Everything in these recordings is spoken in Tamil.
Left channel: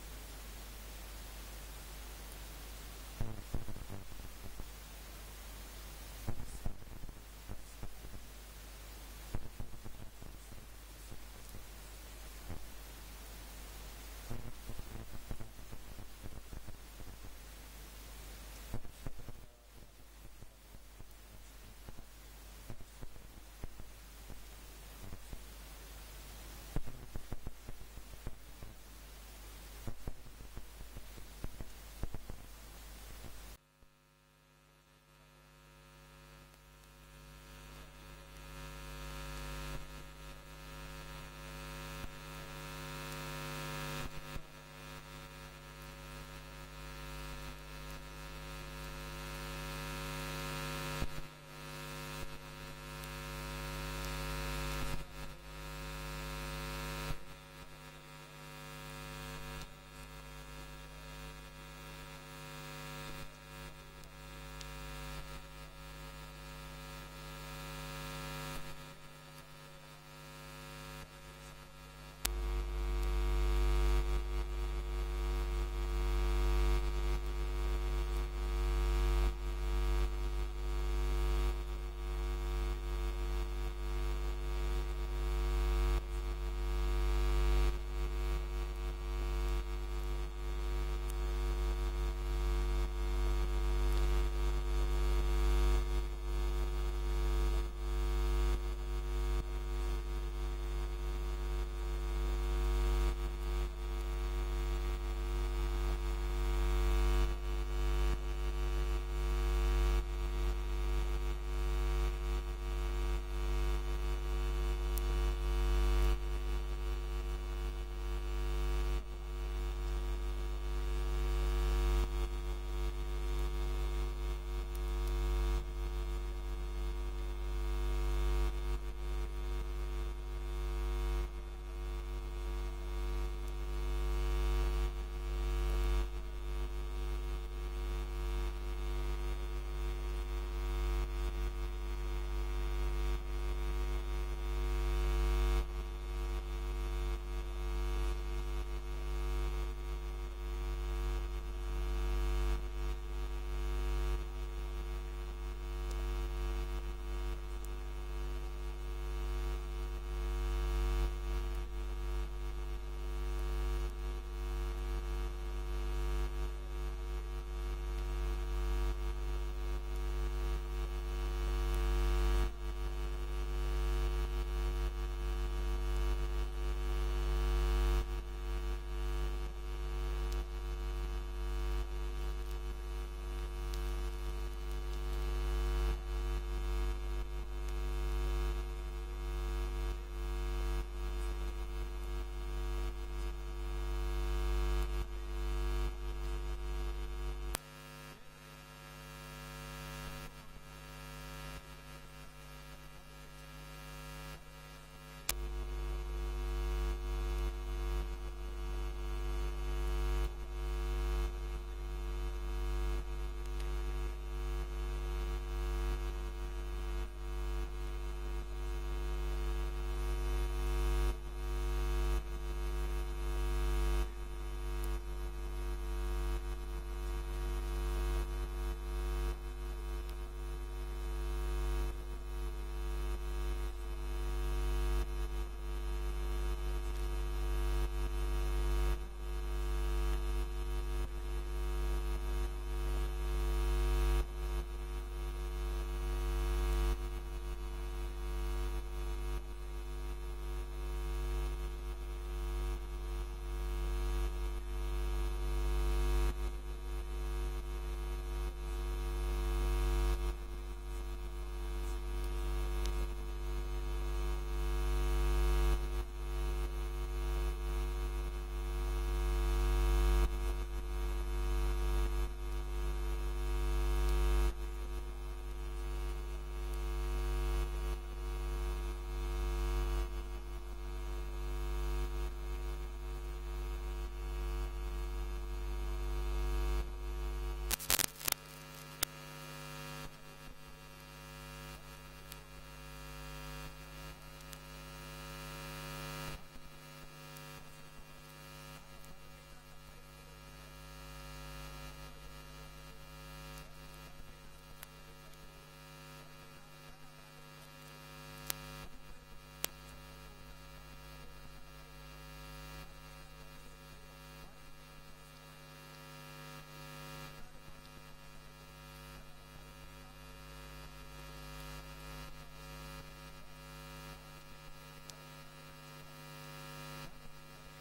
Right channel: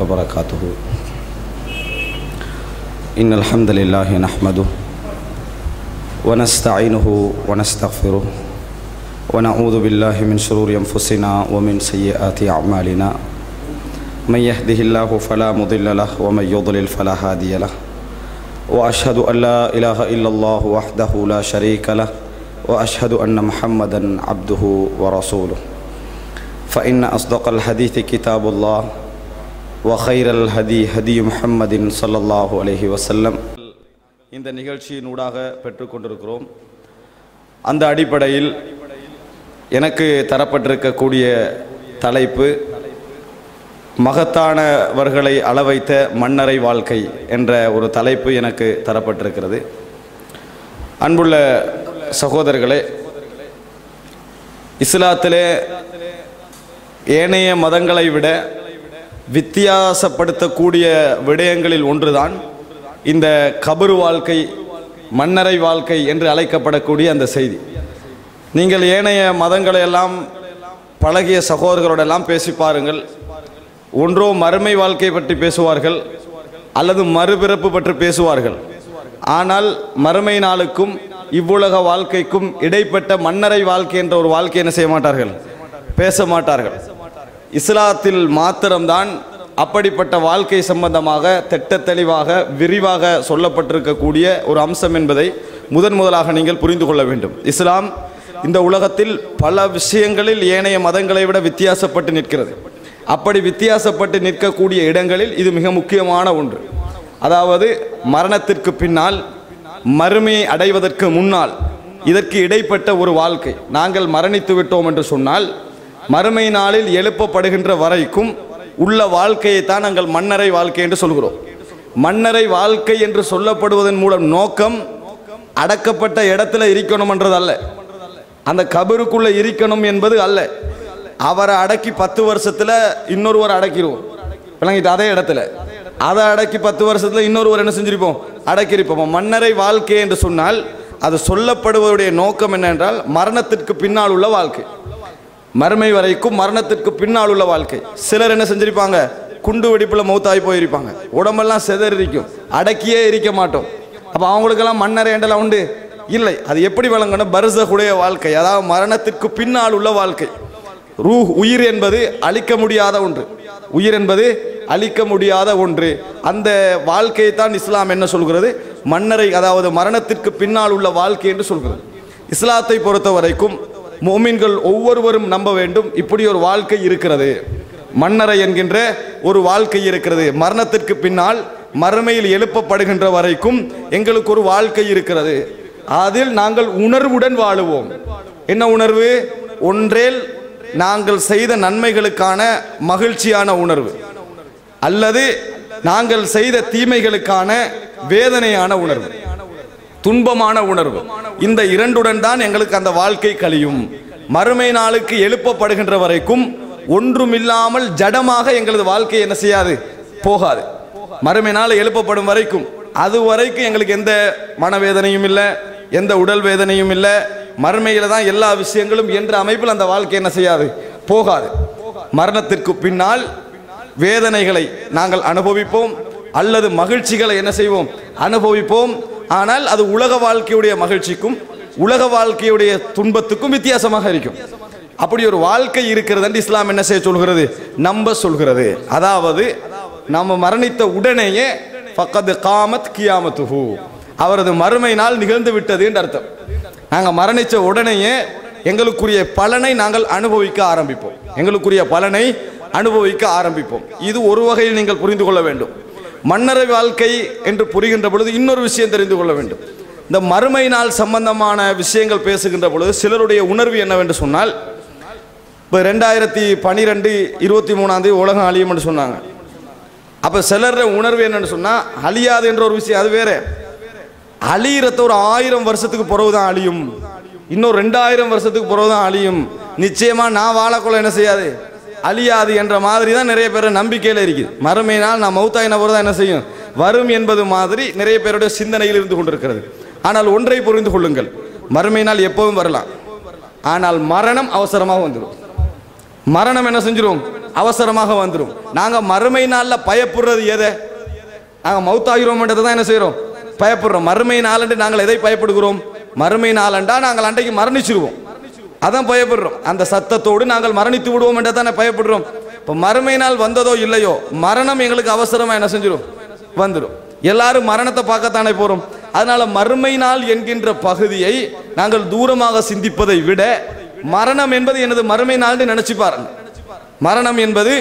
وبركاته. إن الحمد لله نحمده ونستعينه ونستغفره ونعوذ بالله من شرور أنفسنا ومن سيئات أعمالنا. من يهده الله فلا مضل له ومن يضلل فلا هادي له. وأشهد أن لا إله إلا الله وحده لا شريك له وأشهد أن محمدا عبده ورسوله. فإن أصدق الحديث كتاب الله وخير الهدي هدي محمد صلى الله عليه وسلم. இந்த நிகழ்ச்சியின் ஊடாக பெற்றுக்கொண்டிருக்கிறோம். அந்த அடிப்படையில் எனக்கு தரப்பட்டிருக்கக்கூடிய தலைப்பு மகத்தானவர்களை அளவைத்த மன்னரை வாழ்க்கை என்ற ஒரு தலைப்பு எனக்கு தரப்பட்டிருக்கிறது. அன்புள்ள சகோதரர்களே, இஸ்லாத்திலே ஏனைய மதங்களை விட வித்தியாசப்படுத்தக்கூடிய விடயங்களில் ஒன்றுதான் இந்த கபரு வாழ்க்கை, மன்னரை வாழ்க்கை என்று அழைக்கப்படக்கூடிய அந்த செய்தி. நீங்கள் ஏனைய மதங்களை எல்லாம் பழகிய சகோதரர்களோடெல்லாம் பேசி பாருங்கள். ஒன்றோ மறுமை வாழ்க்கை பற்றி பேசுவார்கள் அல்லது மறுபிறப்பு பற்றி பேசுவார்கள். ஆனால் மறுமை நாளுக்கும் இவ்வுலக வாழ்க்கைக்கும் இடைப்பட்ட மன்னரை வாழ்க்கை என்ற ஒரு வாழ்க்கை என்ன செய்ய மாட்டார்கள், பேச மாட்டார்கள். இஸ்லாத்தில் மாத்திரம்தான் அப்படிப்பட்ட வாழ்க்கை சம்பந்தமாக திட்ட தெளிவாக விரிவாக சொல்லப்பட்டிருக்கக்கூடிய ஒரு அம்சம் என்பதை முதலாக நீங்கள் புரிந்து கொள்ள வேண்டும். இஸ்லாம் இந்த உலகத்தில் பல விஷயங்களில் ஏனைய மதங்களை விட வித்தியாசப்பட்டு நிற்கிறது. அப்படி வித்தியாசப்பட்டு நிற்கக்கூடிய இடங்களில் இது மிக முக்கியமான ஒன்று. அதாவது மரணத்திற்கு பின்னால், மறுமையை அடைவதற்கு முன்னால் இதற்கு இடைப்பட்ட ஒரு வாழ்க்கை. நாங்கள் மரணித்து விட்டோம் என்று சொன்னால் மறுமை நாளில் எழுப்பப்படுகின்ற வரைக்கும் உள்ள வாழ்க்கையை தான் நாங்கள் மன்னரை வாழ்க்கை என்று சொல்கிறோம். மன்னரை வாழ்க்கை என்று சொல்லப்படுவதன் மூலம் நோக்கம் அடக்கப்பட்ட இடத்துல இருக்கணும் என்றது அல்ல, அந்த கபருக்குள்ள இருக்கணும் என்பது அல்ல. அவரை அடக்கி 10 வருஷத்துல இன்னொருவர் அடக்கிடுவோம், விளங்கிட்டு அதே இடத்துல அதை அடக்கி 10 வருஷத்துல இன்னொருவர் என்ன செஞ்சிருப்போம், அடக்கியிருப்போம். மன்னரை வாழ்க்கை என்று சொன்னால் அது சொல்லப்படுவதுடைய நோக்கம் என்னென்றால் மரணத்திற்கு பின்னால் உள்ள வாழ்க்கை, மறுமை வரைக்கும் மரணத்திற்கு பின்னால் உள்ள வாழ்க்கை. சிலர் என்ன செஞ்சிருப்பாங்க, குண்டு வெடிப்புல மௌத்தாகி போயிருப்பாங்க, உடம்பெல்லாம் செதறிக்கும், அடக்கியே இருக்க மாட்டோம். அப்போ அவங்களுக்கெல்லாம் மன்னரை என்றெல்லாம் உண்டு இல்லை. அது எப்படி வழங்கணும், பர்சகுடைய வாழ்க்கை, அதாவது மரணத்திற்கு பின்னால் உள்ள வாழ்க்கை. ரூஹ், உயிர் என்பது அழிக்க முடியாத ஒன்று, உயிர் என்பது அழிக்க முடியாத ஒன்று. அந்த வாழ்க்கையை தான் இஸ்லாம் என்ன சொல்கிறது, மன்னரை, அதாவது மரணத்திற்கு பின்னால் உள்ள வாழ்க்கை என்று சொல்கிறது. இஸ்லாத்தை பொறுத்த வரைக்கும் மோமின்கள் ஒவ்வொருவரும் நம்ப வேண்டும், இப்படி ஒரு வாழ்க்கை இருக்கிறது, மன்னரை என்கின்ற ஒரு வாழ்க்கை இருக்கிறது. மரணத்திற்கு பின்னால் மறுமையில் எழுப்பப்படுகின்ற வரைக்கும் எங்களுக்கு ஒரு வாழ்க்கை இருக்கிறது. அதில் நாங்கள் உணர்வுடன் வாழுவோம். என்ன உணர்வு? ஒன்றேல் நாங்கள் செய்த நன்மைகளுக்கான மகிழ்ச்சியான உணர்வு, அல்லது நாங்கள் செய்த தீமைகளுக்கான வேதனையான உணர்வு, துன்பமான உணர்வு. இந்த இரண்டுடன் தான் எங்களுக்கு அந்த வாழ்க்கை கழியும். மறுமை நாளுக்கு எழுப்பப்படுகின்ற வரைக்கும் ஒன்றுமில்லாமல் ஜடமாக எங்களது வாழ்க்கை என்ன செய்யாது, போகாது. மறுமை நாள் எழுப்பப்படும் வரைக்கும் அது வரைக்கும் எங்களுக்கு எந்த மனவேதனையும் இல்லை, எந்த உடல் வேதனையும் இல்லை. மறுமையில தான் எல்லா விஷயங்களும் என்ற அமைப்பில் அந்த வாழ்க்கை என்ன செய்யாது, போகாது. மரணத்திற்கு பின்னால் வேதனைகளை நாங்கள் அனுபவிப்போம், அல்லது மகிழ்ச்சிகளை என்ன செய்வோம், அனுபவிப்போம். ஆனால் அது உலக வாழ்க்கையுடைய மகிழ்ச்சிக்கும் உலக வாழ்க்கையுடைய துன்பத்துக்கும் வித்தியாசமாக இருக்கும். அப்படி ஒரு வாழ்க்கை இருக்கிறது என்று இஸ்லாம் என்ன செய்ய சொல்கிறது, நம்ப சொல்கிறது. அதாவது நம்ம மரணித்த உடனேயே ஃபக்கத் காமத் கியாமத்துஹு, அவரது மறுமை நாள் நிகழ்ந்து விட்டது என்று அர்த்தம். நாங்கள் மரணித்த உடனேயே எங்களுக்குரிய பலனை நாங்கள் அனுபவிக்க ஆரம்பிப்போம், எங்களுக்குரிய பலனை அனுபவிக்க ஆரம்பிப்போம். இது ஒரு வகையில் நீங்கள் புரிந்து கொள்ள வேண்டும். மன்னரை வாழ்க்கை என்று புரிகின்ற பொழுது இன்னொரு விஷயம் தெரிந்து கொள்ள வேண்டும். இந்த மறுமை நாள் சம்பந்தமான விஷயங்கள் பேசுகின்ற பொழுது சிலருடைய உணர்வு என்னவென்று சொன்னால், இப்போ 2012 23 உலகம் அழியும் என்று சொன்னாங்க. அப்போ சிலருடைய உணர்வு என்னன்னு சொன்னால், அழியாது என்ற ஒரு விஷயம் அது வேற. அழியிறத ஒரு 1000 வருஷத்துக்கு பிறகு தான் அழியும், இன்னும் 2000 வருஷத்துக்கு பிறகு தான் அழியும், நிச்சயமா நான் வாழக்குள்ள என்ன செய்யாது, அழியாது என்ற மாதிரி தான் நிறைய பேர் நம்பிக்கையில் இருக்குது. மறுமையினால் நான் மௌத்தாயின போது தான் என்ன செய்யும், வரும் என்பது மாதிரி நிறைய பேருடைய சிந்தனையில் இருந்து கொண்டிருக்கிறது. ஆனால் ஒன்றை புரிந்து கொள்ளுங்கள், மறுமையினால் எப்பவும் வரலாம், ஆனால் மரணம் அவசரமாக வந்துடும். மரணம் என்ன செஞ்சிடும், அவசரமாக வந்துடும். நாங்கள் மறுமை நாளில் பயப்படுறது எதை? நாங்கள் மௌத்தாகிறோம்ன்றது தான் என்ன செய்கிறோம்? பயப்படுறோம். மறுமை நாளன்று நாங்கள் எதை பயப்படுகிறோம்? மறுமை நாளண்டா நாங்கள் அன்றைக்கு மரணிச்சிருவோம், அதான் பயப்படுறோம். அந்த சத்தத்தோடு நாங்கள் மரணித்து விடுவோம் என்று தானே பயப்படுறோம். இப்போ மறுமை நாள் வந்ததோ இல்லையோ, மரணம் எங்களுக்கு அவசரமாக என்ன செஞ்சிடும்? வந்துடும். எல்லாரும் மரணத்தை பார்க்கத்தானே போகிறோம். அதனால மறுமை நாள் என்கின்ற பகுதியை நாங்கள் தூரமாக சிந்திப்பதை விட மரணம் என்பது எனது மறுமை நாள் என்று நினைச்சு பாருங்க. மரணம் என்பது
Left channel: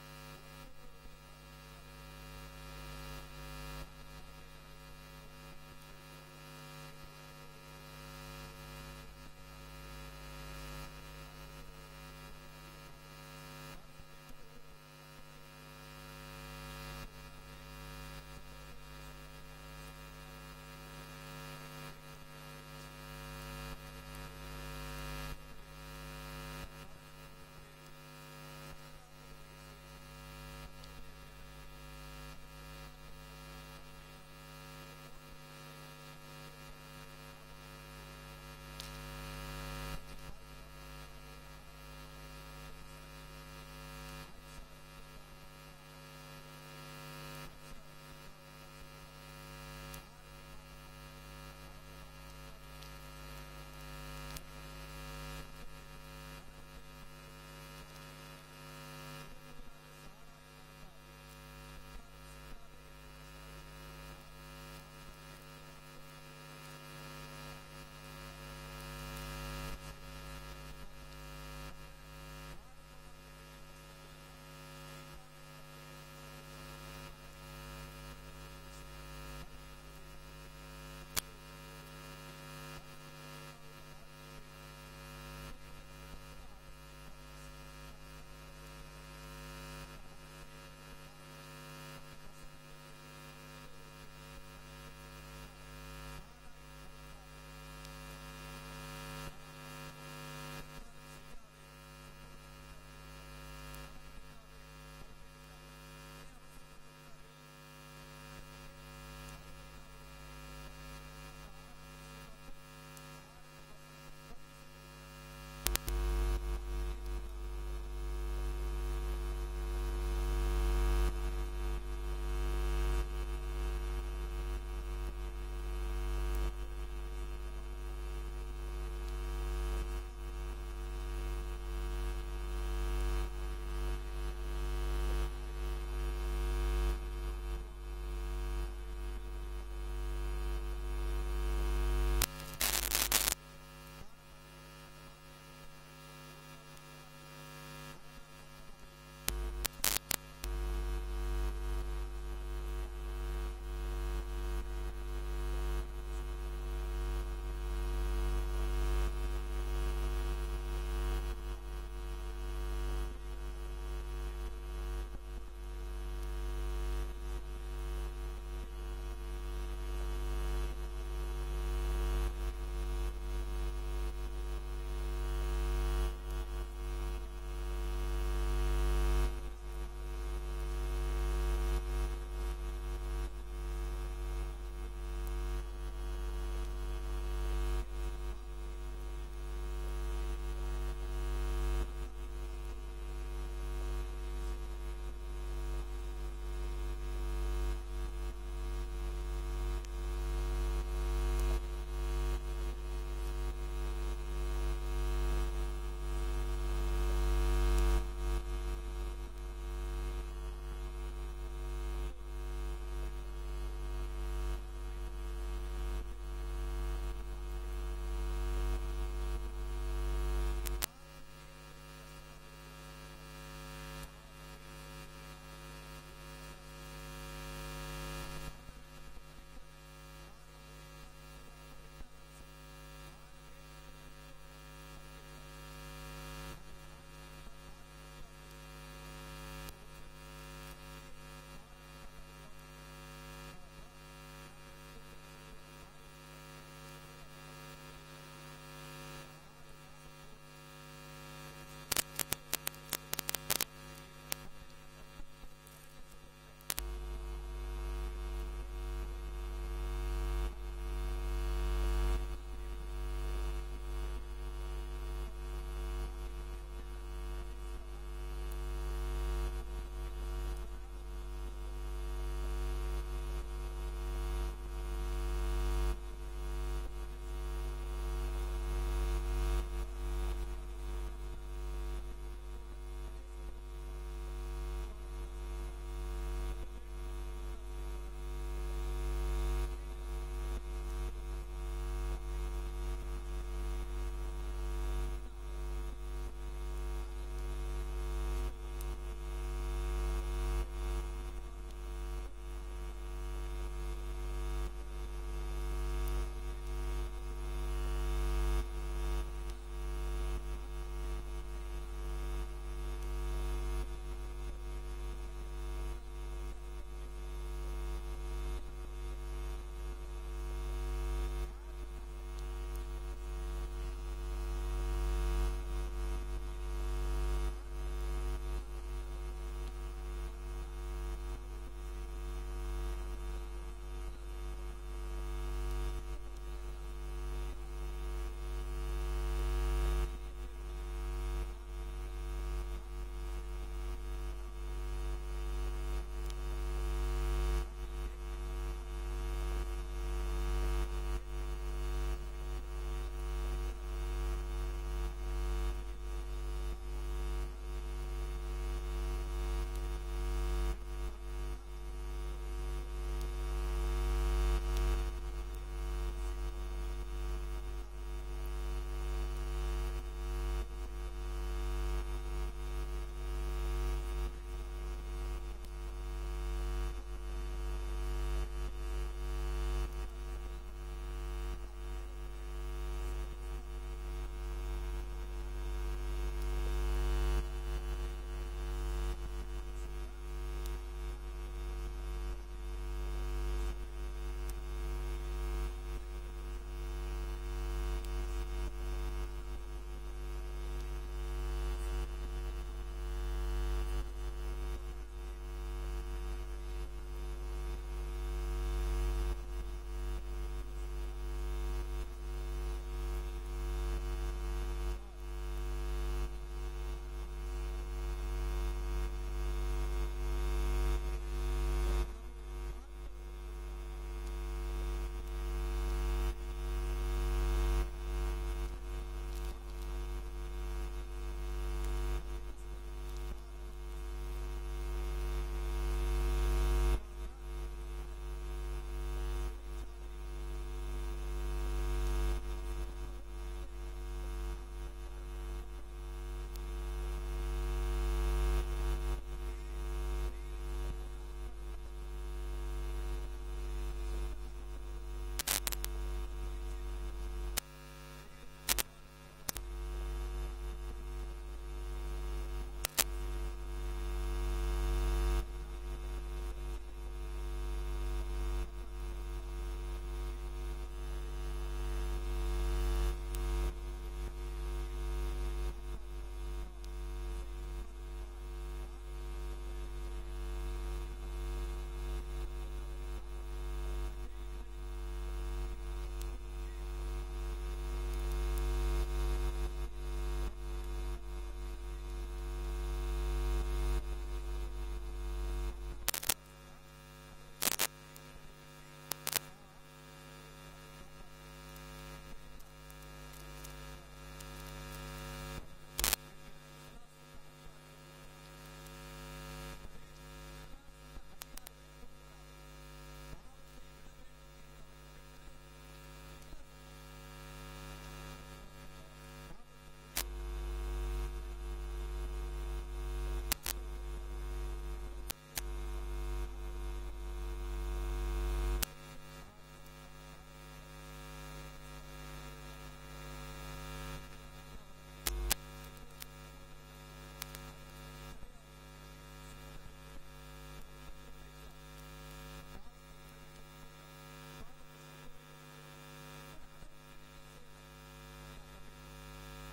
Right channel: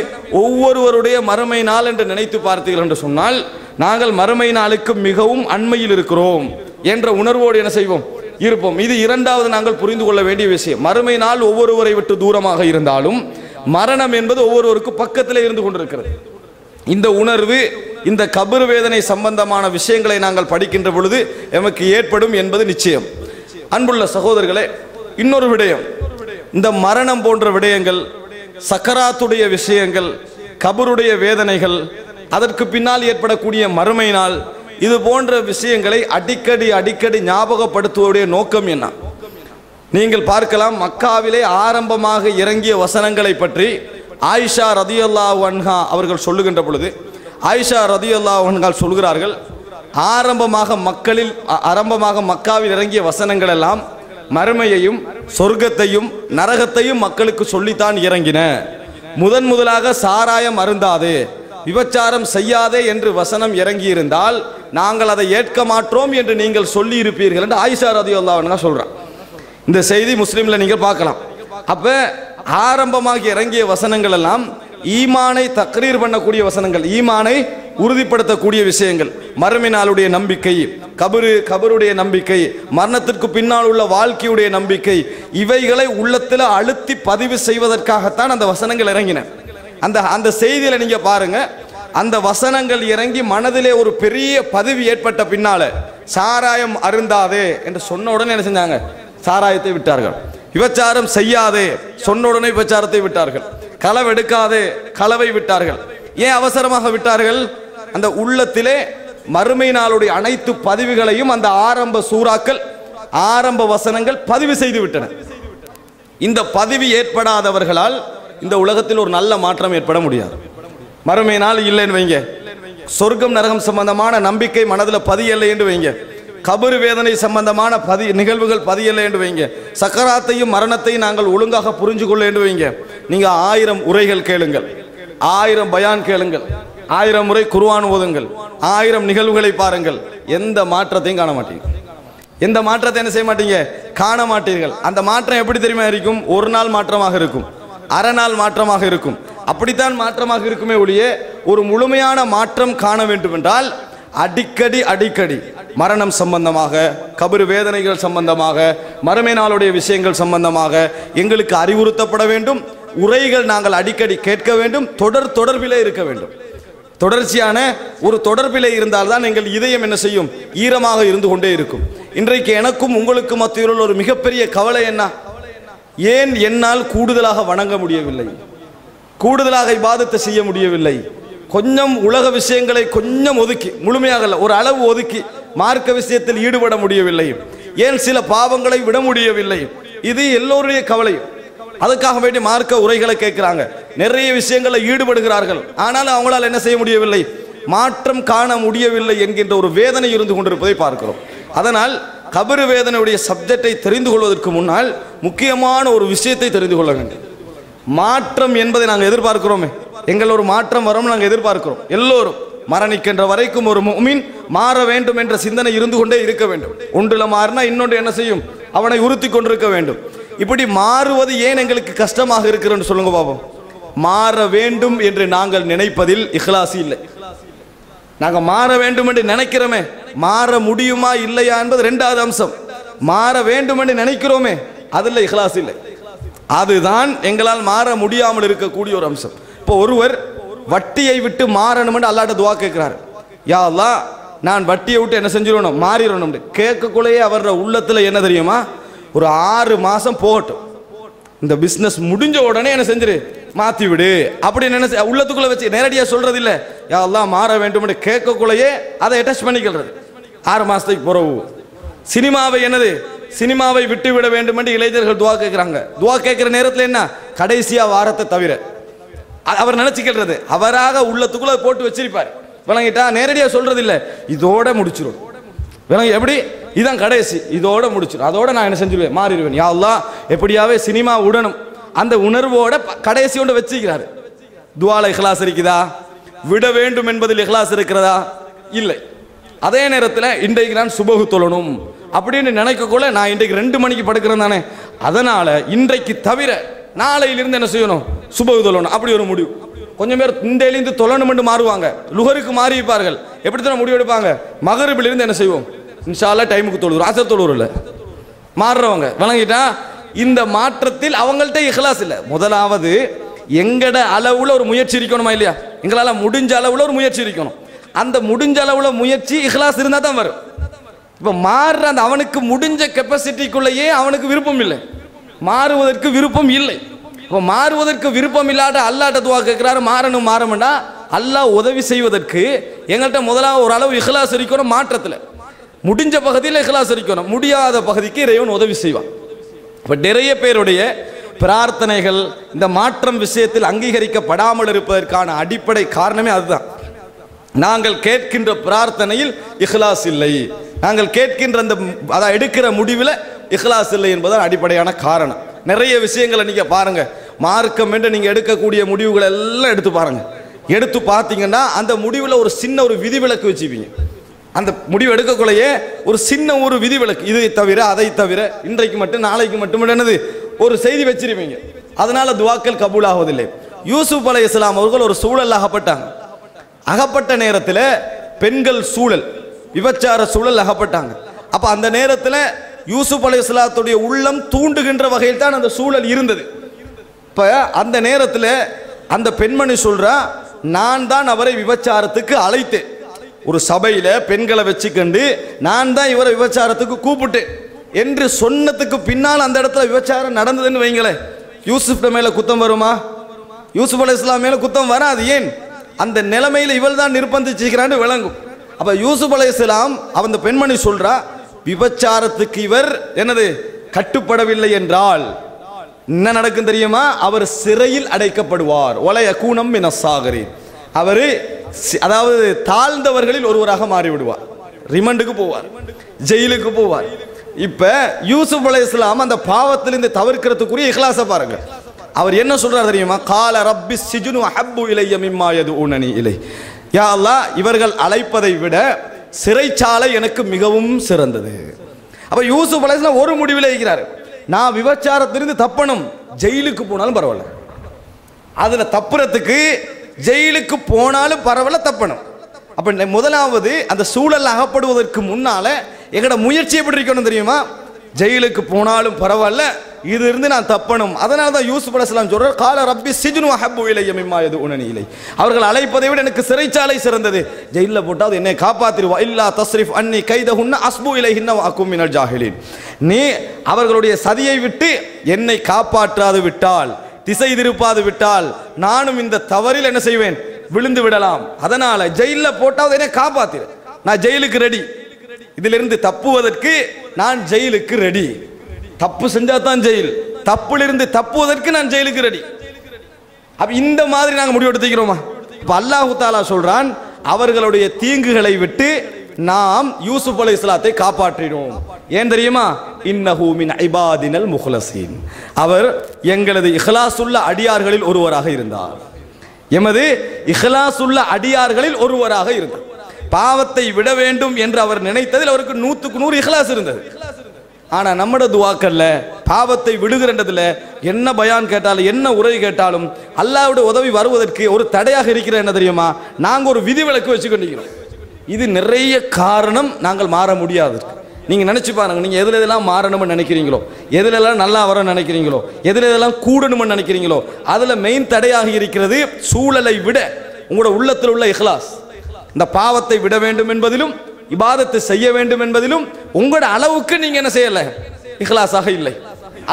ஒவ்வொருவருடைய மறுமை நாள் என்று நினைத்து பார்த்தீர்கள் என்று சொன்னால் நாங்கள் மறுமை நாளுக்கு மிகவும் அண்மையில் இருக்கிறோம் என்ற உணர்வோடு என்ன செய்வோம்? இருப்போம். இது இரண்டாவது நாங்கள் புரிந்து கொள்ள வேண்டிய விஷயம். மறுமை நாள் ஒவ்வொருவரை விட்டு தூரமாக இருந்தாலும் மரணம் என்பது ஒவ்வொருவருக்கும் பக்கத்தில் இருந்து கொண்டிருக்கிறது. இந்த உணர்வு இந்த கபர் வேதனை சம்பந்தமான விஷயங்களை நாங்கள் படிக்கின்ற பொழுது எமக்கு ஏற்படும் என்பது நிச்சயம். அன்புள்ள சகோதரர்களே, இன்னொரு விடயம், இந்த மரணம் போன்ற விடயங்கள், சக்கராத்துடைய விஷயங்கள், கபருடைய வேதனைகள், அதற்கு பின்னால் ஏற்படக்கூடிய மறுமை நாள், இது போன்ற விஷயங்களை அடிக்கடி ஞாபகப்படுத்துவதுடைய நோக்கம் என்ன? நீங்கள் பார்க்கலாம், மக்காவிலே ஆரம்பமாக இறங்கிய வசனங்களை பற்றி ஆயிஷா ரதியல்லாஹு அன்ஹா அவர்கள் சொல்லுகின்ற பொழுது, ஆயிஷா ரதியல்லாஹு அன்ஹா சொல்கிறார்கள், ஆரம்பமாக மக்காவில் இறங்கிய வசனங்கள் எல்லாம் மறுமையையும் சொர்க்கத்தையும் நரகத்தையும் மக்களுக்கு சொல்லித்தான் இறங்கின. முதலாக சாராயம் அருந்தாதே, விபச்சாரம் செய்யாதே என்று வசனம் இறங்கியிருந்தால் நாங்கள் அதை ஏற்க மாட்டோம் என்று நீங்கள் சொல்லி இருப்பீர்கள் என்று ஆயிஷா ரதியல்லாஹு அன்ஹா சொல்றாங்க. இந்த செய்தி முஸ்லிம்ல நீங்கள் பார்க்கலாம். அப்ப ஆரம்பமாக இறங்கிய வசனங்கள் எல்லாம் ஈமானை தக்ரீர் பண்ணக்கூடிய வசனங்கள், ஈமானை உறுதிப்படுத்தக்கூடிய விஷயங்கள், மறுமை நாளுடைய நம்பிக்கை, கபருடைய நம்பிக்கை, மரணத்திற்கு பின்னால் உள்ள வாழ்க்கையுடைய நம்பிக்கை, இவைகளை உள்ளத்தில் அழுத்தி பதிவு செய்வதற்காகத்தான் அந்த வசனங்கள் இறங்கின. அந்த செய்தியில நீங்க பாருங்க, அந்த வசனங்கள் இறங்கி மனதிலே ஒரு பெரிய பதிவு ஏற்பட்ட பின்னால சாராயம் அருந்தாதே என்று சொன்ன உடனே என்ன செஞ்சாங்க? சாராயத்தை விட்டார்கள். விபச்சாரம் செய்யாதே சொன்ன உடனே விபச்சாரத்தை விட்டார்கள். களவெடுக்காதே களவை விட்டார்கள். ஏன் அவசரமாக விட்டார்கள்? அந்த உள்ளத்திலே மறுமை நாளுடைய அனைத்து பதிவுகளையும் அந்த ஆரம்ப சூறாக்கள், ஆரம்ப வசனங்கள் பதிவு செய்து விட்டன. இந்த பதிவு ஏற்படாதவர்களால் இந்த உலகத்தில் ஒரு நல்ல மாற்றம் ஏற்பட முடியாது. மறுமை நாள் இல்லைன்னு வைங்க, சொர்க்கம் நரகம் சம்பந்தமான நம்பிக்கை மனதில் பதியலை என்று வைங்க, கபரு வேதனை சம்பந்தமான நிகழ்வுகள் பதியலை என்று வைங்க, சக்கராத்தையும் மரணத்தையும் நாங்கள் ஒழுங்காக புரிஞ்சு கொள்ள என்று வைங்க, நீங்க 1000 உரைகள் கேளுங்கள், 1000 பயான் கேளுங்கள், 1000 முறை குர்ஆன் ஓதுங்கள், 1000 நிகழ்வுகளை பாருங்கள், எந்த மாற்றத்தையும் காண மாட்டீங்க. எந்த மாற்றத்தை என்ன செய்ய மாட்டீங்க? காண மாட்டீர்கள். அந்த மாற்றம் எப்படி தெரியுமா இருக்கும்? ஒரு நாள் மாற்றமாக இருக்கும், அரை நாள் மாற்றமாக இருக்கும், அப்படித்தான் மாற்றமாக இருக்குமே ஒழிய ஒரு முழுமையான மாற்றம் காண வேண்டும் என்றால் அடிக்கடி மரணம் சம்பந்தமாக, கபரு வேதனைகள் சம்பந்தமாக, மறுமை நாளுடைய விஷயங்கள் சம்பந்தமாக எங்களுக்கு அறிவுறுத்தப்பட வேண்டும். உரைகள் நாங்கள் அடிக்கடி கேட்க வேண்டும். தொடர்பிலே இருக்க வேண்டும். தொடர்ச்சியான ஒரு தொடர்பிலே இருந்தால்தான் எங்கள் இதயம் என்ன செய்யும்? ஈரமாக இருந்து கொண்டே இருக்கும். இன்றைக்கு எனக்கும் உங்களுக்கு மத்தியில் ஒரு மிகப்பெரிய கவலை என்ன? ஏன் என்னால் கூடுதலாக வணங்க முடியவில்லை, கூடுதலாக இபாதத்தை செய்ய முடியவில்லை, கொஞ்சம் உலக விஷயங்களை கொஞ்சம் ஒதுக்கி, முழுமையாக ஒரு அளவு ஒதுக்கி மார்க்க விஷயத்தில் ஈடுபட முடியவில்லை, ஏன் சில பாவங்களை விட முடியவில்லை? இது எல்லோருடைய கவலை. அதுக்காக வேண்டி மார்க்க உரைகளை கேட்கிறாங்க, நிறைய விஷயங்களை ஈடுபடுகிறார்கள், ஆனால் அவங்களால் என்ன செய்ய முடியவில்லை? மாற்றம் காண முடியவில்லை என்கின்ற ஒரு வேதனை இருந்து கொண்டிருப்பதை பார்க்கிறோம். அதனால் கபரு வேதனையுடைய சப்ஜெக்டை தெரிந்து கொள்வதற்கு முன்னால் முக்கியமான ஒரு விஷயத்தை தெரிந்து கொள்ள வேண்டும். மாற்றம் என்பதை நாங்கள் எதிர்பார்க்கிறோமே, எங்கள் ஒரு மாற்றம் வரும் நாங்கள் எதிர்பார்க்கிறோம். எல்லோரும் மரணிக்கின்ற வரைக்கும் ஒரு முஃமின் மாற வேண்டும் என்ற சிந்தனை இருந்து கொண்டே இருக்க வேண்டும். ஒன்றுல மாறினா இன்னொன்று என்ன செய்யும்? அவனை உறுத்தி கொண்டிருக்க வேண்டும். இப்படி மாறுவது ஏன் எங்களுக்கு கஷ்டமாக இருக்கிறன்னு சொல்லுங்க பாப்போம். மாற வேண்டும் என்று நாங்கள் நினைப்பதில் இஹ்லாஸ் இல்லை. நாங்கள் மாற வேண்டும் என்று நினைக்கிறோமே, மாற முடியுமா இல்லையா என்பது இரண்டாவது அம்சம். மாற வேண்டும் என்று நினைக்கிறோமே, அதில் இஹ்லாஸ் இல்லை. அதுதான் எங்களால் மாற முடியாமல் இருக்கக்கூடிய ஒரு அம்சம். இப்போ ஒருவர் வட்டியை விட்டு மாறணும் என்று அல்லாஹ்ட்ட துஆ கேட்கிறார். யா அல்லாஹ், நான் வட்டியை விட்டு என்ன செஞ்சிடணும்? மாறிடணும். கேட்கக்குள்ளேயே அவரோட உள்ளத்தில் என்ன தெரியுமா? ஒரு 6 மாசம் போகட்டும், இந்த பிஸ்னஸ் முடிஞ்ச உடனே என்ன செஞ்சிரு, மாற்றி விடு அப்படின்னு என்ன உள்ளத்துக்குள்ள வச்சு நேரடியாக சொல்றது இல்லை. யா அல்லாஹ் மாற வேண்டும் என்று கேட்கக்குள்ளேயே அதை அட்டாச் பண்ணிக்கிறது. 6 மாசத்துக்கு பிறகு சினிமாவை என்னது, சினிமாவை விட்டு விட வேண்டும் என்று இளைஞர்கள் துவா கேட்கிறாங்க. துவா கேட்கிற நேரத்தில் என்ன, கடைசியா வாரத்தை தவிர அவர் நினைச்சுக்கிறது அவராக உள்ளத்துக்குள்ள போட்டு வச்சிருப்பார். விளங்கிட்டா? நேரடியா சொல்றது இல்ல, இதோட முடிச்சிடும். விளங்கி எப்படி? இதான் கடைசி, இதோட முடிச்சிடும். அதோட நான் என்ன செஞ்சிருவேன், மாறிடுவேன். யா அல்லாஹ் எப்படியாவே சினிமா உடனும் அந்த உணர்வோட கடைசியோட வச்சுக்கிறாரு. துஆல இஹ்லாஸ் இருக்குதா? விட வேண்டும் என்பதில் இஹ்லாஸ் இருக்கிறதா? இல்லை. அதே நேரத்தில் இன்றைக்கு நான் சுபஹு தொழணும் அப்படின்னு நினைக்கக்குள்ள நான் இன்றைக்கு 2 மணிக்கு படுக்கிறேன் தானே, அதனால இன்றைக்கு தவிர நாளையிலிருந்து என்ன செய்யணும், சுபஹு தொழணும். அப்படி ஒரு முடிவு. கொஞ்சம் பேர் இந்தியிலிருந்து தொழணும் என்று மாறுவாங்க, லுஹருக்கு மாறி இருப்பார்கள். எப்படி தான் முடிவு எடுப்பாங்க, மகரிபிலிருந்து என்ன செய்வோம், இன்ஷா அல்லாஹ் டைமுக்கு தொழுவோம், அசர் தொழுவோம். இல்லை மாறுறவங்க. விளங்கிட்டா? இந்த மாற்றத்தில் அவங்கள்ட்ட இஹ்லாஸ் இல்லை. முதலாவது எங்கட அளவுல ஒரு முயற்சி இருக்கணுமா இல்லையா? எங்களால் முடிஞ்ச அளவுல ஒரு முயற்சி இருக்கணும். அந்த முடிஞ்ச அளவுல முயற்சி இஹ்லாஸ் இருந்தால் தான் வரும். இப்போ மாறுற அந்த அவனுக்கு முடிஞ்ச கெப்பாசிட்டிக்குள்ளேயே அவனுக்கு விருப்பம் இல்லை, மாறுவதற்கு விருப்பம் இல்லை. இப்போ மாறுவதற்கு விருப்பம் இல்லாத அல்லாட்ட துவா கேட்கிறாரு, மாறணும் மாறணும்னா அல்லாஹ் உதவி செய்வதற்கு எங்கள்கிட்ட முதலாவது ஒரு அளவு இஹ்லாஸ் இருக்கணும். மாற்றத்தில் முடிஞ்ச பகுதியில் இஹ்லாஸ் இருக்கணும், முடியாத பகுதிக்கு இறைவன் உதவி செய்வான். இப்போ நிறைய பேருடைய பிரார்த்தனைகள் இந்த மாற்றம் விஷயத்தில் அங்கீகரிக்கப்படாமல் இருப்பதற்கான அடிப்படை காரணமே அதுதான். நாங்கள் கேட்கின்ற பிரார்த்தனையில் இஹ்லாஸ் இல்லை, நாங்கள் கேட்கின்ற அந்த அதை எடுக்கிற முடிவில் இஹ்லாஸ் இல்லை என்பதுதான் அடிப்படையான காரணம். நிறைய விஷயங்களை நீங்க பாருங்க, மார்க்கம் என்று நீங்க எடுக்கக்கூடிய முடிவுகளை எல்லாம் எடுத்து பாருங்க. எடுத்து பார்த்தீங்கன்னா அந்த முடிவில் ஒரு சின்ன ஒரு விதிவிலக்கு வச்சுப்பீங்க. அந்த முடிவு எடுக்கக்குள்ளேயே ஒரு சின்ன ஒரு விதிவிலக்கு, இதை தவிர அதை தவிர இன்றைக்கு மட்டும் நாளைக்கு மட்டும் என்னது ஒரு செய்தி வச்சிருப்பீங்க. அதனால துவாக்கள் கபூல் ஆவதில்லை. யூசுப் அலைஹிஸ்ஸலாம் அவர்கள் ஒரு சூழல் அகப்பட்டாங்க. அகப்பட்ட நேரத்தில் பெண்கள் சூழல், விபச்சார சூழல் அகப்பட்டாங்க. அப்ப அந்த நேரத்தில் யூசுப் அலைஹிஸ்ஸலாத்துடைய உள்ளம் தூண்டுகின்ற வகையில் தான் அந்த சூழல் இருந்தது. இப்ப அந்த நேரத்தில் அந்த பெண்மணி சொல்றா, நான் தான் அவரை விபச்சாரத்துக்கு அழைத்தேன். ஒரு சபையில பெண்களை வச்சுக்கண்டு நான் தான் இவரை விபச்சாரத்துக்கு கூப்பிட்டேன் என்று சொன்னதுக்கு பின்னால் அந்த இடத்துல விபச்சாரம் நடந்ததுன்னு வைங்களே, யூசுப் மேல குத்தம் வருமா? யூசுப் அலைஹிஸ்ஸலாம் மேல குத்தம் வராது. ஏன்? அந்த நிலைமையில இவள் தான் நிர்பந்திச்சுக்கிறான்னு விளங்கும். அப்ப யூசுப் அலைஹிஸ்ஸலாம் அந்த பெண்மணி சொல்றா, விபச்சாரத்துக்கு இவர் என்னது கட்டுப்படவில்லை என்றால் என்ன நடக்கும் தெரியுமா? அவர் சிறையில் அடைக்கப்படுவார். ஒலைய கூனம் மினசாகரி, அவரு அதாவது தாழ்ந்தவர்களில் ஒருவராக மாறிவிடுவார், ரிமண்டுக்கு போவார், ஜெயிலுக்கு போவார். இப்ப யூசுப் அலைஹிஸ்ஸலாம் அந்த பாவத்திலிருந்து தவிர்க்கிறதுக்குரிய இஹ்லாஸை பாருங்க. அவர் என்ன சொல்றார் தெரியுமா? கால ரப்பி சிஜ்னு அஹப்பு இலைய மிம்மா யதுஊனனி இலை. யா அல்லாஹ், இவர்கள் அழைப்பதை விட சிறைச்சாலை எனக்கு மிகவும் சிறந்தது. அப்ப யூசுப் அலைஹிஸ்ஸலாம் ஒரு முடிவில் இருக்கிறார், நான் விபச்சாரத்திலிருந்து தப்பணும், ஜெயிலுக்கு போனாலும் பரவாயில்ல. அதுல தப்புறதுக்கு ஜெயிலுக்கு போனாலும் பரவாயில்ல, தப்பணும். அப்ப முதலாவது அந்த சூழல் அகப்படுவதற்கு முன்னால எங்கட முயற்சி எப்படி இருக்கணும் தெரியுமா? ஜெயிலுக்கு போனாலும் பரவாயில்ல, இது இருந்து நான் தப்பணும். அதனால தான் யூசுப் அலைஹிஸ்ஸலாம் சொல்றார், கால ரப்பி சிஜ்னு அஹப்பு இலைய மிம்மா யதுஊனனி இலை. அவர்கள் அழைப்பதை விட எனக்கு சிறைச்சாலை சிறந்தது. ஜெயிலில் போட்டாவது என்னை காப்பாத்திருவா. இல்லா தஸ்ரிஃப் அன்னி கைதஹுன்ன அஸ்பு இலைஹின்ன வ அகும் மினல் ஜாஹிலீன். நீ அவர்களுடைய சதியை விட்டு என்னை காப்பாற்றாது விட்டால், திசை திருப்பாது விட்டால் நானும் இந்த தவறில் என்ன செய்வேன், விழுந்து விடலாம். அதனால ஜெயிலில் போட்டாவது என்னை காப்பாத்திரு, நான் ஜெயிலுக்கு ரெடி. இதிலிருந்து தப்புவதற்கு நான் ஜெயிலுக்கு ரெடி. தப்பு செஞ்சா தான் ஜெயில், தப்பிலிருந்து தப்புவதற்கு நான் ஜெயிலுக்கு ரெடி. அப்ப இந்த மாதிரி நாங்கள் முடிவு எடுத்துக்கிறோமா? இப்ப அல்லாஹ் தஆலா சொல்றான், அவர்களுடைய தீங்குகளை விட்டு நாம் யூசுப் அலைஹிஸ்ஸலாத்தை காப்பாற்றினோம். ஏன் தெரியுமா? இன்னஹு மின் இபாதினல் முஹ்லஸீன், அவர் எங்களது இஹ்லாசுள்ள அடியார்களில் ஒருவராக இருந்தார். எமது இஹ்லாசுள்ள அடியார்களில் ஒருவராக இருந்தார். பாவத்தை விட வேண்டும் என்று அவர் நினைத்ததில் அவருக்கு 100க்கு 100 இஹ்லாஸ் இருந்தது. ஆனா நம்மட துவாக்கல்ல பாவத்தை விடுகிறதுல என்ன பயான் கேட்டாலும் என்ன உரை கேட்டாலும் அல்லாஹ்வுடைய உதவி வருவதற்கு ஒரு தடையாக இருக்கிற என்ன தெரியுமா? நாங்க ஒரு விதிவிலக்கு வச்சுக்கொண்டிருக்கிறோம். இது நிறைய காரணம் நாங்கள் மாற முடியாது. நீங்க நினைச்சு பாருங்க, நீங்க எதுல எதெல்லாம் மாறணும்னு நினைக்கிறீங்களோ, எதுல எல்லாம் நல்லா வர நினைக்கிறீங்களோ, எதுல எதெல்லாம் கூடணும்னு நினைக்கிறீங்களோ, அதுல மெயின் தடையாக இருக்கிறது சூழலை விட உங்களோட உள்ளத்தில் உள்ள இஹ்லாஸ். இந்த பாவத்தை விட வேண்டும் என்பதிலும் இபாதத்தை செய்ய வேண்டும் என்பதிலும் உங்களோட அளவுக்கு நீங்க என்ன செய்யல, இஹ்லாஸாக இல்லை.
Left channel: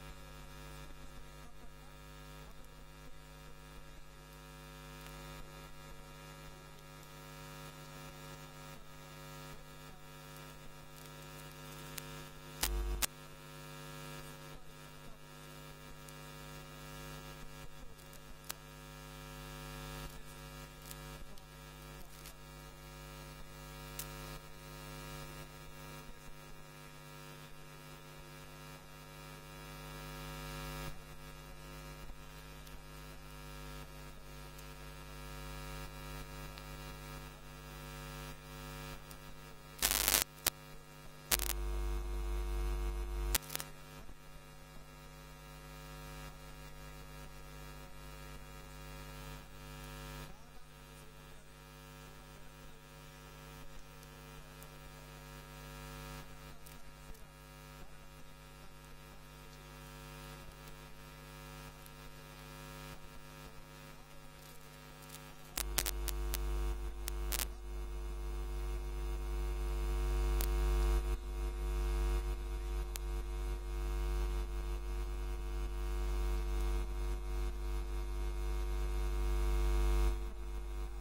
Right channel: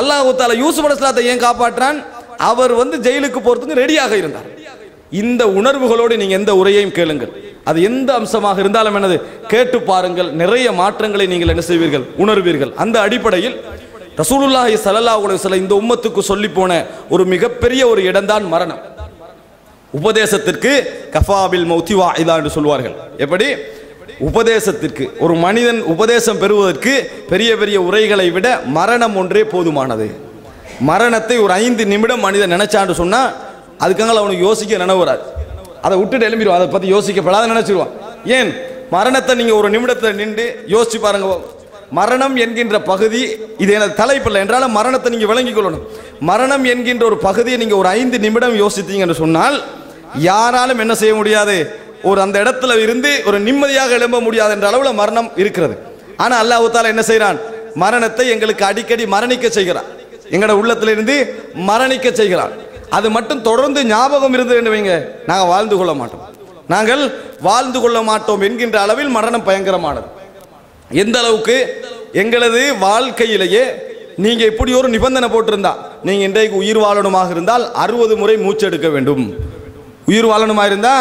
அல்லாஹ் தஆலா யூசுப் அலைஹிஸ்ஸலாத்தை ஏன் காப்பாற்றான்? அவர் ஜெயிலுக்கு போறதுக்கு ரெடியாக இருந்தார். இந்த உணர்வுகளோடு நீங்க எந்த உரையையும் கேளுங்கள், அது எந்த அம்சமாக இருந்தாலும் என்னது கேட்டு பாருங்கள், நிறைய மாற்றங்களை நீங்கள் என்ன செய்வீர்கள், உணர்வீர்கள். அந்த அடிப்படையில் ரசூலுல்லாஹி ஸல்லல்லாஹு அலைஹி வஸல்லம் இந்த உம்மத்துக்கு சொல்லி போன ஒரு மிகப்பெரிய ஒரு இடம்தான் மரணம். உபதேசத்திற்கு கஃபாபில் மௌத்தி வாஇதா என்று சொல்வார்கள். எப்படி? உபதேசத்திற்கு ஒரு மனிதன் உபதேசம் பெறுவதற்கு பெரிய பெரிய உரைகளை விட மரணம் ஒன்றே போதுமானது. மரணத்தை ஒரு 5 நிமிடம் மனிதன் நினைச்சான்னு சொன்னா அதுக்காக அவனுக்கு யோசிக்க நினைவுறாது. அதை விட்டுட்டு எழும்பிடுவான், அதை பற்றி யோசிக்கப்படாத நினைச்சிருவான். ஏன்? மரணத்தை நீங்க ஒரு நிமிடத்தை நின்று யோசிச்சு பாருங்க. மரணம் என்கின்ற பகுதி இது எனது தலைப்பில்லை என்றாலும் மரணத்தை நீங்க விளங்கிக் கொள்ளணும். மரணம் என்கின்ற ஒரு பகுதியை நீங்க ஒரு 5 நிமிடம் யோசித்தீங்கன்னு சொன்னால் யாராலும் என்ன செய்ய முடியாது, ஒரு அந்த இடத்துல இருந்து ஒரு நிம்மதியாக எழும்ப முடியாது என்ற அளவில் மரணம் இருக்கிறது. ஆனா அல்லாஹ் தஆலா என்ன செய்கிறான்? மரணத்தை எங்களுக்கு அடிக்கடி மரணிக்க செய்கிறான், எங்களோட உள்ளத்திலிருந்து மரணிக்க செய்கிறான். அது மட்டும் தொடர்ந்து ஞாபகம் இருந்தது வைங்க, நாங்கள் வாழ்ந்து கொள்ள மாட்டோம் என்கின்ற அளவில் மரணம் பயங்கரமானது. எந்த அளவுக்கு எங்களது வாழ்க்கையிலேயே நீங்க இப்படி ஒரு நிபந்தனை போட்டிருந்தா, நீங்க இன்றைக்கு உயிர் வாழணுமாக இருந்தால் 60 முறை மூச்செடுக்க வேண்டும். உயிர் வாழணுமா இருந்தா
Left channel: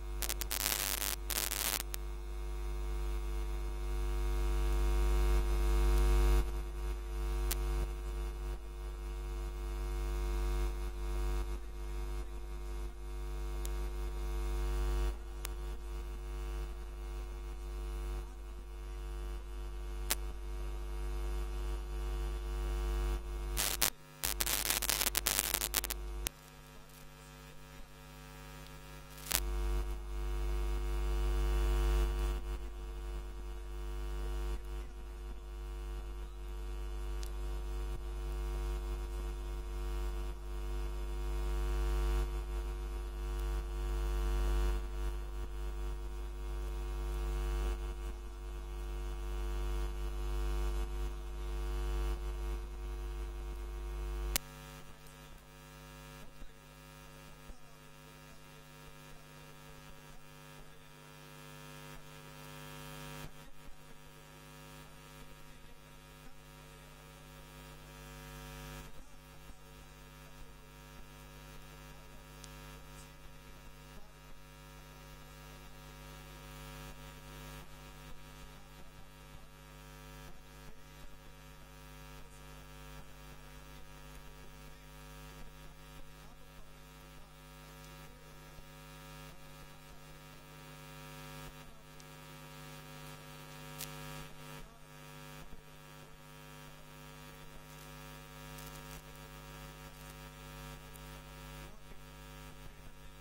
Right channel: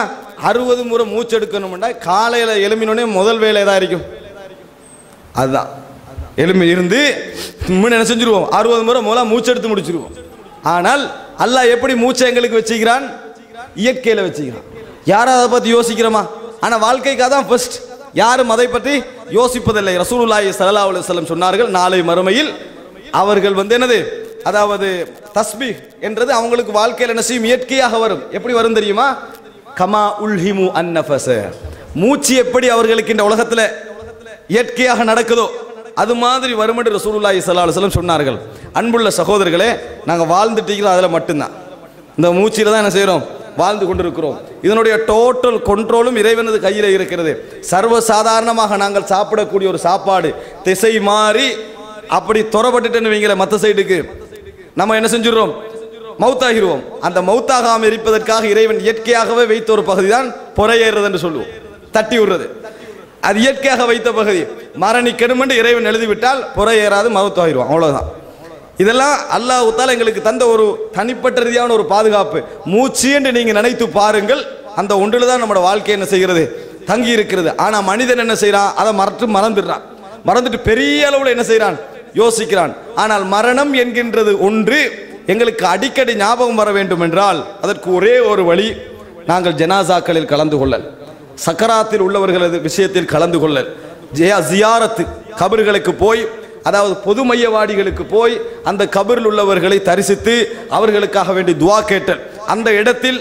60 முறை மூச்செடுக்கணும்னா காலையில எழும்பினோடனே முதல் வேலை ஏதா இருக்கும், அதுதான் எழும்பி இருந்து என்ன செஞ்சிருவோம், 60 முறை முதல்ல மூச்செடுத்து முடிச்சிருவோம். ஆனால் அல்லாஹ் எப்படி மூச்சை எங்களுக்கு வச்சுக்கிறான்? இயற்கையில வச்சுக்கிறான். யாரும் அதை பத்தி யோசிக்கிறோமா? ஆனா வாழ்க்கைக்கு அதான் ஃபர்ஸ்ட். யாரும் அதை பற்றி யோசிப்பதில்லை. ரசூலுல்லாஹி ஸல்லல்லாஹு அலைஹி வஸல்லம் சொன்னார்கள், நாளை மறுமையில் அவர்கள் என்னது, அதாவது தஸ்பீஹ் என்றது அவங்களுக்கு வாழ்க்கையில் என்ன செய்யும், இயற்கையாக வரும். எப்படி வரும் தெரியுமா? கமா உல்ஹிமு அன்னஃபஸ, மூச்சு எப்படி அவர்களுக்கு இந்த உலகத்துல இயற்கையாக நடக்குதோ அது மாதிரி வரும் என்று ரசூலுல்லாஹி ஸல்லல்லாஹு அலைஹி வஸல்லம் சொன்னார்கள். அன்புள்ள சகோதரர்களே, நாங்கள் வாழ்ந்துட்டீங்களோ அதில் மட்டும்தான், இந்த மூச்சில தான் என்ன செய்கிறோம், வாழ்ந்து கொண்டிருக்கிறோம். இதனுடைய டோட்டல் கண்ட்ரோலும் இறைவனது கையில் இருக்கிறது. சர்வசாதாரணமாக நாங்கள் சாப்பிடக்கூடிய ஒரு சாப்பாடு திசை மாறி அப்படி துறப்பட்டுன்னு வைங்கள மற்ற சைடுக்கு நம்ம என்ன செஞ்சிடறோம், மௌத்தாகிடுவோம். அந்த மௌத்தாகாமல் இருப்பதற்காக இறைவன் இயற்கையாகவே வைத்த ஒரு பகுதி தான் பொறையேறுறது என்று சொல்லுவோம், தட்டி விடுறது. அது இயற்கையாக வைத்த பகுதி. மரணிக்கணும் என்று இறைவன் எழுதிவிட்டால் பொறையேறாது, மௌத்தாகிடுவோம், அவ்வளவுதான். இதெல்லாம் அல்லாஹ் தஆலா எங்களுக்கு தந்த ஒரு தனிப்பட்ட ரீதியான ஒரு பாதுகாப்பு. மூச்சு என்று நீங்க நினைத்து பாருங்கள், அந்த ஒன்றில் தான் நம்மளோட வாழ்க்கை என்ன செய்கிறது, தங்கி இருக்கிறது. ஆனா மனிதன் என்ன செய்யறான், அதை மறந்துட்டு பெரிய அளவில் என்ன செய்யறான், யோசிக்கிறான். ஆனால் மரணம் என்கின்றது ஒன்று எங்களுக்கு அடிக்கடி ஞாபகம் வர வேண்டும் என்றால் அதற்கு ஒரே ஒரு வழி, நாங்கள் ஜனாசாக்களில் கலந்து கொள்ளல், சக்கராத்தில் உள்ளவர்களது விஷயத்தில் கலந்து கொள்ளல், ஜியாரத்து, கபர்களுக்கு போய், அதாவது பொது மையவாடிகளுக்கு போய் அந்த கபரில் உள்ளவர்களை தரிசித்து அவர்களுக்காக வேண்டி துவா கேட்டல், அந்த இடத்தில்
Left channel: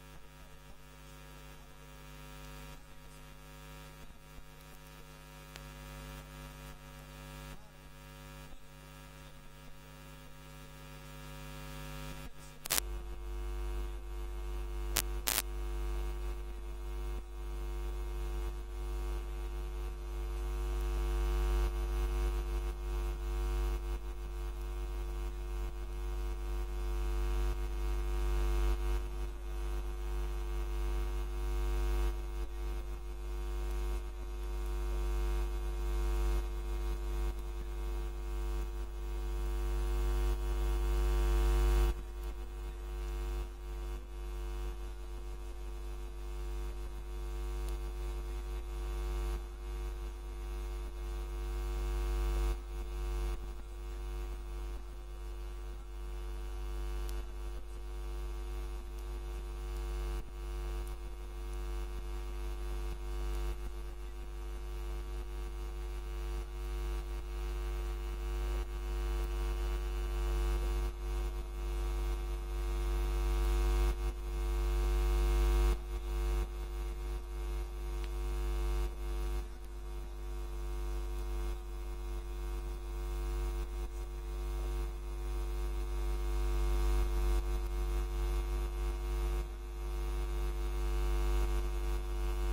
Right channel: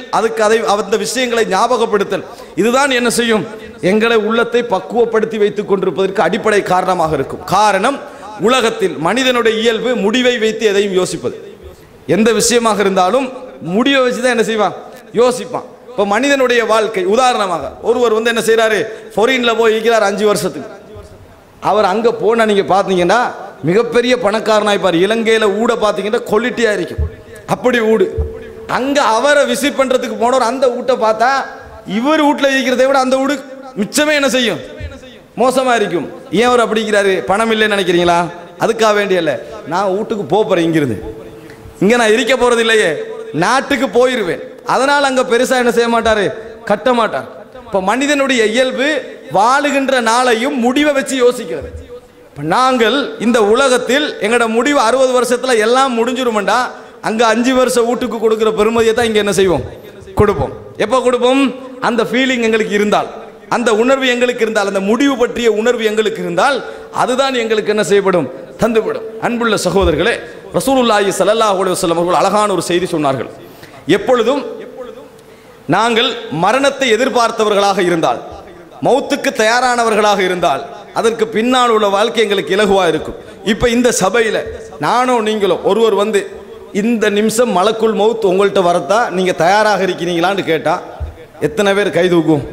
அந்த விஷயங்களை ஞாபகப்படுத்தல், இதுதான் என்ன செய்யும், எங்களை உள்ளத்தை பக்குவப்படுத்தி வைத்துக் கொண்டிருப்பதற்கு அடிப்படை காரணமாக இருக்கும். காரணம், உலகத்தில் மனிதனுடைய இயல்பு முடிவை வைத்து எதையும் யோசிப்பது. எந்த விஷயமாக இருந்தாலும் முடிவை வச்சுதான் என்ன செய்வான், யோசிப்பான். இப்போ மனிதனுடைய வாழ்க்கை, உதாரணமாக ஒருவர் என்ன செய்யறாரு, ஃபாரின்ல போய் இருக்கிறார் 5 வருஷத்துக்கு. அவர் அங்க போனா நீங்க பாத்தீங்கன்னா மிகப்பெரிய பணக்காரனாய்ப்பார். இலங்கையில ஊட பாத்தீங்கன்னா குவாலிட்டியா இருக்கும், அப்படி ஊடு. அங்க அவரை விசிட் பண்றதுக்கு போனவர் அந்த வீட்டை பார்த்தா இவர் வீட்டுல இருக்கிறதை விட அந்த வீடு மிச்சமே என்ன செய்யும், மோசமா இருக்கும். ஏன் அவர் அப்படிங்கிறாரு, பணம் இல்லைன்னு நினைக்கிறீங்களா? அதுக்காக வேண்டிய இல்ல, நான் வீட்டுக்கு போறேன், இங்கிருந்து இங்க நான் இருக்க போறது இல்லையே, நாட்டுக்கு போயிருவேன். அதனால அங்க பெருசா என்ன செய்ய மாட்டாரு, கட்ட மாட்டார். இப்ப மனிதனுடைய இயல்பு வாழுகின்ற நாளையும் முடிவை வச்சு யோசிக்கிறது. நாங்கள் இந்த உலகத்தில் எங்களோட முடிவு 60 வருஷத்துல எல்லாம் முடிஞ்சிருமெண்டா, அங்க 5 வருஷம் வீட்டுக்கு கொடுக்கிற பெருமதியை தான் இங்க என்ன செய்வோம், கொடுப்போம். எப்ப கொடுப்போம், அந்த ஃபீலிங் எங்களுக்கு இருந்தால், அந்த உணர்வு எங்களுக்கு இருந்தால், அந்த முடிவு பற்றிய உணர்வு எங்களுக்கு இருந்தால், அதுதான் எங்களுக்கு என்ன செய்யப்படும், தந்துவிடும். அன்புள்ள சகோதரர்களே, ரசூலுல்லாஹி ஸல்லல்லாஹு அலைஹி வஸல்லம் அவர்கள் அழகான ஒரு செய்தி சொன்னார்கள். எப்பொழுதும் நாங்கள் மரணத்தை எதிர்பார்த்தவர்களாக இருந்தால், மௌத்துக்கு தயாரானவர்களாக இருந்தால், அதற்கு பின்னால் உள்ள வாழ்க்கை எங்களுக்கு இலகுவா இருக்கும். இப்ப இந்த சபையில நானோ நீங்களோ ஒருவர் இந்த நிமிஷம் மலக்குல் மௌத் உங்கள்கிட்ட வரத்தா நீங்க தயாராக இருக்கிறீங்களான்னு கேட்டா எத்தனை பேர் கை தூக்கும்?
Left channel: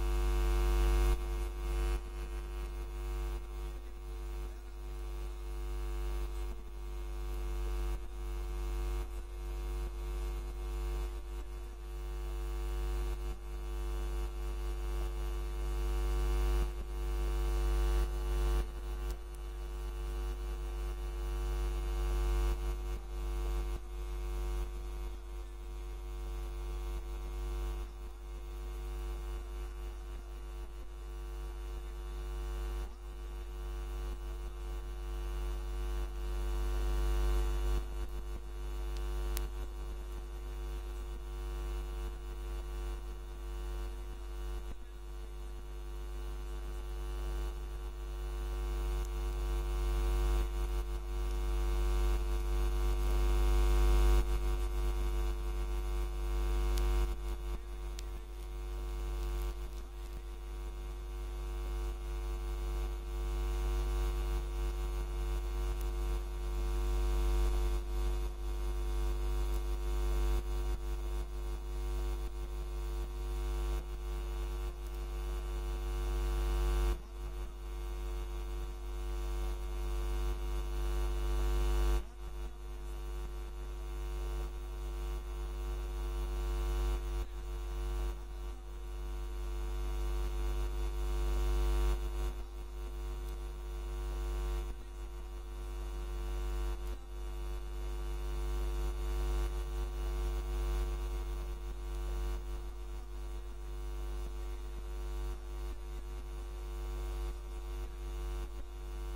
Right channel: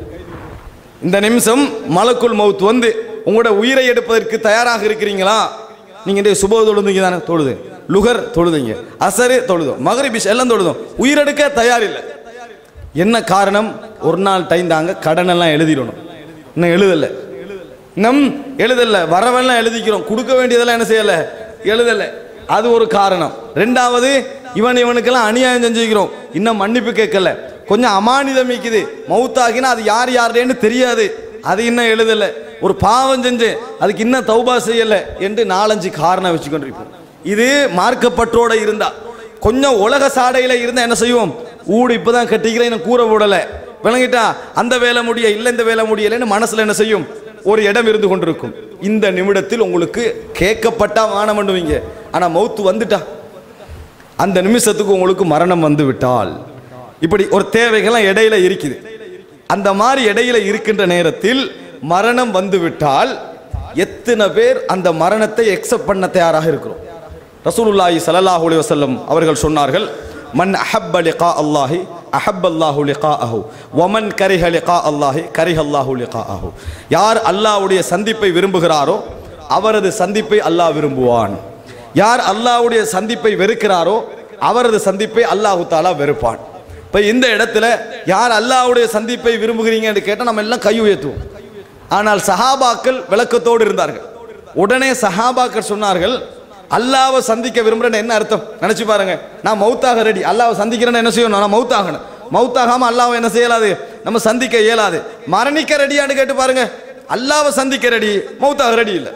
இந்த நிமிஷம் மலக்குல் மௌத் உங்களோட உயிரை எடுப்பதற்கு தயாராக இருக்கிறீங்களா? நீங்க சுப தொழுதுங்க தானே, தொழுது லுகர் தொழுதுங்க, அசரு தொழுதும், மகரிபிஷ் எல்லாம் தொழுதும், உயிரெடுக்க தயார் இல்லை. என்ன காரணம்? ஒரு நாள் டைம் தாங்க, கடன் எல்லாம் எழுதிடணும், இன்னும் எழுதல, வரவெல்லாம் எழுதிக்கிறோம், கொடுக்க வேண்டியதெல்லாம் என்ன செய்யல, எழுதல, அது ஒரு காரணம். ரெண்டாவது, இவனுக்கெல்லாம் அநியாயம் செஞ்சுக்கிறோம், இன்னும் மன்னிப்பு கேட்கல, கொஞ்சம் அமானிதம் மிக்குது, மௌத்தாகினா அது யாருன்னு தெரியாது, அது இன்னும் எழுதல, ஒரு பாவம் செஞ்சு அதுக்கு இன்னும் தௌபா செய்யல என்று 4-5 காரணம் வச்சுக்கொண்டிருப்போம். இது மார்க்கப்பற்றோட இருந்தா. கொஞ்சம் உலக சாடையில் இருந்தால் என்ன செய்வோம், ஊடு இப்போ தான் கட்டிக்கிறேன் கூரை போடலை, விளங்கிட்டா அந்த வேலை முடிய இல்லை இந்த வேலை முடியலைன்னு மனசில் என்ன செய்யும், ஒரு இடம் இருந்து கொண்டிருக்கும். இந்த நிமிடத்தில் உங்களுக்கு கேட்கப்பட்டா வானம் பண்ணுவீங்க, ஆனால் மௌத்து வந்துட்டா அந்த நிமிஷத்துக்கு உங்களுக்கு மரணம் வந்து விட்டால், இப்படி ஒரு தேவைகள்லாம் இடையில இருக்குது. அந்த மாதிரி இடையில இருக்கின்ற நேரத்தில் மரணம் வந்து விட்டால் எத்தனை பேர் அந்த மரணத்தை எக்ஸெப்ட் பண்ண தயாராக இருக்கிறோம்? ரசூலுல்லாஹி ஸல்லல்லாஹு அலைஹி வஸல்லம் அவர்கள் சொன்னார்கள், மன் அஹப்ப லிகா அல்லாஹி அஹப்ப அல்லாஹு லிகாஅஹு வமன் கரிஹ லிகா அல்லாஹி கரிஹ அல்லாஹு லிகாஅஹு. யார் அல்லாஹ்வுடைய சந்திப்பை விரும்புகிறாரோ அவரது சந்திப்பை அல்லாஹ் விரும்புவான். யார் அல்லாஹ்வுடைய சந்திப்பை வெறுக்கிறாரோ அவரது சந்திப்பை அல்லாஹு தஆலா வெறுப்பான். இப்போ இந்த இடத்துல யார் அல்லாஹ்வுடைய சந்திப்பை விரும்புகிறீங்கன்னு கேட்டால் நம்ம எல்லாம் கை உயர்த்துவோம். ஆனால் சஹாபாக்கள் விளக்கத்தோடு இருந்தார்கள். உடனே சஹாபாக்கள் சொன்னார்கள், அல்லாவை சந்திக்க விரும்புகிறேன்னு என்ன அர்த்தம் நினச்சி பாருங்க. நான் மௌத்தாக ரெடி, அல்லாவை சந்திக்கிறேன்னு என்ன செய்யணும், நான் மௌத்தாகணும். மௌத்தாகாமல் அல்லாவை என்ன செய்யலாது, நம்ம சந்திக்க இயலாது. மரணிக்க ரெடியான்னு கேட்டு பாருங்க, அல்லாவை சந்திக்க ரெடி, மௌத்தாக ரெடி இல்லை.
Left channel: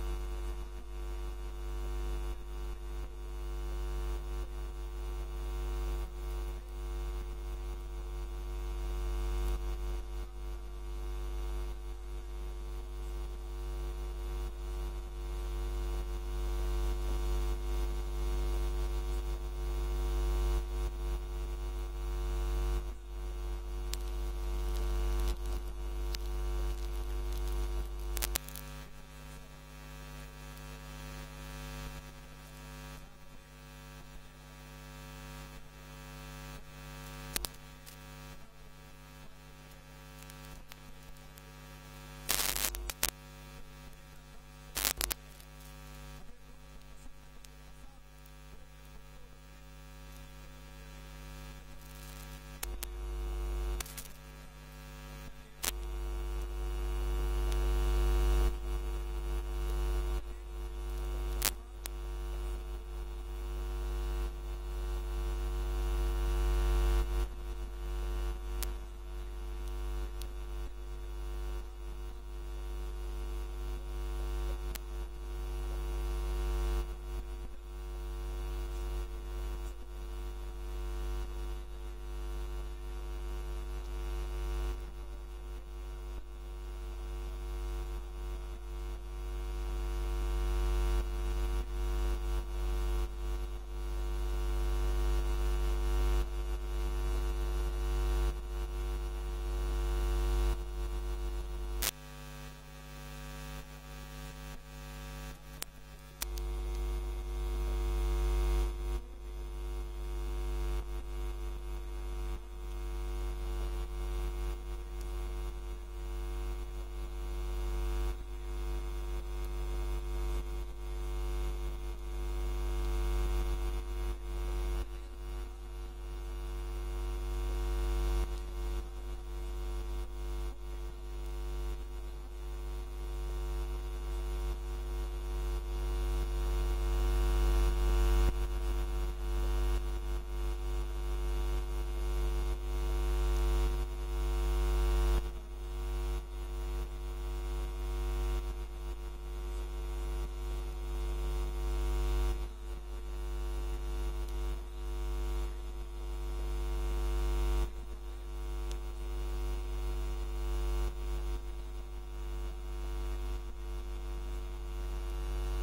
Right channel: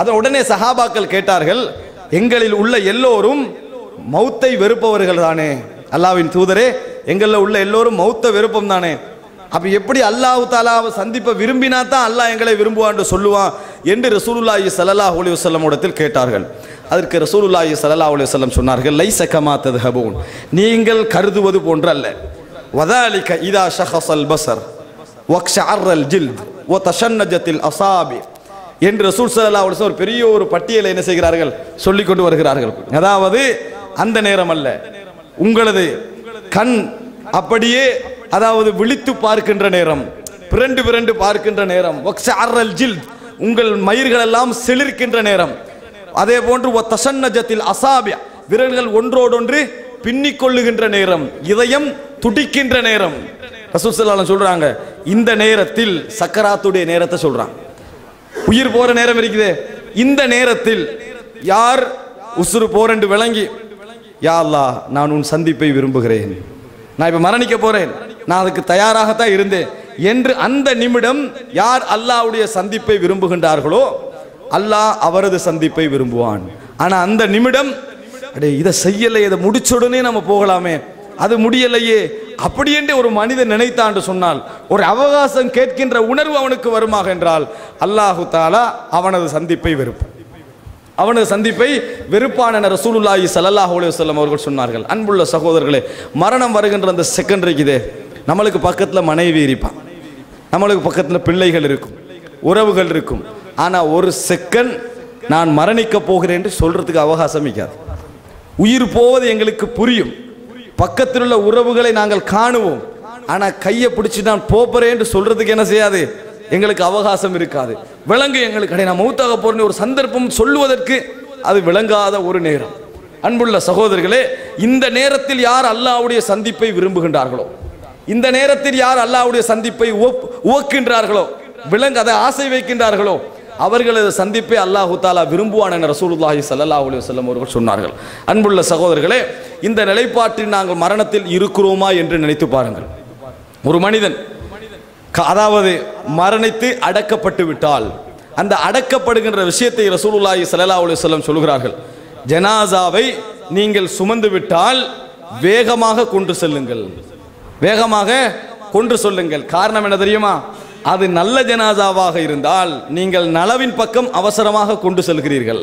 அதை உடனே சஹாபாக்கள் கேட்டார்கள், எங்களில் உள்ள எல்லோரும் மௌத்தை வெறுப்பவர்கள் தானே அல்லாவின் தூதரே, எங்களில் உள்ள எல்லோரும் மௌத்த விருப்பம் தானே, அப்போ எப்படி அல்லாஹ் தஆலாவை சந்திப்பை விரும்பினா தான் அல்லாஹ் எங்களை விரும்புவான்னு சொல்லுவான் என்று ரசூலுல்லாஹி ஸல்லல்லாஹு அலைஹி வஸல்லம் இடத்தில் கேட்டார்கள். அதற்கு ரசூலுல்லாஹி ஸல்லல்லாஹு அலைஹி வஸல்லம் சொன்னார்கள், லைஸ கமா தத்ஹபூன், நீங்கள் கருதுவது போன்றல்ல. வதாலிக இதா ஷஹஸல் பஸர் வக்ஷஅர்ரல் ஜில்த் வதஷன்னஜத்தில் அஸாபி என்று ரசூல் ஸல்லல்லாஹு அலைஹி வஸல்லம் ஒரு பெரிய ஒரு பட்டியலை என்ன செய்கிறார்கள், சொல்லிக் கொண்டு வருகிறார்கள். அதாவது அந்த நேரம் அல்ல, உங்களது கண் அப்படியே அதாவது விழித்து பார்க்கின்ற நேரம், பிறண்டு பிறண்டு பார்க்கின்ற நேரம், வக்ஷஅர்ரல் ஜில்த் உங்கள் மயிர்கள் எல்லாம் சிலிர்க்கின்ற நேரம், அதே போன்று வதஷன்னஜத்தில் அஸாபி விரல்கள் ஒன்றோடொன்று பின்னிக் கொள்ளுகின்ற நேரம், இதயம் துடிக்கின்ற நேரம். ரசூல் ஸல்லல்லாஹு அலைஹி வஸல்லம் சொல்றாங்க, இந்த நேரத்தில் சக்கராத்துடைய நேரத்தை சொல்றாங்க, உயிர் போற நேரம் இருக்குது. இந்த நேரத்தில் யார் உசுறு போரென்று விளங்கி, யா அல்லாஹ் நான் உன் சந்திப்பை விரும்புகிறேன், நான் இப்ப மரணிக்க போறேன், நான் அதுக்கு தயாராகத்தான் இருந்தேன் என்று அந்த நிமிடம் யார் அல்லாஹ்வுடைய சந்திப்பை விரும்புகின்றார்களோ அல்லாஹ் அவரது சந்திப்பை விரும்புவான். ஆனா அந்த நிமிடம் அடே இதை செய்யலை, இதை முடிச்ச உடனே நம்ம போகலாமே, அது முடியலையே அப்படி என்று ஒரு மனிதன் நினைத்தான் சொன்னால், ஒரு அவகாசம் கேட்கின்ற உணர்வு அவனுக்கு வருமாக என்றால் அல்லாஹு தஆலா அவனது சந்திப்பை வெறுப்பான், அவனது சந்திப்பை வெறுப்பான் என ரசூலுல்லாஹி ஸல்லல்லாஹு அலைஹி வஸல்லம் அவர்கள் சொன்னார்கள். அன்புள்ள சகோதரர்களே, மரணம் வருகின்ற அந்த செகண்ட் இருக்குதே, நம்மளுக்கு பக்கத்தில் மனைவி இருப்பான், நம்மளுக்கு பக்கத்தில் பிள்ளைகள் இருக்கும், உறவுகள் இருக்கும். ஆனால் ஒரு செகண்ட் நான் மரணிக்க போகிறேன் என்று சொல்றதுக்கு அவகாசம் இருக்காது. உயிர் போவது எங்களுக்கு புரியும், பக்கத்தில் உள்ள உறவுகளை நாங்கள் காணுவோம், ஆனால் கையை பிடிச்சி நான் போகிறேன் என்று சொல்றதுக்கு என்ன செய்யாது, எங்களுக்கு அவகாசம் இருக்காது. விளங்கு எங்களுக்கு நான் மௌத்தாக போறேன்னு ஒரு சந்தர்ப்பம் சொல்லுவதற்கு அது விளங்காத ஒரு நேரம். அன்புள்ள சகோதரர்களே, இந்த நேரத்தில் யார் அல்லாஹ்வுடைய சந்திப்பை விரும்புகின்றார்களோ, இந்த நேரத்தில் யார் அல்லாஹ்வுடைய சந்திப்பை உவக்கின்றார்களோ, அதை ஆசை வைக்கின்றார்களோ அவர்களது சந்திப்பை அல்லாஹு தஆலா விரும்புவான் என ரசூலுல்லாஹி ஸல்லல்லாஹு அலைஹி வஸல்லம் அவர்கள் சொன்னார்கள். அன்புள்ள சகோதரர்களே, இந்த நிலைப்பாட்டில் நாங்கள் மரணத்தில் இருக்கிறோமா என்று நினைத்து பாருங்கள். ஒரு மனிதன் அதாவது மரணித்து அடக்கப்பட்டு விட்டால் அந்த அடக்கப்படுகின்ற விஷயத்தை ரசூலுல்லாஹி ஸல்லல்லாஹு அலைஹி வஸல்லம் சொல்கிறார்கள், ஜனாசாவை நீங்கள் சுமந்து விட்டால் வேகமாக கொண்டு செல்லுங்கள், வேகமாக கொண்டு சொல்லுங்கள். காரணம் என்ன தெரியுமா, அது நல்ல ஜனாசாவாக இருந்தால் நீங்கள் நலவின் பக்கம் அவசரமாக கொண்டு செல்கிறீர்கள்,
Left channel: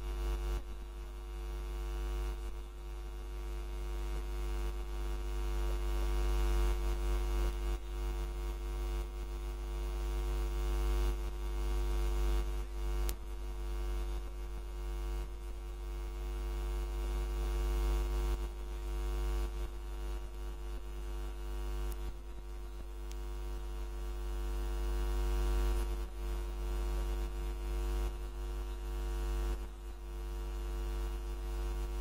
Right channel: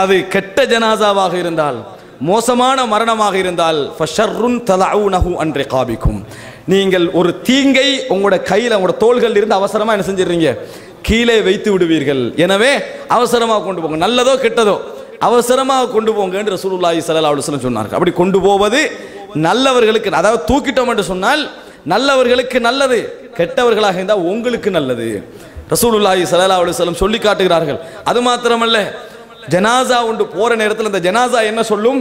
அது கெட்ட ஜனாசாவாக இருந்தால், மோசமான மரணமாக இருந்தால் ஃபஷர்ருன் தலஊனஹு அன் ரிகாபிக்கும், நீங்கள் ஒரு தீங்கை உங்களோட கையில் உங்களோட தோள்கள் இருந்து அவசரமாக என்ன செஞ்சிடுறீங்க, கீழே வைத்து விடுவீர்கள். எனவே அவசரமாக கொண்டு போங்க, நல்லதோ கெட்டதோ அவசரமாக கொண்டு போங்க என்று ரசூலுல்லாஹி ஸல்லல்லாஹு அலைஹி வஸல்லம் சொன்னார்கள். அப்படி கொண்டு போவது நல்லவர்களுக்கு, அதாவது தூக்கிட்டோம் என்று சொன்னால் நல்லவர்களுக்கு நல்லது, கெட்டவர்களாக இருந்தால் உங்களுக்கு நல்லது. ரசூலுல்லாஹி ஸல்லல்லாஹு அலைஹி வஸல்லம் சொல்லி காட்டுகிறார்கள். அது மாத்திரமல்ல, ஜனாசா ஒன்று போற நேரத்தில் அந்த ஜனாசா என்ன சொல்லும்,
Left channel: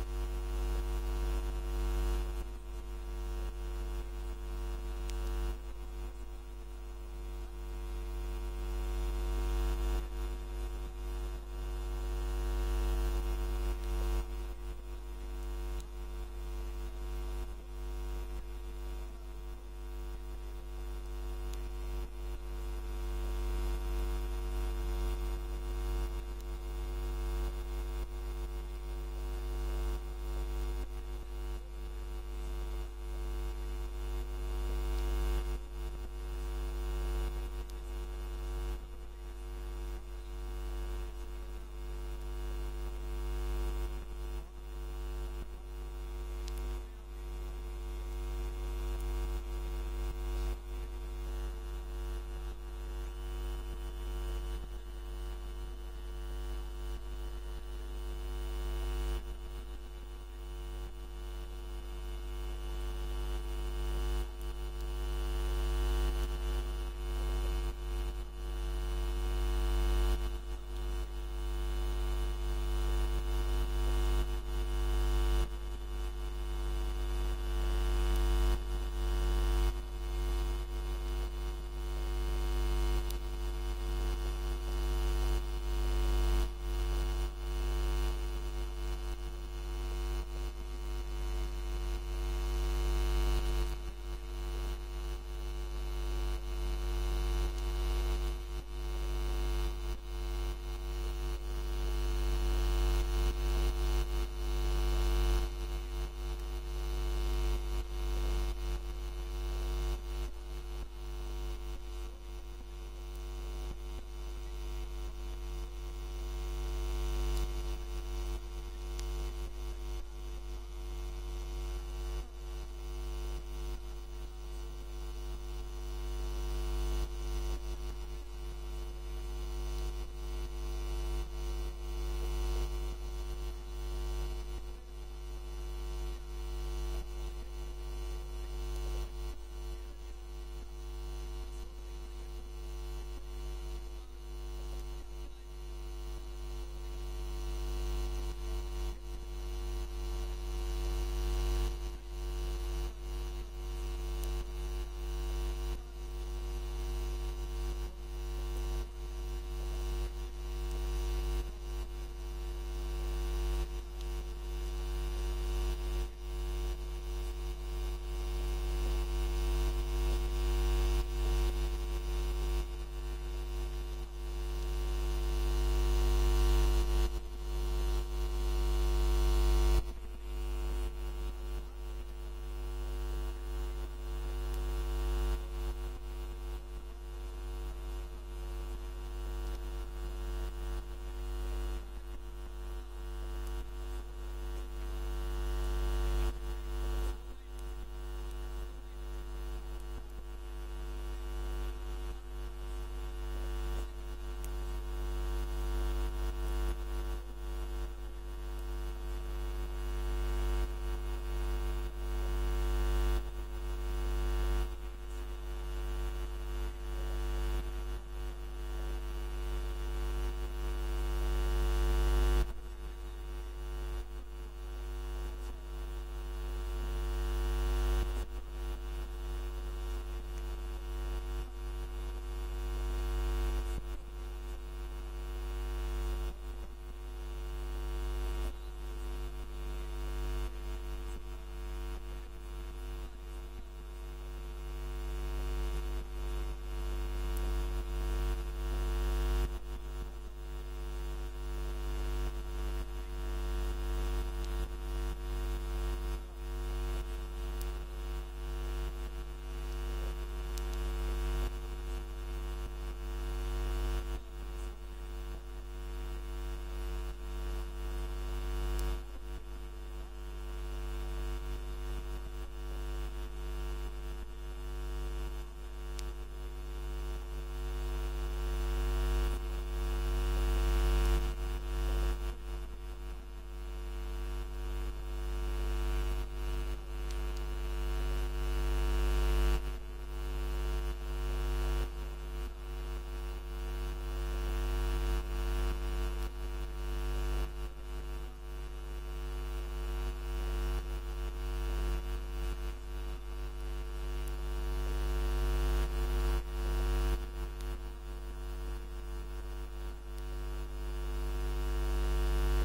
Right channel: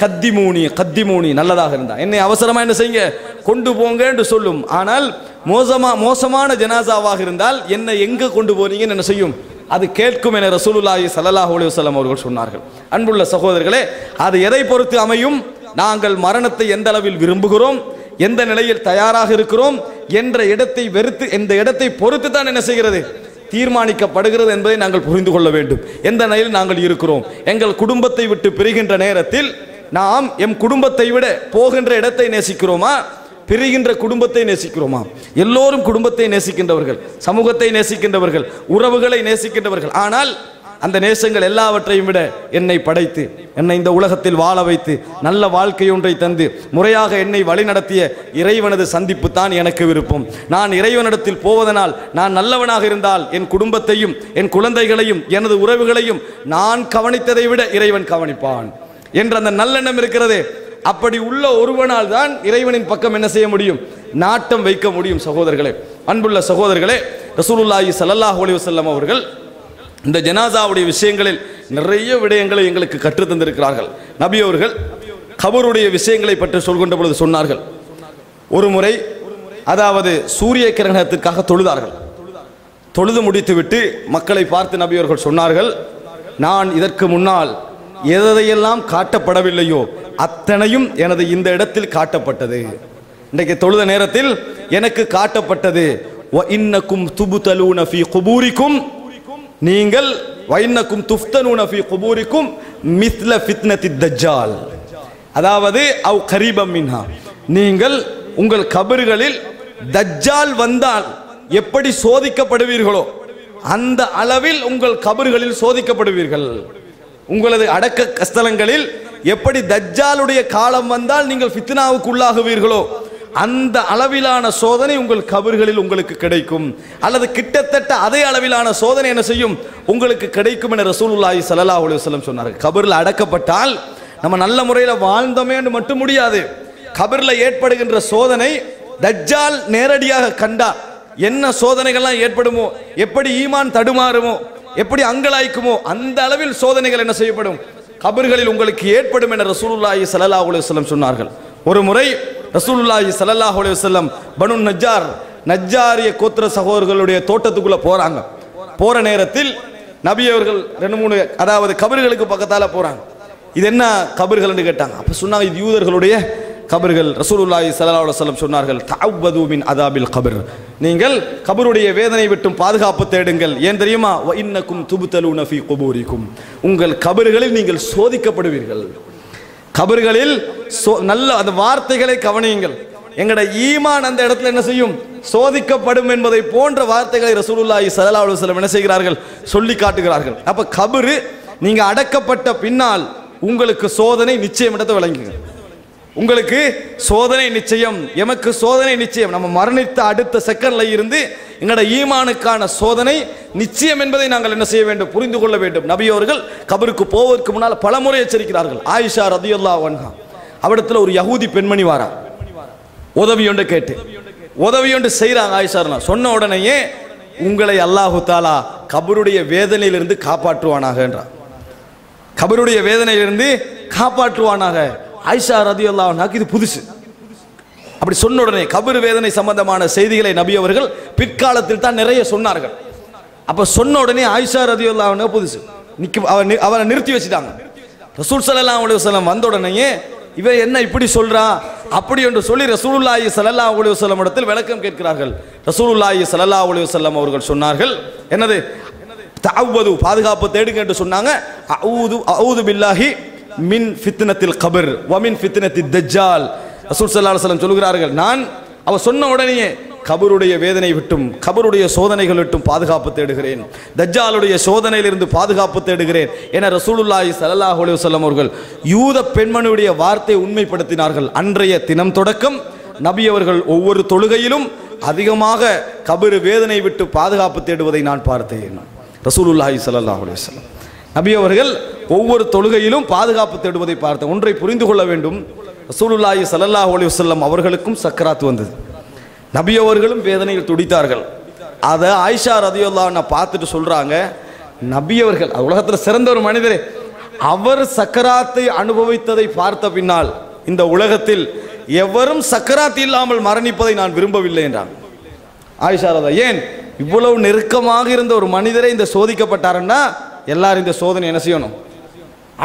கத்திமூனி கத்திமூனி, நல்லதாக இருந்தா என்னை அவசரமா என்ன செய்யுங்க கொண்டு போங்க என்று சொல்லும். ஆனால் மோசமான ஜனாசாவாக இருந்தால் என்னை எங்க கொண்டு போறீங்கன்னு என்ன செய்யும், அது கேட்கும் என ரசூலுல்லாஹி ஸல்லல்லாஹு அலைஹி வஸல்லம் அவர்கள் சொன்னார்கள். அன்புள்ள சகோதரர்களே, அது எதை பொறுத்து அமையும், நாங்கள் மரணத்தை எந்த அளவில் விரும்புகிறோம், எந்த நிலையில் தயாராக இருக்கிறோம் என்ற இடத்தை வெறுத்து இந்த இடத்தை பொறுத்து தான் என்ன செய்கிறது, தீர்மானிக்கப்படுகிறது என்பதை நாங்கள் புரிந்து கொள்ள வேண்டும். எந்த நிலையில் நாங்கள் இருக்கிறோம், எங்கள் குடும்பத்தை விட்டு பிரிகின்ற நேரத்தில் நாம் எம் குடும்பத்தை விட போகின்ற இடத்தை நேசிக்கிறோமா, பிரிகின்ற குடும்பத்தை நேசிக்கிறோமா? எல்லோரும் குடும்பத்தை நேசிக்கின்றவர்கள், சமூகத்தை நேசிக்கின்றவர்கள், உறவுகளை நேசிக்கின்றவர்கள். ஆனால் அந்த நேசங்கள் எல்லாவற்றையும் விட என்னை படைத்து என்னை இந்த உலகத்தில் வாழ வைத்து நல்ல வாழ்க்கை ஒன்றை தந்து முறையாக என்னை வழிநடத்திய இறைவனது சந்திப்பு தான் எனக்கு விருப்பம். நான் இறைவனிடத்தில் போவதனால் நான் நல்லவனாக இருந்தால் என் குடும்பத்தையும் என் குழந்தைகளையும் எனது உறவுகளையும் நான் கவனித்ததை விட இறைவன் கவனிப்பான் என்ற அந்த நல்லெண்ணம் இருக்கிறதே, அப்படி உள்ள ஒருவனால் தான் இறைவனின் பக்கம் என்ன செய்ய முடியும், நாட்டம் வைக்க முடியும். சகோதரர்களே, அன்புள்ள சகோதரர்களே, ரசூலுல்லாஹி ஸல்லல்லாஹு அலைஹி வஸல்லம் அவர்கள் இந்த ஜனாசாவுடைய விஷயங்களில் நிறைய விடயங்களை எங்களுக்கு கற்றுத் தந்திருக்கிறார்கள். நபி அவர்கள் கபருடைய விஷயங்களை பற்றி சொல்கின்ற பொழுது சொன்னார்கள், ஒரு முறை அதாவது சூரிய கிரகணத்திற்காக தொழுதார்கள். தொழுது முடித்துவிட்டு மக்களை பார்த்து நபி அவர்கள் சொன்னார்கள், நான் இதற்கு முன்னால் எதையெல்லாம் காட்டப்படவில்லையோ அத்தனையும் எனது இந்த இடத்தில் காட்டப்பட்டது. இன்றைக்கு தொழுத நேரத்தில் எனக்கு காட்டப்பட்டது, இன்னக்கும் துபுதலூன ஃபீ குபூரிக்கும், நீங்கள் வைன்னக்கும் துஃப்தனூன ஃபீ குபூரிக்கும் மிஸ்ல ஃபித்னத்தி தஜ்ஜால், அதாவது அவ் கரீபம் மின்ஹா, நீங்கள் உங்கள் கபர்களில் தஜ்ஜால் வந்தால் எப்படி சோதிக்கப்படுவீர்களோ அந்த அளவில் உங்கள் கபர்களில் சோதிக்கப்படுவீர்கள். உங்களது அடக்க ஸ்தலங்களில் எப்படி தஜ்ஜாலுடைய காலம் வந்தால் நீங்கள் ஃபித்னாவுக்கு உள்ளாகுவீர்களோ அந்த அளவிலான சோதனை உங்கள் கபர்களில் உங்களுக்கு கிடைக்கும், அல்லது கிட்டத்தட்ட அதே அளவிலான சோதனை என்ன செய்யும், உங்களுக்கு கிடைக்கும் என ரசூலுல்லாஹி ஸல்லல்லாஹு அலைஹி வஸல்லம் சொன்னார்கள். கபரில் அடக்கப்பட்டால் நம்ம நல்ல முறையில் வாழ்ந்தோமே என்று மட்டும் முடியாது. கபரில் ஏற்படுகின்ற சோதனை தஜ்ஜால் நேரடியாக கண்டா என்ன சோதனைகள்லாம் ஏற்படுமோ, எப்படி ஈமான் தடுமாறுமோ, எப்படி அங்கலாய்க்குமோ அந்த அளவில் சோதனைகள் என்ன செய்யப்படும், கபர்களில் உங்களுக்கு ஏற்படும் என ரசூலுல்லாஹி ஸல்லல்லாஹு அலைஹி வஸல்லம் சொன்னார்கள். ஒரு முறை ரசூலுல்லாஹி ஸல்லல்லாஹு அலைஹி வஸல்லம் பனு நஜ்ஜாரிய கோத்திர சகோதரர்களுடைய தோட்டத்துக்குள்ள போறாங்க. போற நேரத்தில் நபி அவர்கள் 2-3 அதாவது கபர்களுக்கு பக்கத்தால போறாங்க. இது என்ன கபர்கள் என்று கேட்டாங்க. அப்ப சொன்னாங்க, இது யூதர்களுடைய கபர்கள். ரசூலுல்லாஹி ஸல்லல்லாஹு அலைஹி வஸல்லம் சொன்னார்கள், தஅவ்வது மின் அதாபில் கபர், நீங்கள் கபருடைய வேதனை விட்டும் பாதுகாப்பு தேடுங்கள். ஏன் தெரியுமா, வ இன்னக்கும் துபுதலூன ஃபீ குபூரிக்கும், உங்கள் கபர்களில் நீங்கள் சோதிக்கப்படுவீர்கள். கபர்களில் நல்ல அந்த வார்த்தைகளை கவனியுங்கள். எங்கட ஈமான் அந்த இடத்துல என்ன செய்யும், சோதிக்கப்படும் என்பதை போன்ற வார்த்தைகளை ரசூலுல்லாஹி ஸல்லல்லாஹு அலைஹி வஸல்லம் என்ன செய்கிறார்கள், சொல்லி காட்டுகிறார்கள். அப்ப கபரு நீங்க அடக்கப்பட்ட பின்னால் உங்களுக்கு சோதனை நிச்சயம் இடத்தை விளங்குங்க. உங்களுக்கு சோதனை நிச்சயம், எமக்கு சோதனை நிச்சயம். நம்ம மரணித்த அடுத்த செகண்ட்ல இருந்து எங்களோட ஈமானுக்கான சோதனை நிச்சயம் என்பதை நாங்கள் என்ன செய்ய வேண்டும், புரிந்து கொள்ள வேண்டும். நபி அவர்கள் கபருக்கு போவதற்கு முன்னால் பலமுறை எச்சரிக்கிறார்கள். ஆயிஷா ரதியல்லாஹு அன்ஹா அவரிடத்துல ஒரு யஹூதி பெண்மணி வாரா, உதவி ஒன்று கேட்டு உதவி ஒன்று செய்கிறாங்க. ஆயிஷா சொன்ன உடனேயே உங்களை அல்லாஹு தாலா கபருடைய வேதனையிலிருந்து காப்பாற்றுவானாக என்றார். கபருடைய வேதனையிலிருந்து காப்பாற்றுவானாக. ஆயிஷா ரதியல்லாஹு அன்ஹாக்கு இது புதுசு. அப்படி சொன்ன உடனே கபர் வேதனை சம்பந்தமான செய்திகளை நபி அவர்கள் பிற்காலத்தில் தான் நிறைய சொன்னார்கள். அப்ப சொன்ன உடனே ஆயிஷா ரதியல்லாஹு அன்ஹா புதுசு அவரை நிறுத்தி வச்சுட்டாங்க. ரசூல் ஸல்லல்லாஹு அலைஹி வஸல்லம் வந்த உடனே இவ என்ன இப்படி சொல்றா அப்படி என்று சொல்லி ரசூலுல்லாஹி ஸல்லல்லாஹு அலைஹி வஸல்லம் இடத்தில் விளக்கம் கேட்கிறார்கள். ரசூலுல்லாஹி ஸல்லல்லாஹு அலைஹி வஸல்லம் அவர்கள் சொன்னார்கள், என்னது, தஅவ்வது பாதுகாப்பு தேடுங்க என்று சொன்னாங்க. அஊது பில்லாஹி மின் ஃபித்னத்தில் கபர் வ மின் ஃபித்னத்தித் தஜ்ஜால். ரசூல் ஸல்லல்லாஹு அலைஹி வஸல்லம் சொல்கிறார்கள், நான் அவ சொன்ன உடனேயே கபருடைய வேதனை விட்டும் கபருடைய சோதனைகள் விட்டும் பாதுகாப்பு தேடுகிறேன், தஜ்ஜாலுடைய சோதனையிலிருந்து பாதுகாப்பு தேடுகிறேன் என ரசூலுல்லாஹி ஸல்லல்லாஹு அலைஹி வஸல்லம் அவர்கள் யூத பெண்மணியுடைய வார்த்தையை உண்மைப்படுத்தினார்கள். அன்றைய தினம் தொடக்கம் நபி அவர்கள் ஒவ்வொரு தொழுகையிலும் அதிகமாக கபரு வேதனை விட்டு பாதுகாப்பு தேடுவதை நான் பார்த்தேன். ரசூலுல்லாஹி ஸல்லல்லாஹு அலைஹி வஸல்லம் நபி அவர்கள் ஒவ்வொரு தொழுகையிலும் பாதுகாப்பு தேடுவதை பார்த்தேன். ஒன்றை புரிந்து கொள்ள வேண்டும், ரசூலுல்லாஹி ஸல்லல்லாஹு அலைஹி வஸல்லம் அவர்களுக்கும் சக்கராத் வந்தது. நபி அவர்களும் வேதனையில் துடித்தார்கள். அதை ஆயிஷா ரதியல்லாஹு அன்ஹா பார்த்துட்டு சொல்றாங்க, நபி அவர்கள் உலகத்தில் சிறந்த ஒரு மனிதரே, அவர் சக்கராத்தை அனுபவித்ததை பார்த்த பின்னால் இந்த உலகத்தில் எவரும் சக்கராத் இல்லாமல் மரணிப்பதை நான் விரும்பவில்லை என்றாங்க ஆயிஷா ரதியல்லாஹு. ஏன், இவ்வளவு நெருக்கமாக இருந்த ஒரு மனிதரை இந்த சோதிக்கப்பட்டாருன்னா எல்லாரும் இந்த சோதனை என்ன செய்யணும்,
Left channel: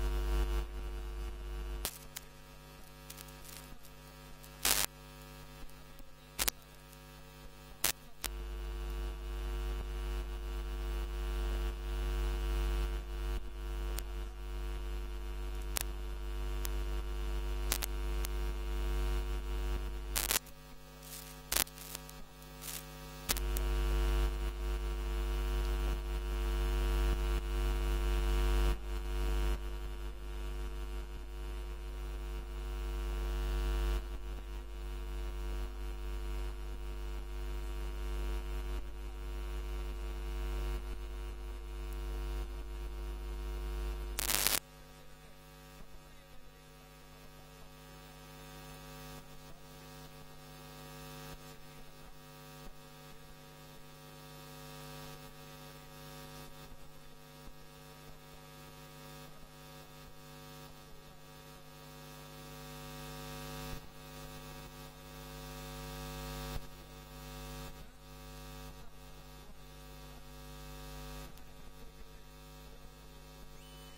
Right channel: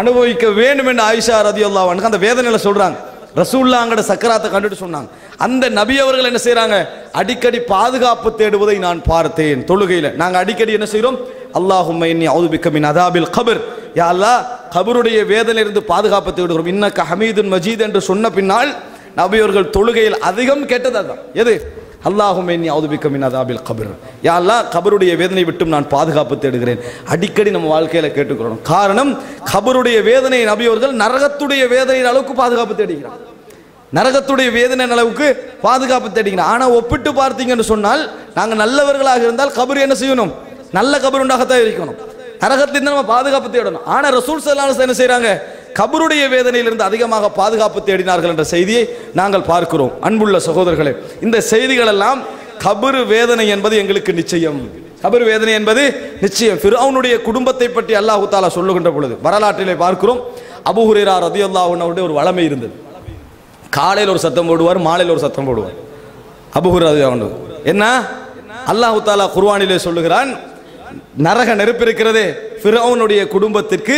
அனுபவிக்க வேண்டும் என்று ஆயிஷா ரதியல்லாஹு அன்ஹா அந்த வேதனையில சொல்றாங்க. ரசூலுல்லாஹ்ங்கட சக்கராத்தை கண்டுட்டு சொன்னாங்க. அந்த நபி அவர்கள் என்ன செய்றாங்க, அடிக்கடி பாதுகாப்பு தேடுவதை நான் பார்த்தேன். தொழுகையில நாங்க அடிக்கடி என்ன செய்றோம், அல்லாஹும்ம இன்னி அஊது பிக்க மின் அதாபில் கபர், யா அல்லாஹ் கபருடைய வேதனையிலிருந்து பாதுகாப்பு தேடுகிறோம். இன்னக்க ஹமீதுன் மஜீத் என்று சொன்ன பின்னால் நபி அவர்கள் தொழுகையில் அதிகம் கேட்டது அதுதான். எது? அல்லாஹும்ம இன்னி அஊது பிக்க மின் அஸாபில் கப்ர். யா அல்லாஹ், கபருடைய வேதனை விட்டும் நான் பாதுகாப்பு தேடுகிறேன். அடிக்கடி நம்ம வாழ்க்கையில கேட்டுக்கிறோம். காரணம், கபருடைய வேதனை நபி அவர்கள் நரகத்துடைய வேதனையின் அளவுக்கு பாதுகாப்பு தேடுகிறார். நரகத்துடைய வேதனை அளவுக்கு பாதுகாப்பு தேடுகிறார். ஆனா ஒப்பிட்டு பார்த்தீங்கன்னு சொன்னால், நாங்க நல்லவர்களாக இருந்தால் கபர் என்ன செய்யணும்? நல்ல கபர் உண்டாகத்தான் இருக்கணும். நரகத்திலிருந்து நம்ம பாதுகாப்பு தேடணும். ஆனா ரசூல் ஸல்லல்லாஹு அலைஹி வஸல்லம் என்ன செய்றாங்க? கபருடைய வேதனையிலிருந்து அதிகமாக பாதுகாப்பு தேடினார்கள் என்ற செய்தியை நாங்கள் பார்க்கிறோம். அன்புள்ள சகோதரர்களே, இந்த செய்திகள் எல்லாம் கபர் வேதனை என்பது எங்களுக்கு நிச்சயம். கபர் வேதனை என்பது நிச்சயம். ஃபிரௌனுடைய குடும்பத்தை பற்றி அல்லாஹ் தஆலா சொல்லுகின்ற பொழுது வரலாற்றிலே பார்க்கிறோம். அபூ ஹுரைரா ரலியல்லாஹு அன்ஹுடைய ஒரு வளமை இருந்தது. காலையில் ஒரு சத்தம் போடுவார், மாலையில் ஒரு சத்தம் போடுவார். அபூ ஹுரைரா ரலியல்லாஹு அன்ஹு என்ன அல்லாஹ் தஆலா குர்ஆனிலே சொல்லுகிறான், நரக நெருப்பு இருக்கிறதே ஃபிரௌனுடைய குடும்பத்திற்கு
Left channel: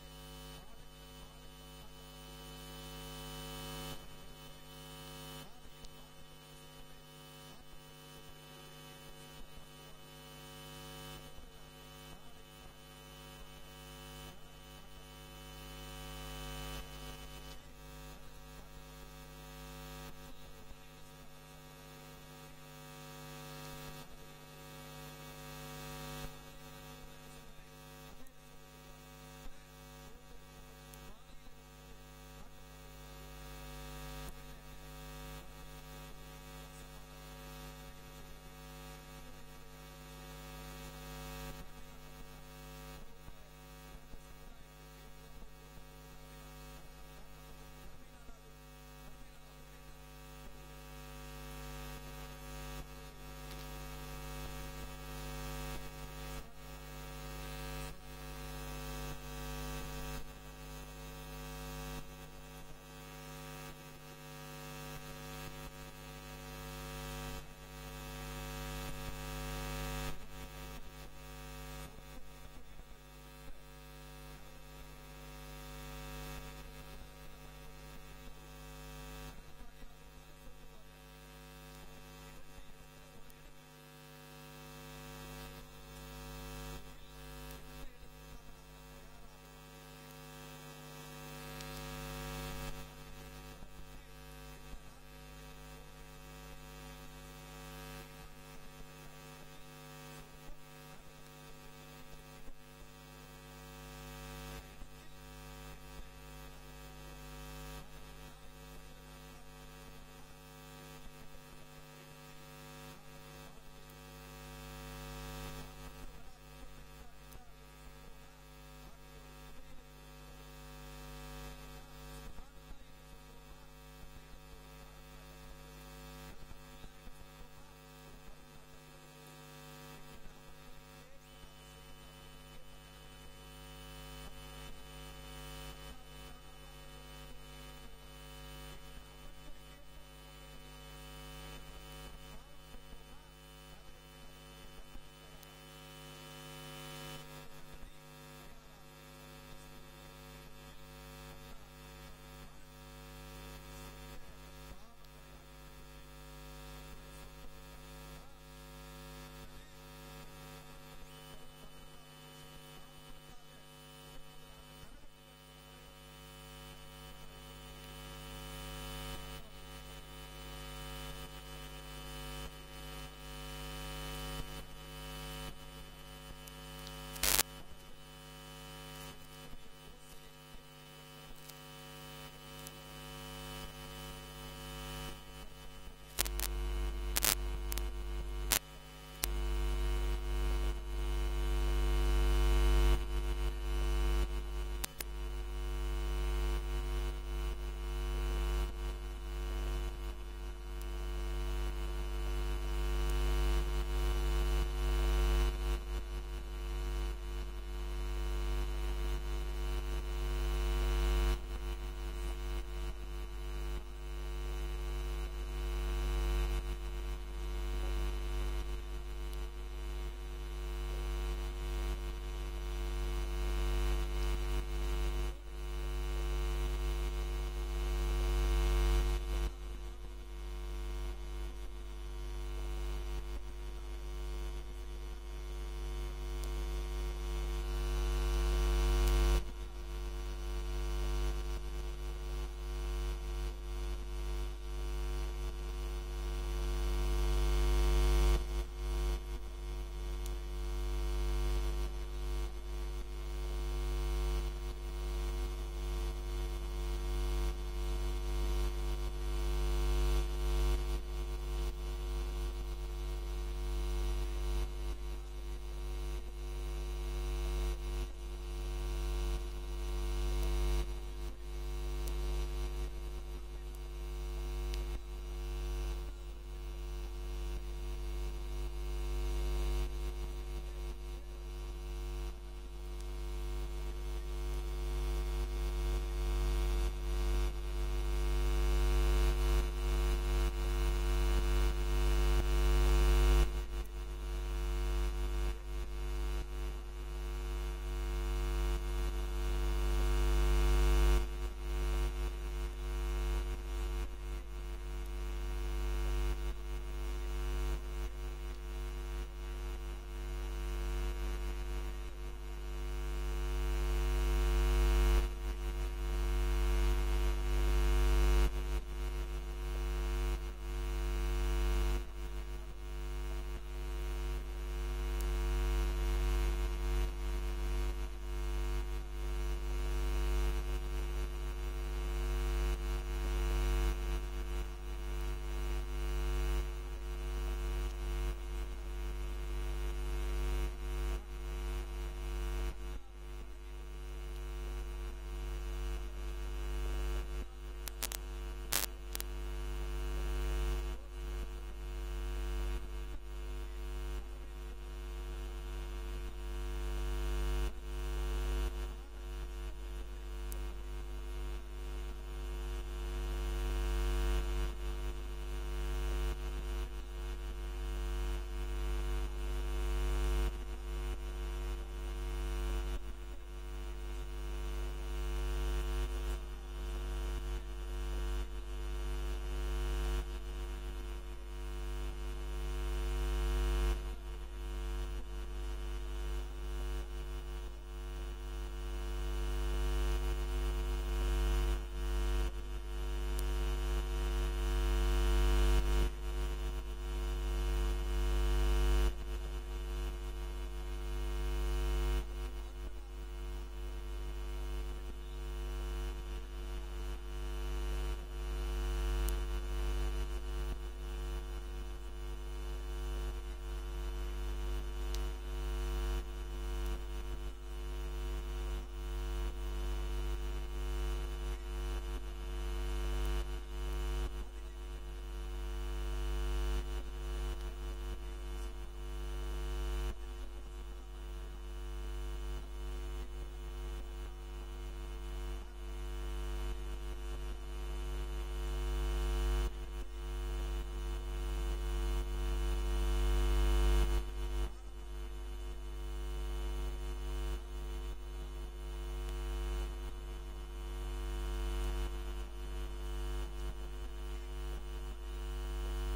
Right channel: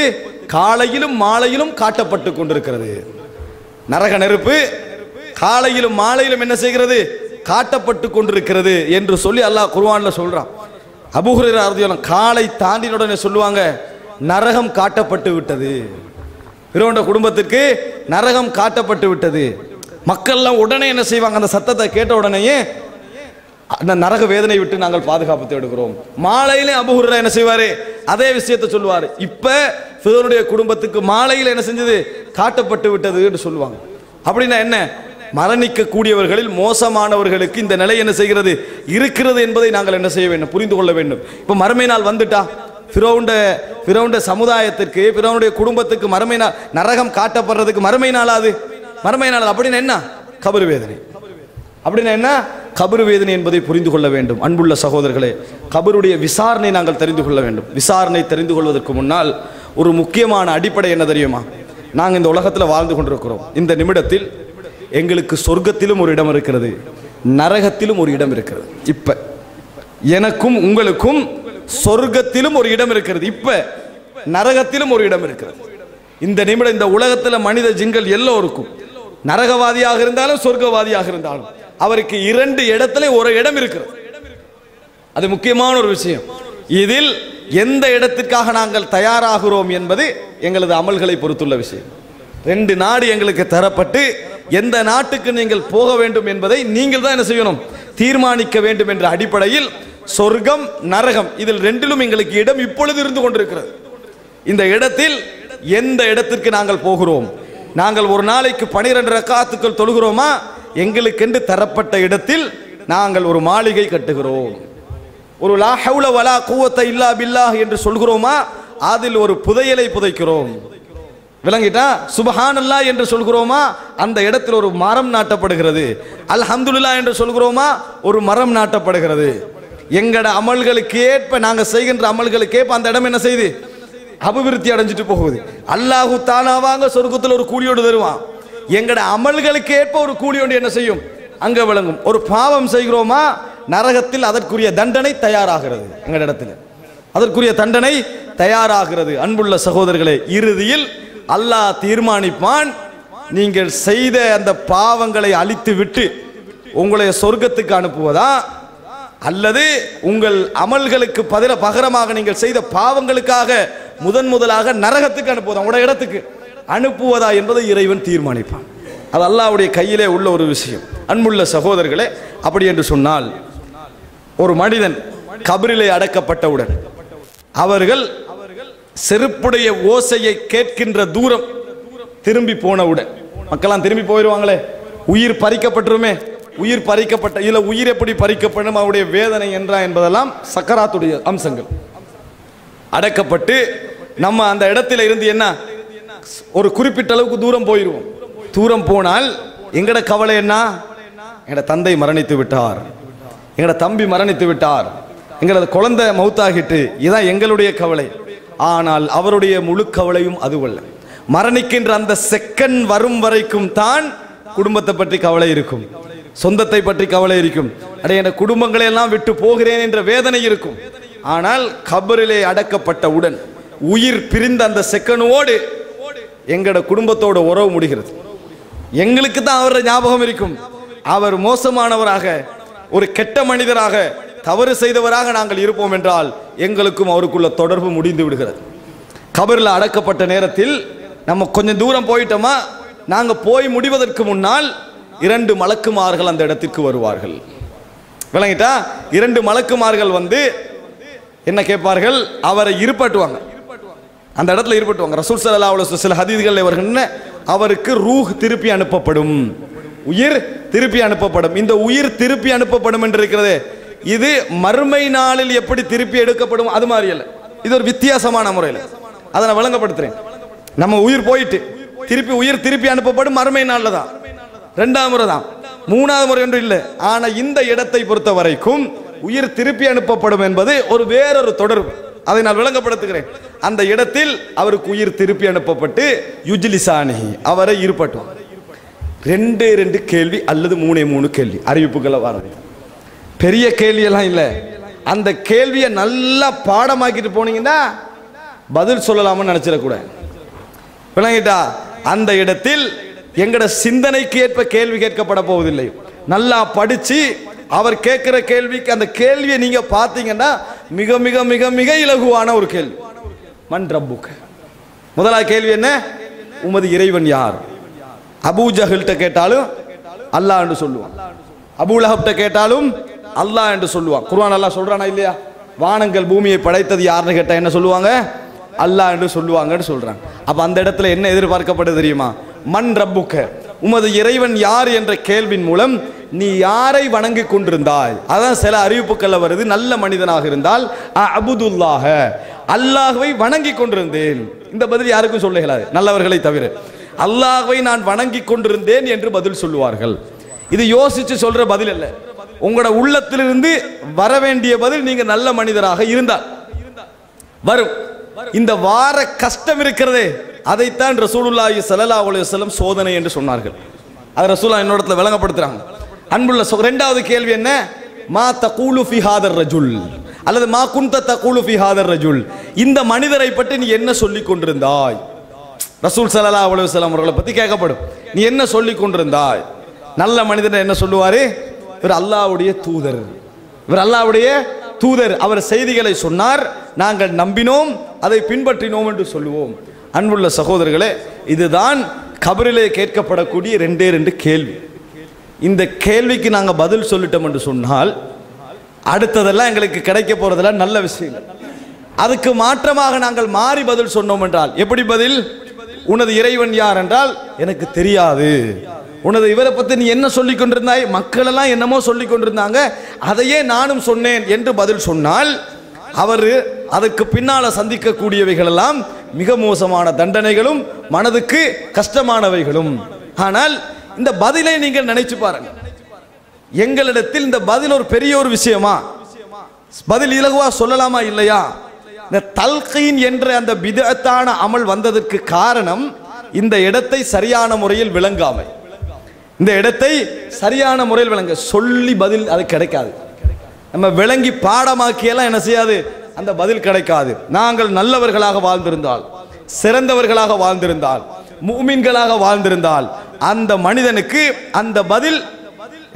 காலையிலும் மாலையிலும் காட்டப்பட்டு கொண்டிருக்கிறது. நரக நெருப்பு காலையிலும் மாலையிலும் என்ன செய்கிறது? காட்டப்பட்டு கொண்டிருக்கிறது என்று சொல்லி அல்லாஹ் குர்ஆன்ல சொல்றான். அபூ ஹுரைரா ரலியல்லாஹு காலை தாண்டின உடனே சொல்லுவாங்க, நரகம் காட்டப்பட்டு விட்டது. ஃபிரௌனுடைய குடும்பத்திற்கு நரகம் காட்டப்பட்டு விட்டது. மக்கள்லாம் உடனே என்ன செய்வாங்க? அந்த சத்தத்தை கேட்ட உடனேயே அந்த நரக வேதனை விட்டு நாங்கள் பாதுகாப்பு தேடுகிறோம். மாலையிலே அபூ ஹுரைரா என்ன செய்வாரு? அதே விஷயத்தை சொல்லுவார். இப்ப ஃபிரௌனுடைய குடும்பத்துக்கு மாலையில் என்ன செஞ்சது? காட்டப்பட்டு விட்டது என்று சொல்லுவாங்க. அப்படின்னா என்ன? மரணிக்க கூடியவர்களில் மோசமானவர்களுக்கு இந்த நிலை என்ன செய்கிறது? இருக்கிறது என்பதை நாங்கள் என்ன செய்ய வேண்டும்? புரிந்து கொள்ள வேண்டும். இப்ப மறுமை நாள் வந்துட்டா ஃபிரௌனுடைய சமுதாயத்திற்கு, ஃபிரௌனுடைய குடும்பத்துக்கு மறுமை நாள், நரகம் காட்டப்படுறதுக்கு மறுமை நாளாது. மறுமை நாள் அப்படின்னா என்ன? கபர் வேதனை. அப்படின்னா என்ன? கபர் வேதனை என்பதை புரிந்து கொள்ள வேண்டும். அன்புள்ள சகோதரர்களே, கபருடைய விசாரணை நாங்கள் தெரிந்து கொள்ள வேண்டும். விசாரணை தெரிந்து கொள்வதற்கு முன்னால் ஒரு முக்கியமான அடிப்படை என்ன தெரியுமா? நாங்கள் இந்த உலகத்தில் வாழ்ந்து கொண்டிருக்கிறோம். இந்த நிமிடத்தில் எங்களுக்கு சொர்க்கத்திலும் ஒரு இடம் இருக்கிறது, நரகத்திலும் ஒரு இடம் இருக்கிறது. இப்ப எனக்கும் உங்களுக்கும் சொர்க்கத்திலும் ஒரு இடம் இருக்கிறது, இப்ப நரகத்திலும் ஒரு இடம் இருக்கிறது. இந்த நிமிடம் இந்த உலகத்தில் மனித ஜின்கள் எல்லோருக்கும், நரகவாதியாக இருந்தாலும் சொர்க்கவாதியாக இருந்தாலும், அவருக்கு இரண்டு இடத்துல ஒரு இடம் இருக்கிறது. அது முக்கியமான ஒரு விஷயம். இதில் எந்த இடத்திற்காக நாங்கள் தயாராகிறோம் என்பது எங்களது அமல்களை பொறுத்துள்ள விஷயம். ரெண்டு நாடு எங்களுக்கு தரப்பட்டு எந்த நாட்டுக்கு நீங்கள் போக வேண்டும் என்பதை நீங்கள் தான் என்ன செய்யணும்? தீர்மானிக்க வேண்டும் என்ற அடிப்படையில் சொர்க்கம் நரகம் இதில் ரெண்டிலும் எங்களுக்கு இடம் இப்பொழுது இருந்து கொண்டிருக்கிறது. இந்த இடத்தில் எந்த இடத்திற்கு நாங்கள் போகிறோம்? நாங்கள் ஒரு நாளைக்கு 12 ரக்காத்துக்கள் தொழுகிறோமா? எங்களுக்கென்று தரப்பட்ட இடத்தில் நாங்கள் ஒரு மாளிகை கட்டுகிறோம். ஒரு லா ஹவுல வலா குவத்த இல்லா பில்லாஹ் என்று சொல்கிறோமா? அதில் ஒரு புதையலை புதைக்கிறோம். விளங்கிட்டா? சுப்ஹானல்லாஹ் என்று சொல்கிறோமா? அந்த இடத்தில் ஒரு மரம் நாட்டப்படுகிறது. அல்ஹம்துலில்லாஹ் என்று சொல்கிறோமா? ஒரு மரம் நாட்டப்படுகிறது. எங்கட அமல்களுக்கு ஏற்ப, நாங்கள் செய்கின்ற அமல்களுக்கு ஏற்ப அந்த இடம் என்ன செய்து? அபிவிருத்தி அடைஞ்சிட்டு போகுது. அல்லாஹு தாலாவாங்க சொர்க்கத்தில் ஒரு கூலியோடு தருவான். எங்கட அமல்களுக்கு ஏற்ப ஒரு கூலியோடு என்ன செய்யும்? அங்க விளங்கும். ஒரு பாவம் செய்கிறோமா? நரகத்தில் அதற்குரிய தண்டனை தயாராகிறது. எங்கட இடத்துல அதற்குரிய தண்டனை தயாராகிறது. அன்புள்ள சகோதரர்களே, இறுதியில் அல்லாஹ் தீர்மானிப்பான், நீங்கள் செய்த அந்த பாவங்களை அழித்து விட்டு உங்களை சொர்க்கத்துக்கு அனுப்புவதா, அல்லது உங்கள் அமல்களுக்கு பகரமாக நீங்கள் செய்த பாவங்களுக்காக முதலாக நரகத்துக்கு அனுப்புவதா, உங்களுடைய இடத்துக்கு அனுப்புவதா என்பதை இறைவன் தீர்மானிப்பான். அது அல்லாஹ்வுடைய கையிலே உள்ள ஒரு விஷயம். அன்புள்ள சகோதரர்களே, அப்படி என்று சொன்னால், ஒரு மனிதன் கபரிலே அடக்கப்பட்டவுடன் அவர்கள் செருப்புடைய ஓசையை கேட்கின்ற தூரம் திரும்பி போனவுடன், மக்களாம் திரும்பி போயிடுவாங்களே, உயிர் பறிக்கப்பட்டுருமே, உயிர் பறிக்கப்பட்ட இல்ல உயிர் எப்படி பறிக்கப்படும், அவருடைய வேதனை என்றா என்பதெல்லாம் சக்கராத்துடைய அம்சங்கள். அடக்கப்பட்டு நம்ம அந்த இடத்துல இருந்து என்ன ஒரு குறிப்பிட்ட அளவுக்கு தூரம் போயிடுவோம். தூரம் போனால் எங்கட கவலை என்ன? எங்கட தந்தை மரணித்து விட்டார், எங்கட தம்பி மரணித்து விட்டார், எங்களது குழந்தை மௌத்தாகிட்டு, இதுதான் எங்களுடைய கவலை. ஆனால் அவருடைய முழு கவலையும் அதுவல்ல. மரணிக்கின்ற அந்த செகண்ட் வரும் வரைக்கும் தான் குடும்பத்தை பற்றி கவலை இருக்கும், சொந்தத்தை பற்றி கவலை இருக்கும், அடைய என் குடும்பங்களை எல்லாம் விட்டு போகிறேன் என்ற வேதனை இருக்கும். ஆனால் கபரிலே அடக்கப்பட்டவுடன் உயிர் பிரிந்த அந்த செகண்டோடு எங்களோட குடும்பத்தோட உறவு முடிகிறது. எங்களுக்கு தான் அவருடைய ஞாபகம் இருக்கும். அவர் மோசமானவராக, ஒரு கெட்ட மனிதராக, தவறு செய்தவராக நாங்கள் இருப்போம் என்றால் எங்களுக்கும் அவருக்குள்ள தொடர்பு முடிந்து விடுகிறது. கபரில் அடக்கப்பட்ட நேரத்தில் நம்ம கொஞ்சம் தூரம் போயிட்டோமா, நாங்கள் போய் முடிவதற்கு முன்னால் 2 மலக்குமார்கள் அந்த இடத்திற்கு வருவார்கள். விளங்கிட்டா? 2 மலக்குமார்கள் வந்து என்ன கேட்பார்கள்? அவரை இருப்பட்டுவாங்க, அந்த இடத்துல இருப்பட்டுவாங்க. ரசூல் ஸல்லல்லாஹு அலைஹி வஸல்லம் சில ஹதீஸ்களில் வருகின்றன, அவருக்கு ரூஹ் திருப்பி அனுப்பப்படும், உயிர் திருப்பி அனுப்பப்படும். இந்த உயிர் திருப்பி அனுப்பப்படும் என்று இருக்கிறது, இது மறுமை நாளில் எப்படி திருப்பி எடுக்கப்படும் அது மாதிரி அல்ல, இது ஒரு வித்தியாசமான முறையில். அதை நான் விளங்கப்படுத்துறேன். நம்ம உயிர் போயிட்டு உயிர் திருப்பி அனுப்பப்படும் மறுமை நாளில் தான், 2ஆம் முறை தான், 3ஆவது முறை என்று இல்லை. ஆனால் இந்த இடத்தை பொறுத்த வரைக்கும் உயிர் திருப்பி அனுப்பப்படும் என்பது ஒரு வேறொரு தொடர்பு, அதை நான் விளங்கப்படுத்துகிறேன். அந்த இடத்தில் அவருக்கு உயிர் திருப்பி அனுப்பப்பட்டு யுஜ்லிசானி, அவரை இருப்பட்டும். 2 கேள்வி அல்லது 3 கேள்வி அறிவிப்புகளை வரும். பெரிய கேள்வியெல்லாம் இல்லை. அந்த கேள்வியை நல்லா பாடமாக்கிட்டு போனீங்கன்னா பதில் சொல்லலாம்னு நினைச்சிடக்கூடாது. விளங்கிட்டா? அந்த இடத்தில் எங்கட சிந்தனைக்கு ஏற்ப கேள்வி கேட்கப்பட போவதில்லை. நல்லா படிச்சு அவர் கேட்கிற கேள்விக்கு அந்த கேள்வியை நீங்க பார்த்தீங்கன்னா மிக மிக மிக மிக இலகுவான ஒரு கேள்வி. மன் ரப்புக, முதலாவது கேள்வி என்ன? உமது இறைவன் யார்? அபூ ஜஹல்கிட்ட கேட்டாலும் அல்லாஹ் என்று சொல்லுவான், அபூ லஹப்கிட்ட கேட்டாலும் அல்லாஹ் என்று சொல்லுவான். குர்ஆன் அல்லாஹ் சொல்றானா இல்லையா? வானங்கள் பூமியை படைத்தது யாருன்னு கேட்டா என்ன சொல்லுவாங்க? அல்லாஹ் என்று சொல்லுவாங்கன்னு சொல்றாங்க. அப்ப அந்த இடத்துல என்ன எதிர்பார்க்கப்படுது தெரியுமா? மன் ரப்புக, உமது இறைவன் யார் என்ற கேள்வியின் மூலம் நீ யாரை வணங்கி கொண்டிருந்தாய். அதான் சில அறிவிப்புகள் வருது, நல்ல மனிதனாக இருந்தால் அபுதுல்லாஹ, அல்லாஹ்வை வணங்கி கொண்டிருந்தேன். இந்த பதில் யாருக்கும் சொல்ல இயலாது, நல்லவர்களை தவிர. அல்லாஹ்வை நான் வணங்கி கொண்டிருந்தேன் என்று பதில் சொல்லுவார்கள். இது யோசிச்சு சொல்ற பதில் அல்ல, உங்களோட உள்ளத்திலிருந்து வர வேண்டிய பதில். நீங்க நல்ல மனிதராக இருந்தால் வரும். இந்த வார கஷ்டம் இருக்கிறதே, அதைத்தான் ரசூலுல்லாஹி ஸல்லல்லாஹு அலைஹி வஸல்லம் சோதனை என்று சொன்னார்கள். அது ரசூலுல்லாஹ் என்னோடத்துல விளங்கப்படுத்துறாங்க. அன்புள்ள 2வது கேள்வி என்ன? மா தகூலு ஃபி ஹாதர் ரஜுல், அல்லது மா குன்த தகூலு ஃபி ஹாதர் ரஜுல், இந்த மனிதரை பற்றி நீ என்ன சொல்லிக் கொண்டிருந்தாய்? ரசூல் ஸல்லல்லாஹு அலைஹி வஸல்லம் அவர்களை பற்றி கேட்கப்படும். நீ என்ன சொல்லிக் கொண்டிருந்தாய்? நல்ல மனிதன் என்ன சொல்லுவாரு? இவர் அல்லாஹ்வுடைய தூதர், இவர் அல்லாஹ்வுடைய தூதர், அவர் செய்திகளை சொன்னார், நாங்கள் நம்பினோம், அதை பின்பற்றினோம் என்று சொல்லுவோம். அன்புள்ள சகோதரர்களே, இதுதான் கபரிலே கேட்கப்படக்கூடிய 2 கேள்வி. இந்த கேள்விக்கு நாங்கள் பதில் சொல்லிட்டோம் என்று சொன்னால் அடுத்ததெல்லாம் எங்களுக்கு கிடைக்க போறதெல்லாம் நல்ல விஷயம். அதுக்கு மாற்றமாக நாங்கள் மாறி பதில் சொன்னோம் என்றால் எப்படி பதில்? உனது இறைவன் யார் என்றால் எனக்கு தெரியாது. உனது இவரை பற்றி நீ என்ன சொல்லிக் கொண்டிருந்தாய்? மக்கள் எல்லாம் என்னமோ சொல்லிக் கொண்டிருந்தாங்க, அதையே நானும் சொன்னேன் என்று பதில் சொன்னால் அவர் அதற்கு பின்னால சந்திக்கக்கூடியவைகள் எல்லாம் மிக மோசமான தண்டனைகளும் மனதுக்கு கஷ்டமானவைகளும். ஆனால் இந்த பதிலை நீங்கள் நினைச்சு பாருங்க, எங்களிடத்தில் இந்த பதில் ஒரு பெரிய ஒரு விஷயமா? பதில் இலகுவா சொல்லலாமா இல்லையா? இந்த தல்கீன் என்ற அந்த பிதஅத்தான அமல் வந்ததற்கு காரணம் இந்த இடத்தை சரியான முறையில் விளங்காமை. இந்த இடத்தை சரியான முறையில் விளங்க சொல்லி பதில் அது கிடைக்காது. நம்ம விளங்கி பாடமாக்கியெல்லாம் என்ன செய்யாது, அந்த பதில் கிடைக்காது. நாங்கள் நல்லவர்களாக வாழ்ந்திருந்தால், சிறந்தவர்களாக வாழ்ந்திருந்தால், முஃமின்களாக வாழ்ந்திருந்தால் அந்த மனிதனுக்கு அந்த பதில்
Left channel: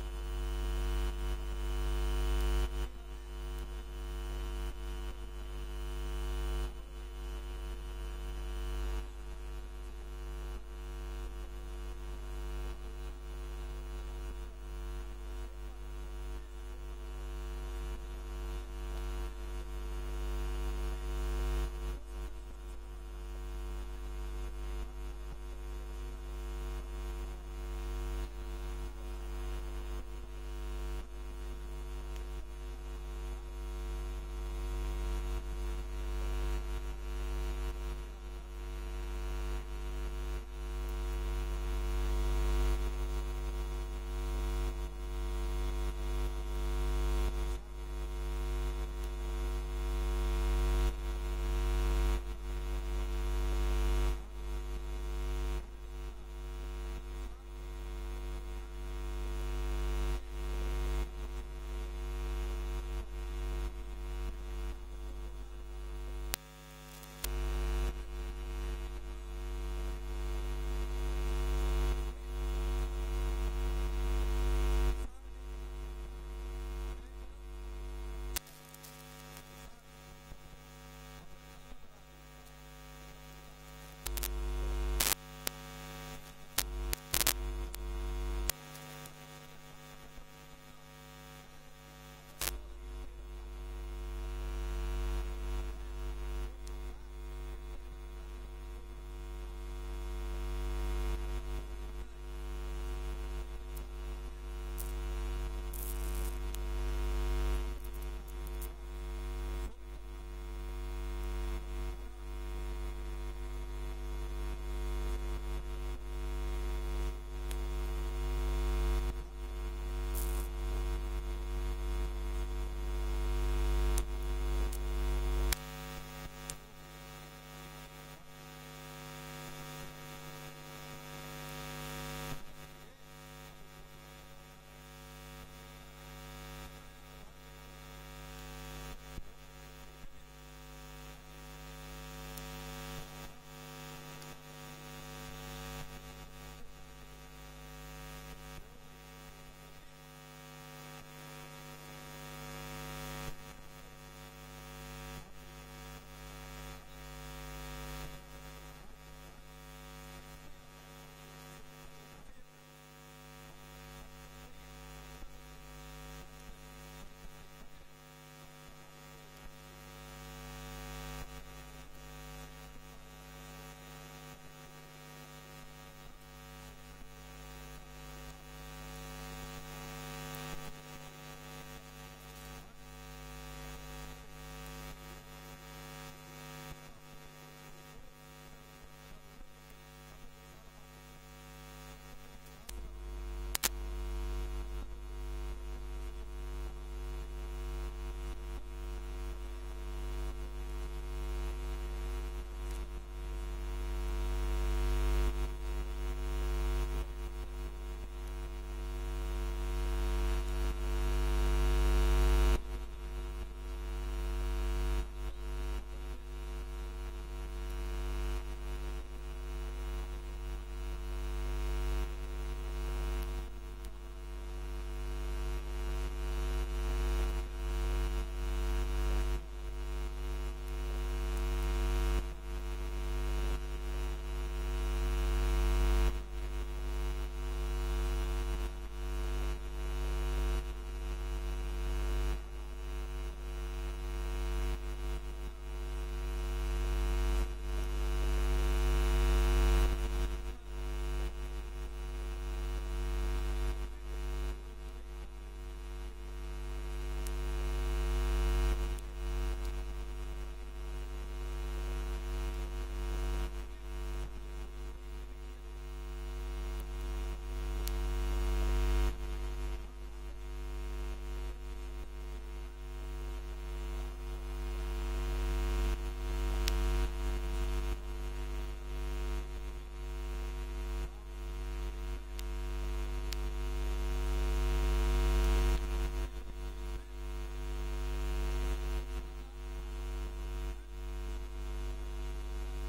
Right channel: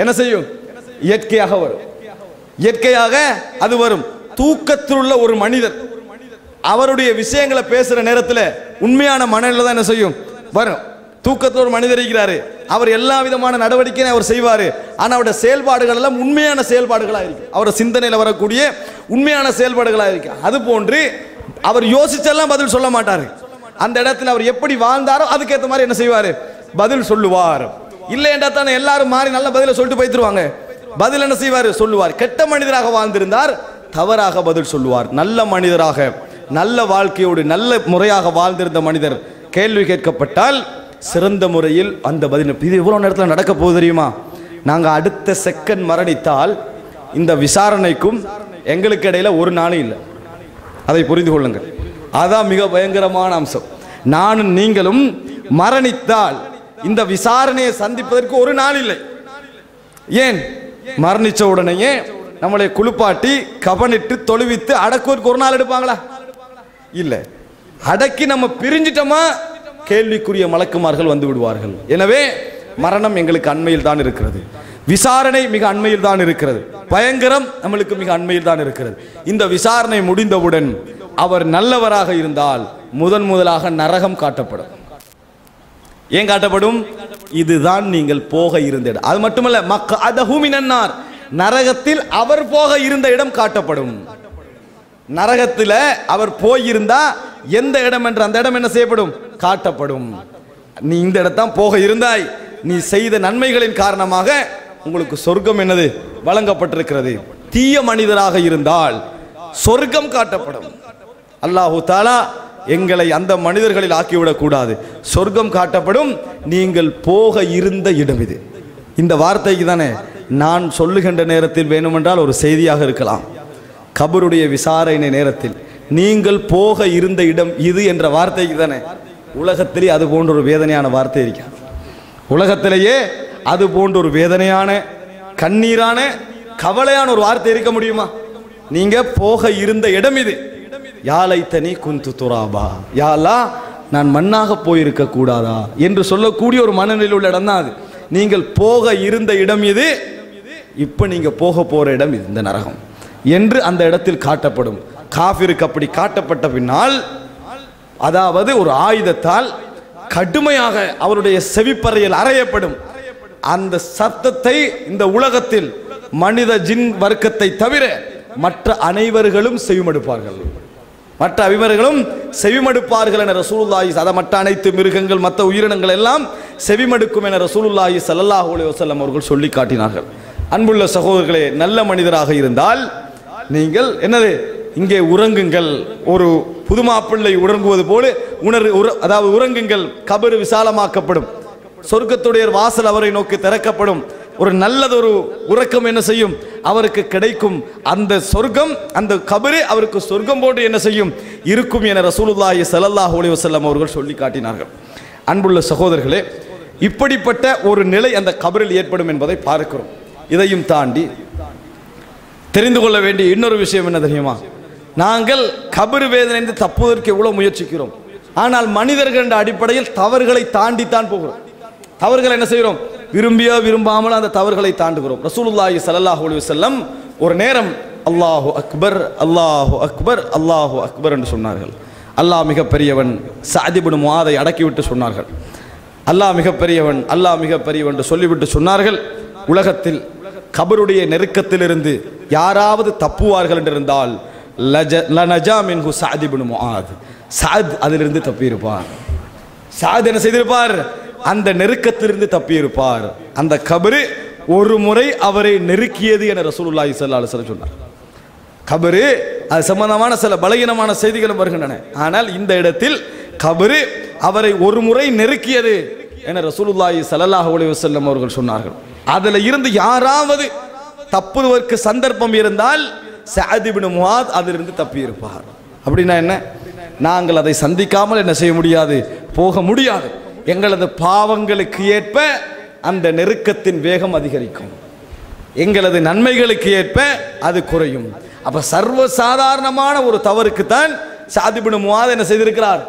என்ன செய்யும்? இயற்கையாக வரும். இயற்கையாக அது வரும். தூக்கத்தில் உள்ள ஒரு மனிதர் அவருடைய விஷயங்களை பேசுற நேரத்தில் உண்மையான மனநிலை தான் என்ன செய்யும்? வரும். தூக்கத்தில் ஒரு மனிதர் இருக்கிறாரு, அவர் எல்லா விதமான நடவடிக்கையும் அவர் செய்வார், ஆனால் அவருடைய செயல்பாடுகள் எல்லாம் உண்மையான செயல்பாடுகளாக இருக்கு, அவருடைய சிந்தனையில் வரக்கூடிய உண்மையான செயல்பாடுகளாக இருக்கு. அது போன்று அவர் யோசிச்செல்லாம் பதில் சொல்ல மாட்டார். அந்த இடத்துல அவர் எப்படி வாழ்ந்தாரோ அதுக்கேற்ற மாதிரி என்ன செய்வார்? பதில் சொல்லுவார். இல்லை என்றா தானே எல்லாரும் மாறி நல்ல பதிலை சொல்லிட்டு போய்த்துருவாங்க. பதில் என்ன செய்வார்? சொல்லுவார். கெட்ட மனிதராக வாழ்ந்திருந்தார் தவறாக பதில் சொல்லுவார். நல்ல மனிதராக, நல்ல வாழ்க்கையோடு நல்ல முறையாக வாழ்ந்திருந்த மனிதர் கேள்வி கேட்கப்பட்டால் சிறந்த முறையில் அந்த பதில். இது எவ்வளோ நேரத்தில் நடக்க போகுது தெரியுமா? நாங்கள் அடுத்த செகண்ட் மரணித்தால் இந்த விசாரணைக்கும் எங்களுக்கு இடையில ஒரு நாளும் இல்லை. அதை புரிந்து கொள்ளுங்கள். அதான் மிக பயங்கரமான அம்சம். நானும் நீங்களும் மரணித்தால் இந்த விசாரணையை சந்திப்பதற்கு ஒரு நாள் இல்லை. ஏன்? மரணிச்ச உடனேயே நம்மளை குளிப்பாட்டி கபனிட்டு தொழுவித்து அடக்குவதற்கு ஒரு நாள் எடுப்பாங்களா? இல்லை. அடக்கி நம்ம பிரிஞ்சிட்டோமா கேள்விக்குரிய மலக்குமார்கள் வந்து விடுவார்கள். எனவே மரணம் எங்களுக்கு அண்மையில் தான் இருக்கிறது, விசாரணை மிக அண்மையில் தான் இருக்கிறது, பயங்கரம் நம்மளுக்கு மிக அண்மையில் தான் இருக்கிறது. இந்த விசாரணை முடிந்தவுடன் அவர் நல்லவராக இருந்தால் முதலாக நரகம் காட்டப்படும். ஏன் காட்டப்படும்? இதுதான் நீங்கள் போக இருந்த இடம். அது மட்டுமல்ல, மக்அதஹு மினன்னார், நரகத்தில் அவர் போக இருந்த இடம் காட்டப்படும். நரகத்தில் அவர் போயிருந்தா எந்த இடம் என்று அந்த இடம் என்ன செய்யப்படும்? காட்டப்படும். நீ இந்த இடத்தான் போக இருந்தாய், நீ செய்த நன்மைகளின் காரணமாக உங்களுக்கு சொர்க்கம் என்னது வழங்கப்பட்டிருக்கிறது. தீய மனிதராக இருந்தால் சொர்க்கம் காட்டப்படும். அல்லாஹு தஆலா எங்களை அந்த மனிதர்களில் ஆக்கிவிடக் கூடாது. சொர்க்கம் காட்டப்படும். நீங்கள் போக இருந்த இடம் இது. இந்த வார்த்தைக்கு தானே நான் சொல்லுகின்ற நேரத்தில் வேணுமென்றால் ஒரு செய்தியாக இருக்கலாம். கபருடைய விசாரணை நேரத்தில் நீங்கள் போக இருந்த இடம் இது என்ற வார்த்தைக்கு தானே உலகத்திலே அது போன்ற ஒரு வேதனையான வார்த்தை இருக்கிறது. உலகத்திலேயே அது போன்ற ஒரு வேதனையான, கண்ணீரான, கவலையான ஒரு வார்த்தை இருக்க முடியுமா? நீங்க போக இருந்த இடம் இது. யாலைத்தனி குந்து துராபா, யா அல்லாஹ் நான் மண்ணாக போயிருக்க கூடாதா என்று சொல்லக்கூடிய ஒரு மனநிலையில் உள்ள இடம் தான் அது. நீங்கள் போக இருந்த இடம் இது, இப்ப நீங்க போக போற இடம் இது, இந்த நரகம் என்று அந்த இடத்தில் காட்டப்படும். காஃபிருக்கு அப்படி காட்டப்பட்ட பின்னால், அதாவது ஒரு ஆயுதத்தால் கடுமையாக அவருடைய செவிப்பறையில் அறையப்படும். அந்த சத்தத்தை இந்த உலகத்தில் மனித ஜின் வர்க்கத்தை தவிர மற்ற அனைவர்களும் செவிமடுப்பார்கள். மற்ற அனைவர்களும் செவிமடுப்பார்கள் என ரசூலுல்லாஹி, அதை மற்ற அனைத்து மிருகங்கள் மற்ற உயிரினங்கள் எல்லாம் செவிமடுக்கும் என ரசூலுல்லாஹி ஸல்லல்லாஹு அலைஹி வஸல்லம் அவர்கள் சொல்லி காட்டினார்கள். அன்புள்ள சகோதரர்களே, நல்ல மனிதராக இருந்தால் நீங்கள் என்னது இங்கே உறங்குங்கள், ஒரு புதுமாப்பிள்ளை உறங்குவது போல அதாவது உறங்குங்கள். கபரு விசாலமாக்கப்படும், சொர்க்கத்துடைய வாசல் அவரை நோக்கி திறக்கப்படும். ஒரு நல்லதொரு உறக்கம் என்ன செய்யும்? அவருக்கு கிடைக்கும். அந்த சொர்க்கம், அந்த கபரு அவருக்கு சொர்க்கம் போன்று என்ன செய்யும்? இருக்கும் என ரசூலுல்லாஹி ஸல்லல்லாஹு அலைஹி வஸல்லம் அவர்கள் சொல்லி காட்டினார்கள். அன்புள்ள சகோதரர்களே, இப்படிப்பட்ட ஒரு நிலை அந்த கபரில் ஏற்படும் என்பதை பார்க்கிறோம். இதையும் தாண்டி தெரிந்து கொள்ள வேண்டிய இன்னொரு விஷயம் என்ன தெரியுமா? நாங்கள் கபரு வேதனை தப்புவதற்கு எவ்வளவு முயற்சிக்கிறோம். ஆனால் மனிதர்கள் என்ற அடிப்படையில் தவறுகளை தாண்டித்தான் போகிறோம். தவறுகளை என்ன செய்கிறோம்? விரும்பியோ விரும்பாமல் அந்த தவறுகளை தாண்டுகிறோம். ரசூலுல்லாஹி ஸல்லல்லாஹு அலைஹி வஸல்லம் ஒரு நேரம் அல்லாஹு அக்பர், அல்லாஹு அக்பர், அல்லாஹு அக்பர் என்று சொன்னார்கள். அல்லாஹ் மிகப்பெரியவன். சஅத் இப்னு முஆதை அடக்கிவிட்டு சொன்னார்கள், அல்லாஹ் மிகப்பெரியவன், அல்லாஹ் மிகப்பெரியவன் என்று சொல்லிவிட்டு சொன்னார்கள், உலகத்தில் கபருடைய நெருக்கத்திலிருந்து யாராவது தப்புவார்கள் என்றிருந்தால் லனஜா மின்ஹு சஅத் இப்னு முஆத், சஅத் அதிலிருந்து தப்பியிருப்பார். சஅத் என்ன செய்திருப்பார்? அந்த நெருக்கத்திலிருந்து தப்பியிருப்பார். அந்த கபரு ஒரு முறை அவரை நெருக்கியது என ரசூலுல்லாஹி ஸல்லல்லாஹு அலைஹி வஸல்லம் சொன்னார். கபரு அது சம்பந்தமான சில பலகீனமான செய்திகளும் வருகின்றன. ஆனால் இந்த இடத்தில் கபரு அவரை ஒரு முறை நெருக்கியது என ரசூலுல்லாஹி ஸல்லல்லாஹு அலைஹி வஸல்லம் அவர்கள் சொன்னார்கள். அதில் இருந்து யாராவது தப்புவதற்கு சந்தர்ப்பம் இருந்தால் சஅத் இப்னு முஆத் அதிலிருந்து தப்பியிருப்பார். அப்படின்னா என்ன? நாங்கள் அதை சந்திக்காமல் என்ன செய்ய முடியாது? போக முடியாது. எங்களது பாவங்களுக்கு ஏற்ப அந்த நெருக்கத்தின் வேகம் அதிகரிக்கும், எங்களது நன்மைகளுக்கு ஏற்ப அது குறையும். அப்ப சர்வசாதாரணமான ஒரு தவறுக்கு தான் சஅத் இப்னு முஆத் என்ன செய்திருக்கிறார்?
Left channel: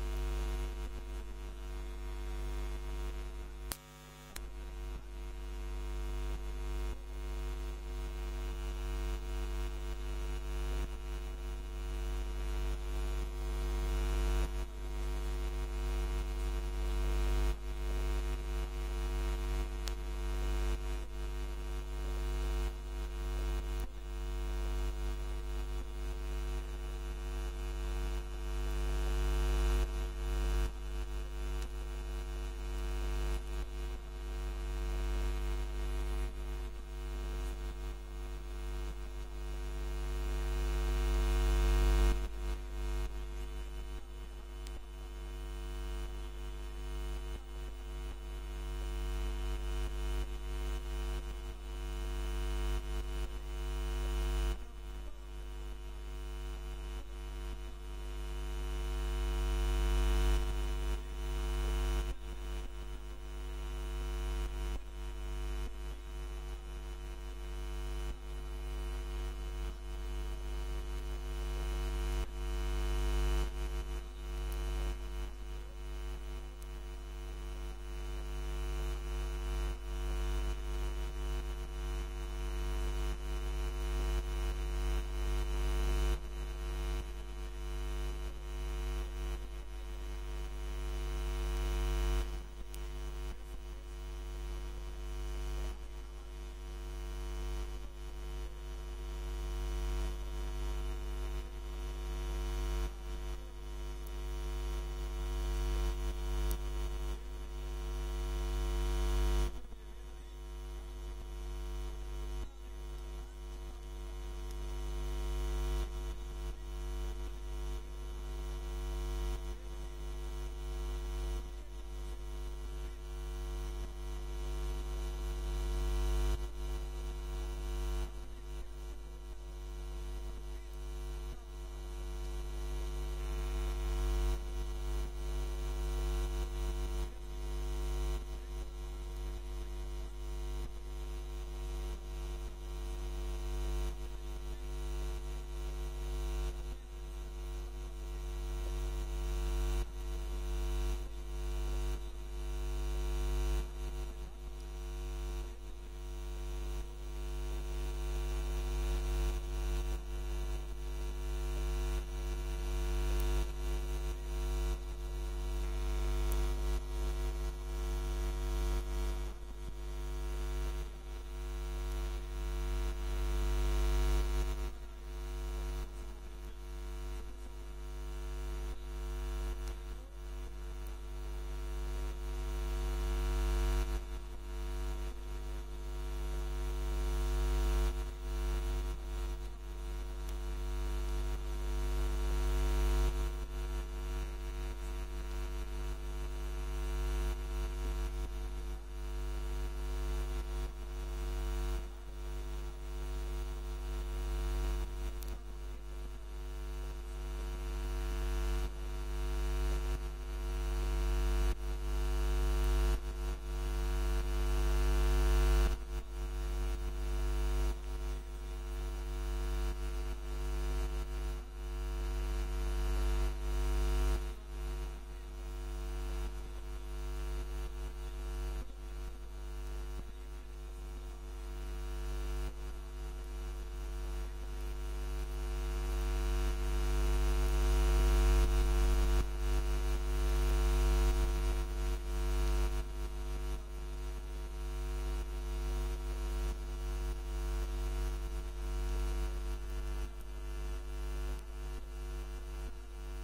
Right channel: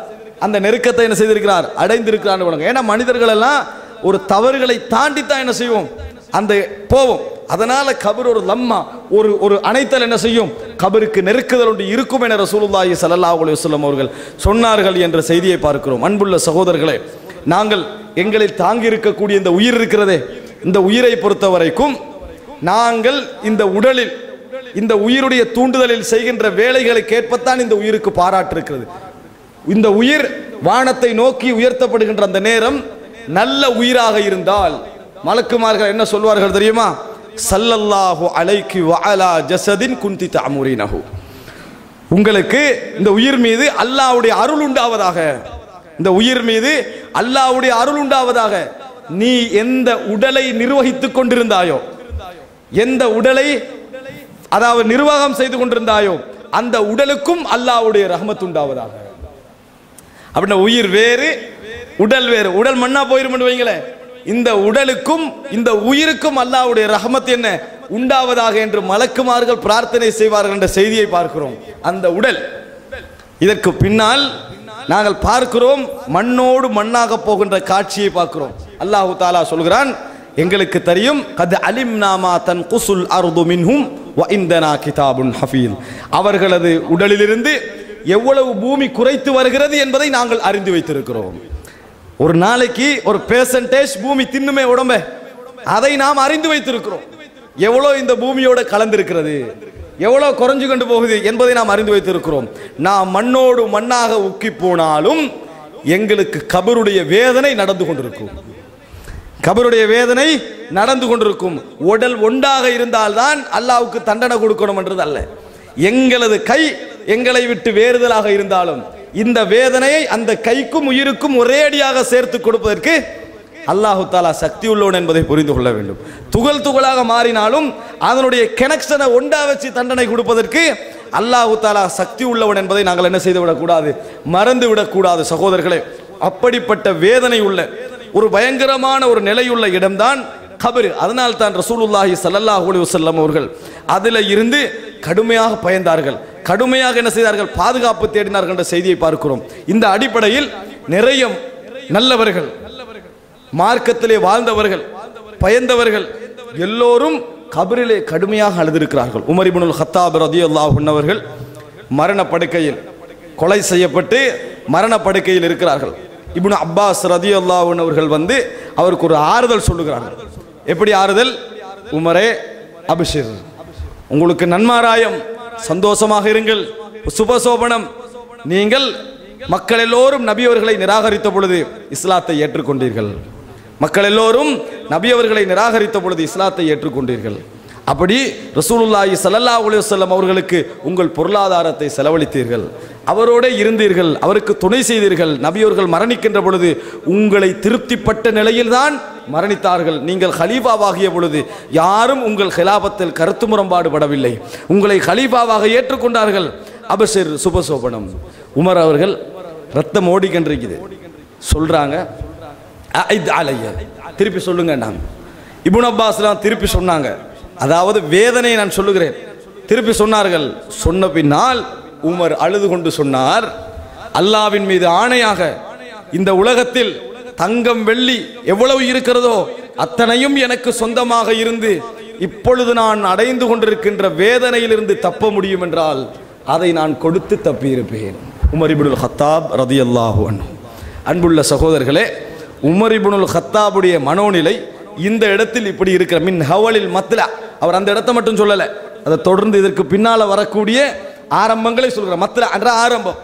அந்த நெருக்கத்தை என்ன செய்திருக்கிறார்? அடைந்திருக்கிறார். ஏன்னா மனிதர்கள் எல்லாம் ஒரு தவறுகளை தாண்டித்தான் என்ன செய்வோம்? அந்த போவோம். அதனால கபர் ஒரு லம்மா, ஒரு அணைத்தல் என்ன செய்யும்? கபருக்கு நெருக்குதல் ஒன்று இருக்கும் என ரசூலுல்லாஹி ஸல்லல்லாஹு அலைஹி வஸல்லம் அவர்கள் சொன்னார்கள் என்ற செய்தியை பார்க்கிறோம். அன்புள்ள சகோதரர்களே, நாங்கள் எங்களில் தாங்கி இருக்கக்கூடிய இந்த உயிர் இருக்கிறதே, இந்த உயிரை பொறுத்த வரைக்கும் நாங்கள் இந்த உடலில் இந்த உயிருடைய தூண்டுதலில் செய்கின்ற வேலைகளுக்கு ஏற்பத்தான் இந்த உயிருக்கு பாராட்டு இருக்கிறது. இந்த உயிர் வானத்தை நோக்கி உயர்த்தப்படுகின்ற அந்த நேரம் நல்ல உயிராக இருந்தால் மலக்குமார்கள் என்ன சொல்வார்கள் தெரியுமா? ஸல்லல்லாஹு அலைஹி வ அலா ஜஸதின் குன்தி தஅமுரினஹு, உங்களுக்கு இந்த உயிர் மீது அல்லாஹ்வுடைய அருள் உண்டாவதாக, இந்த உயிர் மீது அல்லாஹ்வுடைய அருள் உண்டாவதாக. நீ எந்த உடலை நிர்வகித்துக் கொண்டிருந்தாயோ, எந்த உடலை அதாவது நிர்வாகம் செய்து கொண்டிருந்தாயோ, அந்த உடலுக்கும் அல்லாஹ்வுடைய ரஹ்மத் உண்டாவதாக. அப்படின்னா உயிர் வேறு, உடல் வேறு. உடல் மண்ணா போயிரும் வைங்களேன், இந்த உடலுக்கும் இந்த உயிருக்கும் அல்லாஹ்வுடைய ரஹ்மத் என்ன உண்டாவதாக என்று மலக்குமார்கள் பிரார்த்தனை செய்வார்கள் என்ற செய்தியை பார்க்கிறோம். அந்த உடல், இதற்கு பின்னால் நாங்கள் பார்க்கிறோம் மண்ணோடு மண்ணாக போகின்ற காட்சியை பார்க்கிறோம். அல்லாஹு தஆலா சொல்கிறான், எங்களுக்கு தெரியும், கத் அலிம்னா மா தன்குசுல் அர்து மின்ஹும் வ இந்தனா கிதாபுன் ஹஃபீஸ், அவர்களது உடலிலிருந்து எவ்வளவு பூமி குறைத்து வருகிறது என்பதை நாங்கள் அறிந்து வைத்திருக்கிறோம். ஒரு நாளைக்கு ஒரு பெர்சன்டேஜ் பூமி தின்னுமே உடம்ப, அதை நாம் அறிந்து வைத்திருக்கிறோம். எவ்வளோ இந்த பூமியோட கலந்திருக்கிறது, எவ்வளோ குறைஞ்சு கொண்டு போகுது என்பதை நாம் அறிந்து வைத்திருக்கிறோம். நாம் மண்ணோடு மண்ணாக உக்கி போனாலும் எங்களுக்கு கபருடைய வேதனை நடந்து கொண்டிருக்கும். கபருடைய வேதனை நடந்து கொண்டிருக்கும். உடல் ஒன்றாக இருந்தால்தான் அல்லாஹ்வுக்கு தண்டனை கொடுக்கணும் என்றது அல்ல. எங்களது கை எங்களை விட்டு வேறுதலாக இருந்தாலும் இந்த வேதனையை அந்த கைக்கும் உயிருக்கும் ஒரேடியாக சேர்த்து கொடுப்பதற்கு அல்லாஹு தாலா சக்தி உள்ளவன் என்பதை புரிந்து கொள்ள வேண்டும். துகள் துகளாக மாறினாலும் அதனுடைய கனெக்ஷனை ஒன்றா வச்சு தண்டனை கொடுப்பதற்கு அல்லாஹு தாலா சக்தி உள்ளவன் என்பதை நாங்கள் என்ன செய்து விடக்கூடாது, மறந்து விடக்கூடாது சகோதரர்களே. அப்படிப்பட்ட வேதனை உள்ள ஒரு பயங்கரமான ஒரு நிலையுள்ள இடம்தான் கபர். அதனால் தான் ரசூலுல்லாஹி ஸல்லல்லாஹு அலைஹி வஸல்லம் அவர்கள் அதில் இருந்து கடுமையாக பயந்தார்கள், கடுமையாக என்ன செய்தார்கள், பாதுகாப்பு தேடினார்கள் என்ற செய்தியை பார்க்கிறோம். இந்த அடிப்படையில் நிறைய நல்லவர்கள், மார்க்கத்திலே வாழ்ந்தவர்கள், பயந்தவர்கள் எல்லோரும் கபரிலே கடுமையாக அழுதிருக்கிறார்கள். உமர் இப்னுல் கத்தாப் ரலியல்லாஹு அன்ஹு அவர்கள் மரண படுக்கையில் கொலை செய்யப்பட்டு மரண படுக்கையில் இருக்கிறார்கள். இப்னு அப்பாஸ் ரலியல்லாஹு அன்ஹு அவர்கள் வந்து அவருக்கு ஒரு ஆறுதல் சொல்லுகிறார்கள். எப்படி ஆறுதல்? உமரே, அபிஷிர், உங்களுக்கு நன்மாராயம், சந்தோஷமாக இருங்கள், சுபசோபனம். நீங்கள் மக்கள் எல்லோரும் நபி அவர்களை நிராகரித்த பொழுது இஸ்லாத்தை ஏற்றுக்கொண்டீர்கள். மக்கள் எல்லோரும் நபி அவர்களை நிராகரித்த பொழுது இஸ்லாத்தை ஏற்றுக்கொண்டீர்கள். அப்படி ரசூலுல்லாஹி ஸல்லல்லாஹு அலைஹி வஸல்லம் அவர்களுக்கு உங்கள் பொருளாதாரத்தை செலவழித்தீர்கள், அவரோட இருந்தீர்கள், அவருக்கு துணை செய்தீர்கள். நபி அவர்கள் மரணிக்கின்ற பொழுது உங்களை திருப்திப்பட்ட நிலையில்தான் மரணித்தார்கள். நீங்கள் ஹலீஃபாவாகிய பொழுது யாரும் உங்கள் ஹிலாபத்தில் கருத்து முரண்பாடு படவில்லை, உங்களை ஹலீஃபாவாக ஏற்றுக்கொண்டார்கள். அபஷிர், சுபசோபனம். உமர் அவர்கள் ரத்தம் ஓடிக்கின்றிருக்குது, சொல்றாங்க, திருப்பி சொல்லுங்க. நான் இப்னு அப்பாஸ்லாம் திருப்பி சொன்னாங்க, அதாவது வேதனையை நான் சொல்லுகிறேன். திருப்பி சொன்னார்கள். சொன்ன பின்னால் உமர் அழுது கொண்டு சொன்னார், அல்லாவின் மீது ஆணையாக இந்த உலகத்தில் தங்கம் வெள்ளி எவ்வளவு இருக்கிறதோ அத்தனையும் எனக்கு சொந்தமாக இருந்து இப்பொழுது நான் அடைந்து கொண்டிருக்கின்ற வேதனையிலிருந்து தப்ப முடியும் என்றால் அதை நான் கொடுத்து தப்பியிருப்பேன். உமர் இப்னுல் கத்தாப் ரலியல்லாஹு அன்ஹு. அன்புள்ள சகோதரர்களே, உமர் இப்னுல் கத்தாபுடைய மனோநிலை இந்த இடத்தில் இப்படி இருக்கிற மின் ஹவலில் மத்லா. அவர் அந்த இடத்தை மட்டும் சொல்லலை, அதை தொடர்ந்து இதற்கு பின்னால வரக்கூடிய ஆரம்பங்களை சொல்கிறார். மத்லா என்ற ஆரம்பம்,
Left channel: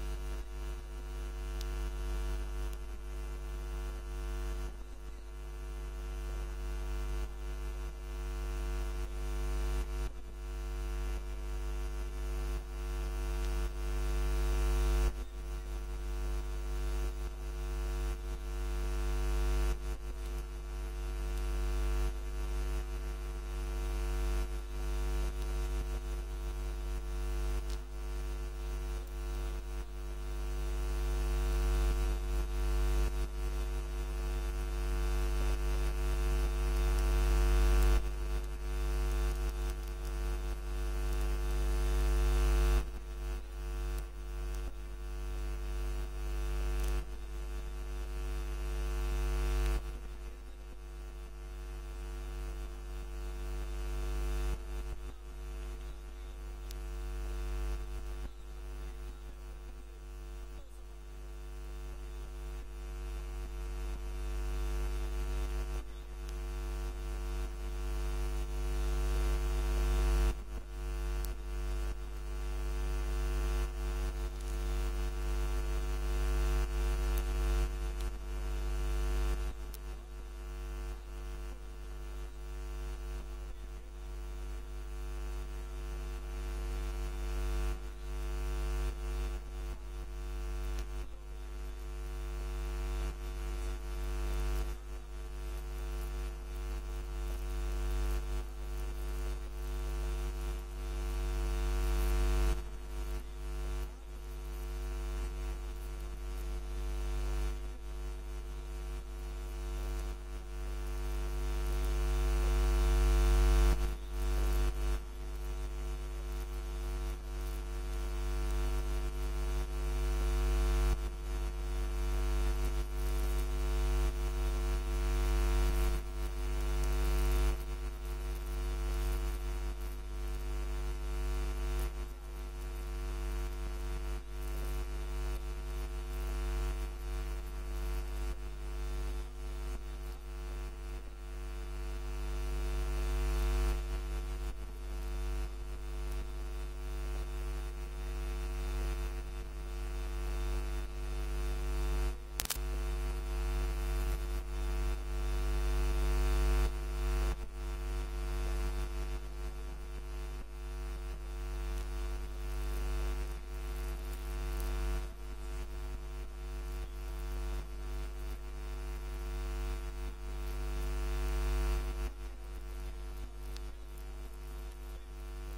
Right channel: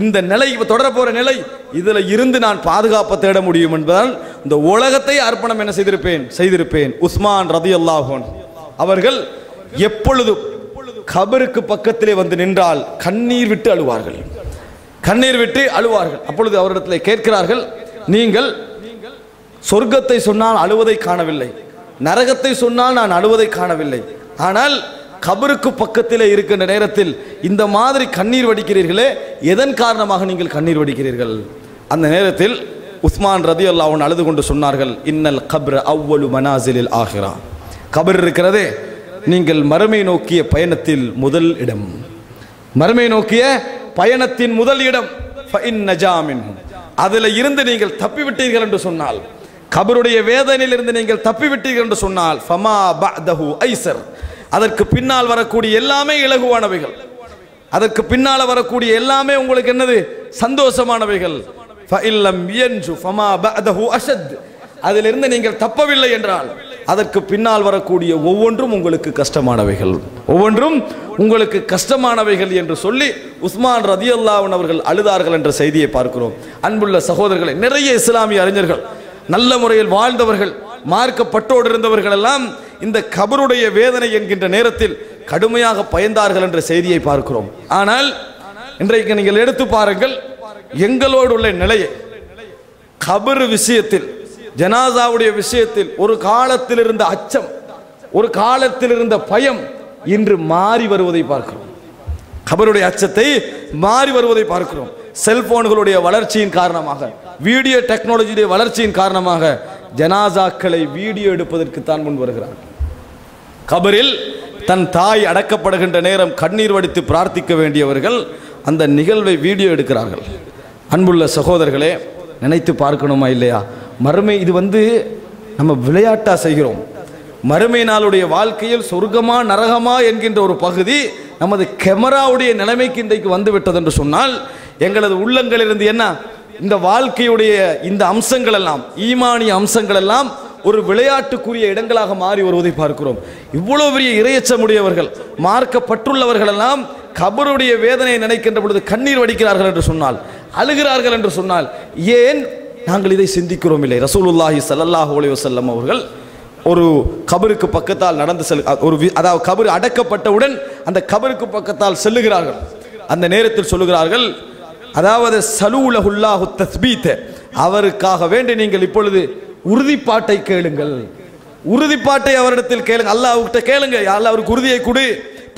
இந்த நிலை தொடர போற நிலை, இதுல இருந்து நான் பாதுகாப்பு தேட முடியும் என்பதால் இந்த உலகத்தை அர்ப்பணம் என்ன செய்திருப்பேன். உஸ்மான் ரலியல்லாஹு அன்ஹு அவர்கள் எப்பொழுது கபருக்கு பக்கத்திலே வந்து நின்றால் கண்ணீர் விட்டு அழுவார்கள், கண்ணீர் விட்டு அழுவார்கள். அப்பொழுது அவரிடத்தில் கேட்கிறார்கள், நீங்கள் சொர்க்கத்தை சொன்னால் அழுவதை காணவில்லை, நரகத்தை சொன்னால் நான் அழுவதை காணவில்லை, ஆனால் கபருக்கு பக்கத்திலே இருக்கின்ற நேரத்தில் இந்த மாதிரி கண்ணீர் வடிக்கிறீர்களே, எதன் காரணமாக நீங்கள் கண்ணீர் வடிக்கிறீர்கள்? அந்த நேரத்தில் உஸ்மான் ரலியல்லாஹு அன்ஹு அழுது கொண்டு சொன்னார்கள், இன்னல் கப்ர அவ்வலு மனாசிலில் ஆகிரா. கபர் இருக்கிறதே, நீங்கள் மறுமை நோக்கிய பயணத்தில் முதல் இடம், மறுமை நோக்கிய பயணத்தின் முதல் இடம். அதில் இருந்து நீங்கள் தப்பிவிட்டீர்கள் என்று சொன்னால், கபருடைய வேதனையிலிருந்து நீங்கள் தப்பிவிட்டீர்கள் என்று சொன்னால், ஃபமா பஅதஹு ஐஸர், அதற்கு பின்னால் வரக்கூடிய எல்லாமே இலகுவானவைகள், அதற்கு பின்னால் வரக்கூடிய எல்லாமே உங்களுக்கு என்னது, சந்தோஷமானவைகள். ஃபஇல்லம் யன்ஜு ஃபமா பஅதஹு அஷத், அதிலிருந்து நீங்கள் தப்பவில்லை என்றால் அதற்கு பின்னால் வரக்கூடிய ஒவ்வொன்றும் உங்களுக்கு கஷ்டமானவைகள், ஒவ்வொன்றும் உங்களுக்கு கஷ்டமானவைகள் என்று சொல்லி உஸ்மான் ரலியல்லாஹு அன்ஹு அவர்கள் அழுதார்கள் என்ற செய்தியை பார்க்கிறோம். அன்புள்ள சகோதரர்களை, நிறைய இஸ்லாமிய அறிஞர்கள், நல்ல முறையில் வாழ்ந்தவர்கள், மார்க்கப்பட்டோடு இருந்தவர்கள் எல்லாம் இந்த கபருடைய வேதனை என்கின்ற நேரத்தில் கடுமையாக பயந்தார்கள் என்ற செய்தியை பார்க்கிறோம். ஆனால் இன்றைக்கு நீங்கள் எடுத்து பாருங்கள், எங்களோடு உள்ள நிலையை, கபர் விஷயத்தில், ஜனாசாவுடைய விஷயத்தில் ஒரு காலத்தில் இருந்த அச்சம், ஒரு காலத்தில் இருந்த பயம் இன்று மாறி வருவதை பார்க்கிறோம். கபருடைய அச்சத்தை மாறி வருவதை பார்க்கிறோம். செல்போன்களுடைய வளர்ச்சியின் காரணமாக, வீடியோ டெக்னாலஜியுடைய வளர்ச்சியின் காரணமாக ஜனாசாக்களை வீடியோ எடுப்பதற்கு தான் முன் வருகிறார். கபரில் தன் தாய் அடக்கப்படுகின்ற நேரம் கண்ணீர் வடித்து பிரார்த்திக்க வேண்டியவர்கள் அந்த நிகழ்வை வீடியோ எடுக்கிறார்கள். அன்புள்ள சகோதரர்களே, நினைத்து பார்க்கணுமா இல்லையா? மறுமை இது நம்ம விளையாட்டா செய்கிறோம். மறுமை நாளுடைய வாழ்க்கையில் சொர்க்கமா நரகமா என்கின்ற ஒரு பகுதி நமது கேமராவுடைய நிலைமைக்கு இன்றைக்கு வந்து விட்டது என்று சொன்னால், எங்களது உள்ளங்களிலிருந்து என்ன இந்த வாழ்க்கையுடைய இந்த அம்சங்கள் எல்லாம், ஈமானிய அம்சங்கள் எல்லாம் ஒரு விளையாட்டுக்குரிய இடங்களாக மாறி வருவதை பார்க்கிறோம். இவ்வளவு பெரிய இறையச்சமுடையவர்கள், மார்க்கப்பட்டுள்ளவர்கள் எல்லாம் கபருடைய வேதனையை நினைக்கின்ற பொழுது கண்ணீர் வடிக்கிறார்கள் என்று சொன்னால், அழுகிறார்கள் என்று சொன்னால், ஏன் நாங்கள் இதை சிந்திக்கிறோம் இல்லை? ரசூலுல்லாஹி ஸல்லல்லாஹு அலைஹி வஸல்லம் அவர்கள் ஒரு கபருக்கு பக்கத்தால் நடந்து அதாவது கபர் அடக்கப்பட்டவுடன் அந்த கபருக்கு பக்கத்தால் செல்லுகிறார்கள். அந்த நேரத்தில் சொல்லுகிறார்கள், அதாவது சலூலஹுல்லாஹு தஸ்பீத், அவருக்காக வேண்டி நீங்கள் இப்பொழுது உறுதிப்பாட்டை கேளுங்கள், உறுதிப்பாட்டை அவரிடத்தில் கேளுங்கள், அல்லாஹ்விட்ட கேளுங்க, அல்லாஹ் அவருக்கு உறுதியை கொடு,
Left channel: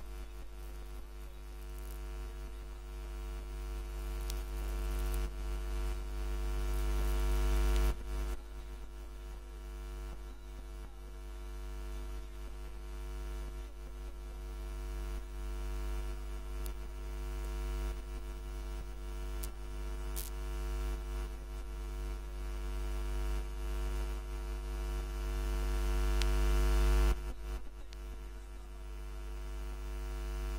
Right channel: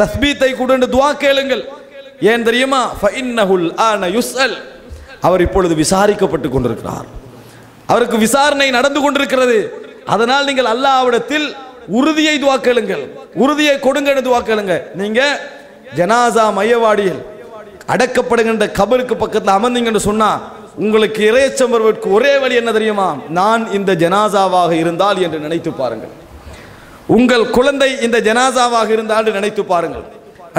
தஸ்பீத்தை கொடு என்று துஆ கேளுங்கள். ஏன் தெரியுமா? ஃபஇன்னஹுல் ஆன யுஸ்அல், அவர் இப்பொழுது விசாரிக்கப்பட்டு கொண்டிருக்கிறார், அவருக்கு விசாரணை நடந்து கொண்டிருக்கிறது. அதனால் நீங்கள் அல்லாஹ்விடத்தில் உறுதியை துஆ கேளுங்கள், உறுதியை கொடுங்க என்று துஆ கேளுங்க. நீங்க ஜனாசா மையவாடியில் அடக்கப்படுகின்ற கபருக்கு பக்கத்தில் அமர்ந்தீங்கன்னு சொன்னா உங்களுக்கு இறையச்சம் வருவதற்கு ஒரே வழி என்ன தெரியுமா? நான் இந்த ஜனாசாவாக இருந்தால் என்று நினைத்து பாருங்கள். உங்கள் குழந்தை இந்த ஜனாசாவாக இருந்தால் நினைத்து பாருங்கள்.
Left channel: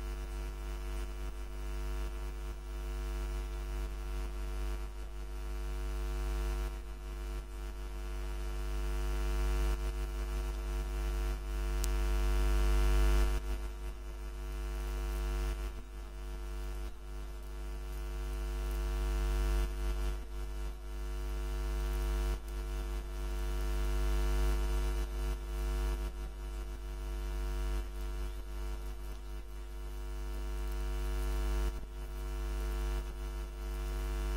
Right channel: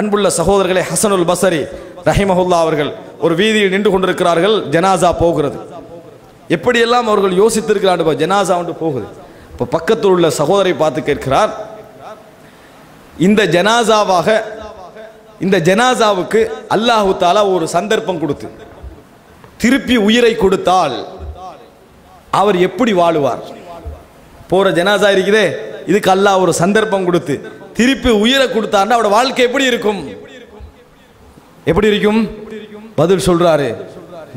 அன்புள்ள சகோதரர்களே, ஹசனுல் பஸரி ரஹிமஹுல்லா அவர்கள் ஒரு வீதியில் நின்று கொண்டிருக்கிறார்கள், ஜனாசா போகிறது. எப்படியெல்லாம் அவர்கள் யோசித்திருக்கிறார்கள், ஜனாசா ஒன்று போகுது. இப்போ பக்கத்தில் உள்ள சகோதரை பார்த்து கேட்கிறார், இந்த ஜனாசாவுக்கு அல்லாஹு தாலா ஒரு சந்தர்ப்பம் கொடுத்து திருப்பி உயிரை கொடுத்தால் அவர் எப்படி வாழுவார்? போற ஜனாசா இருக்குதே, இதுக்கு அல்லாஹ் ஒரு சந்தர்ப்பம் கொடுத்து திருப்பி உயிரை கொடுத்தார்னா அவரோட வாழ்க்கை எப்படி இருக்கும்? எப்படி இருக்கும்? பதில் சொல்றாரு,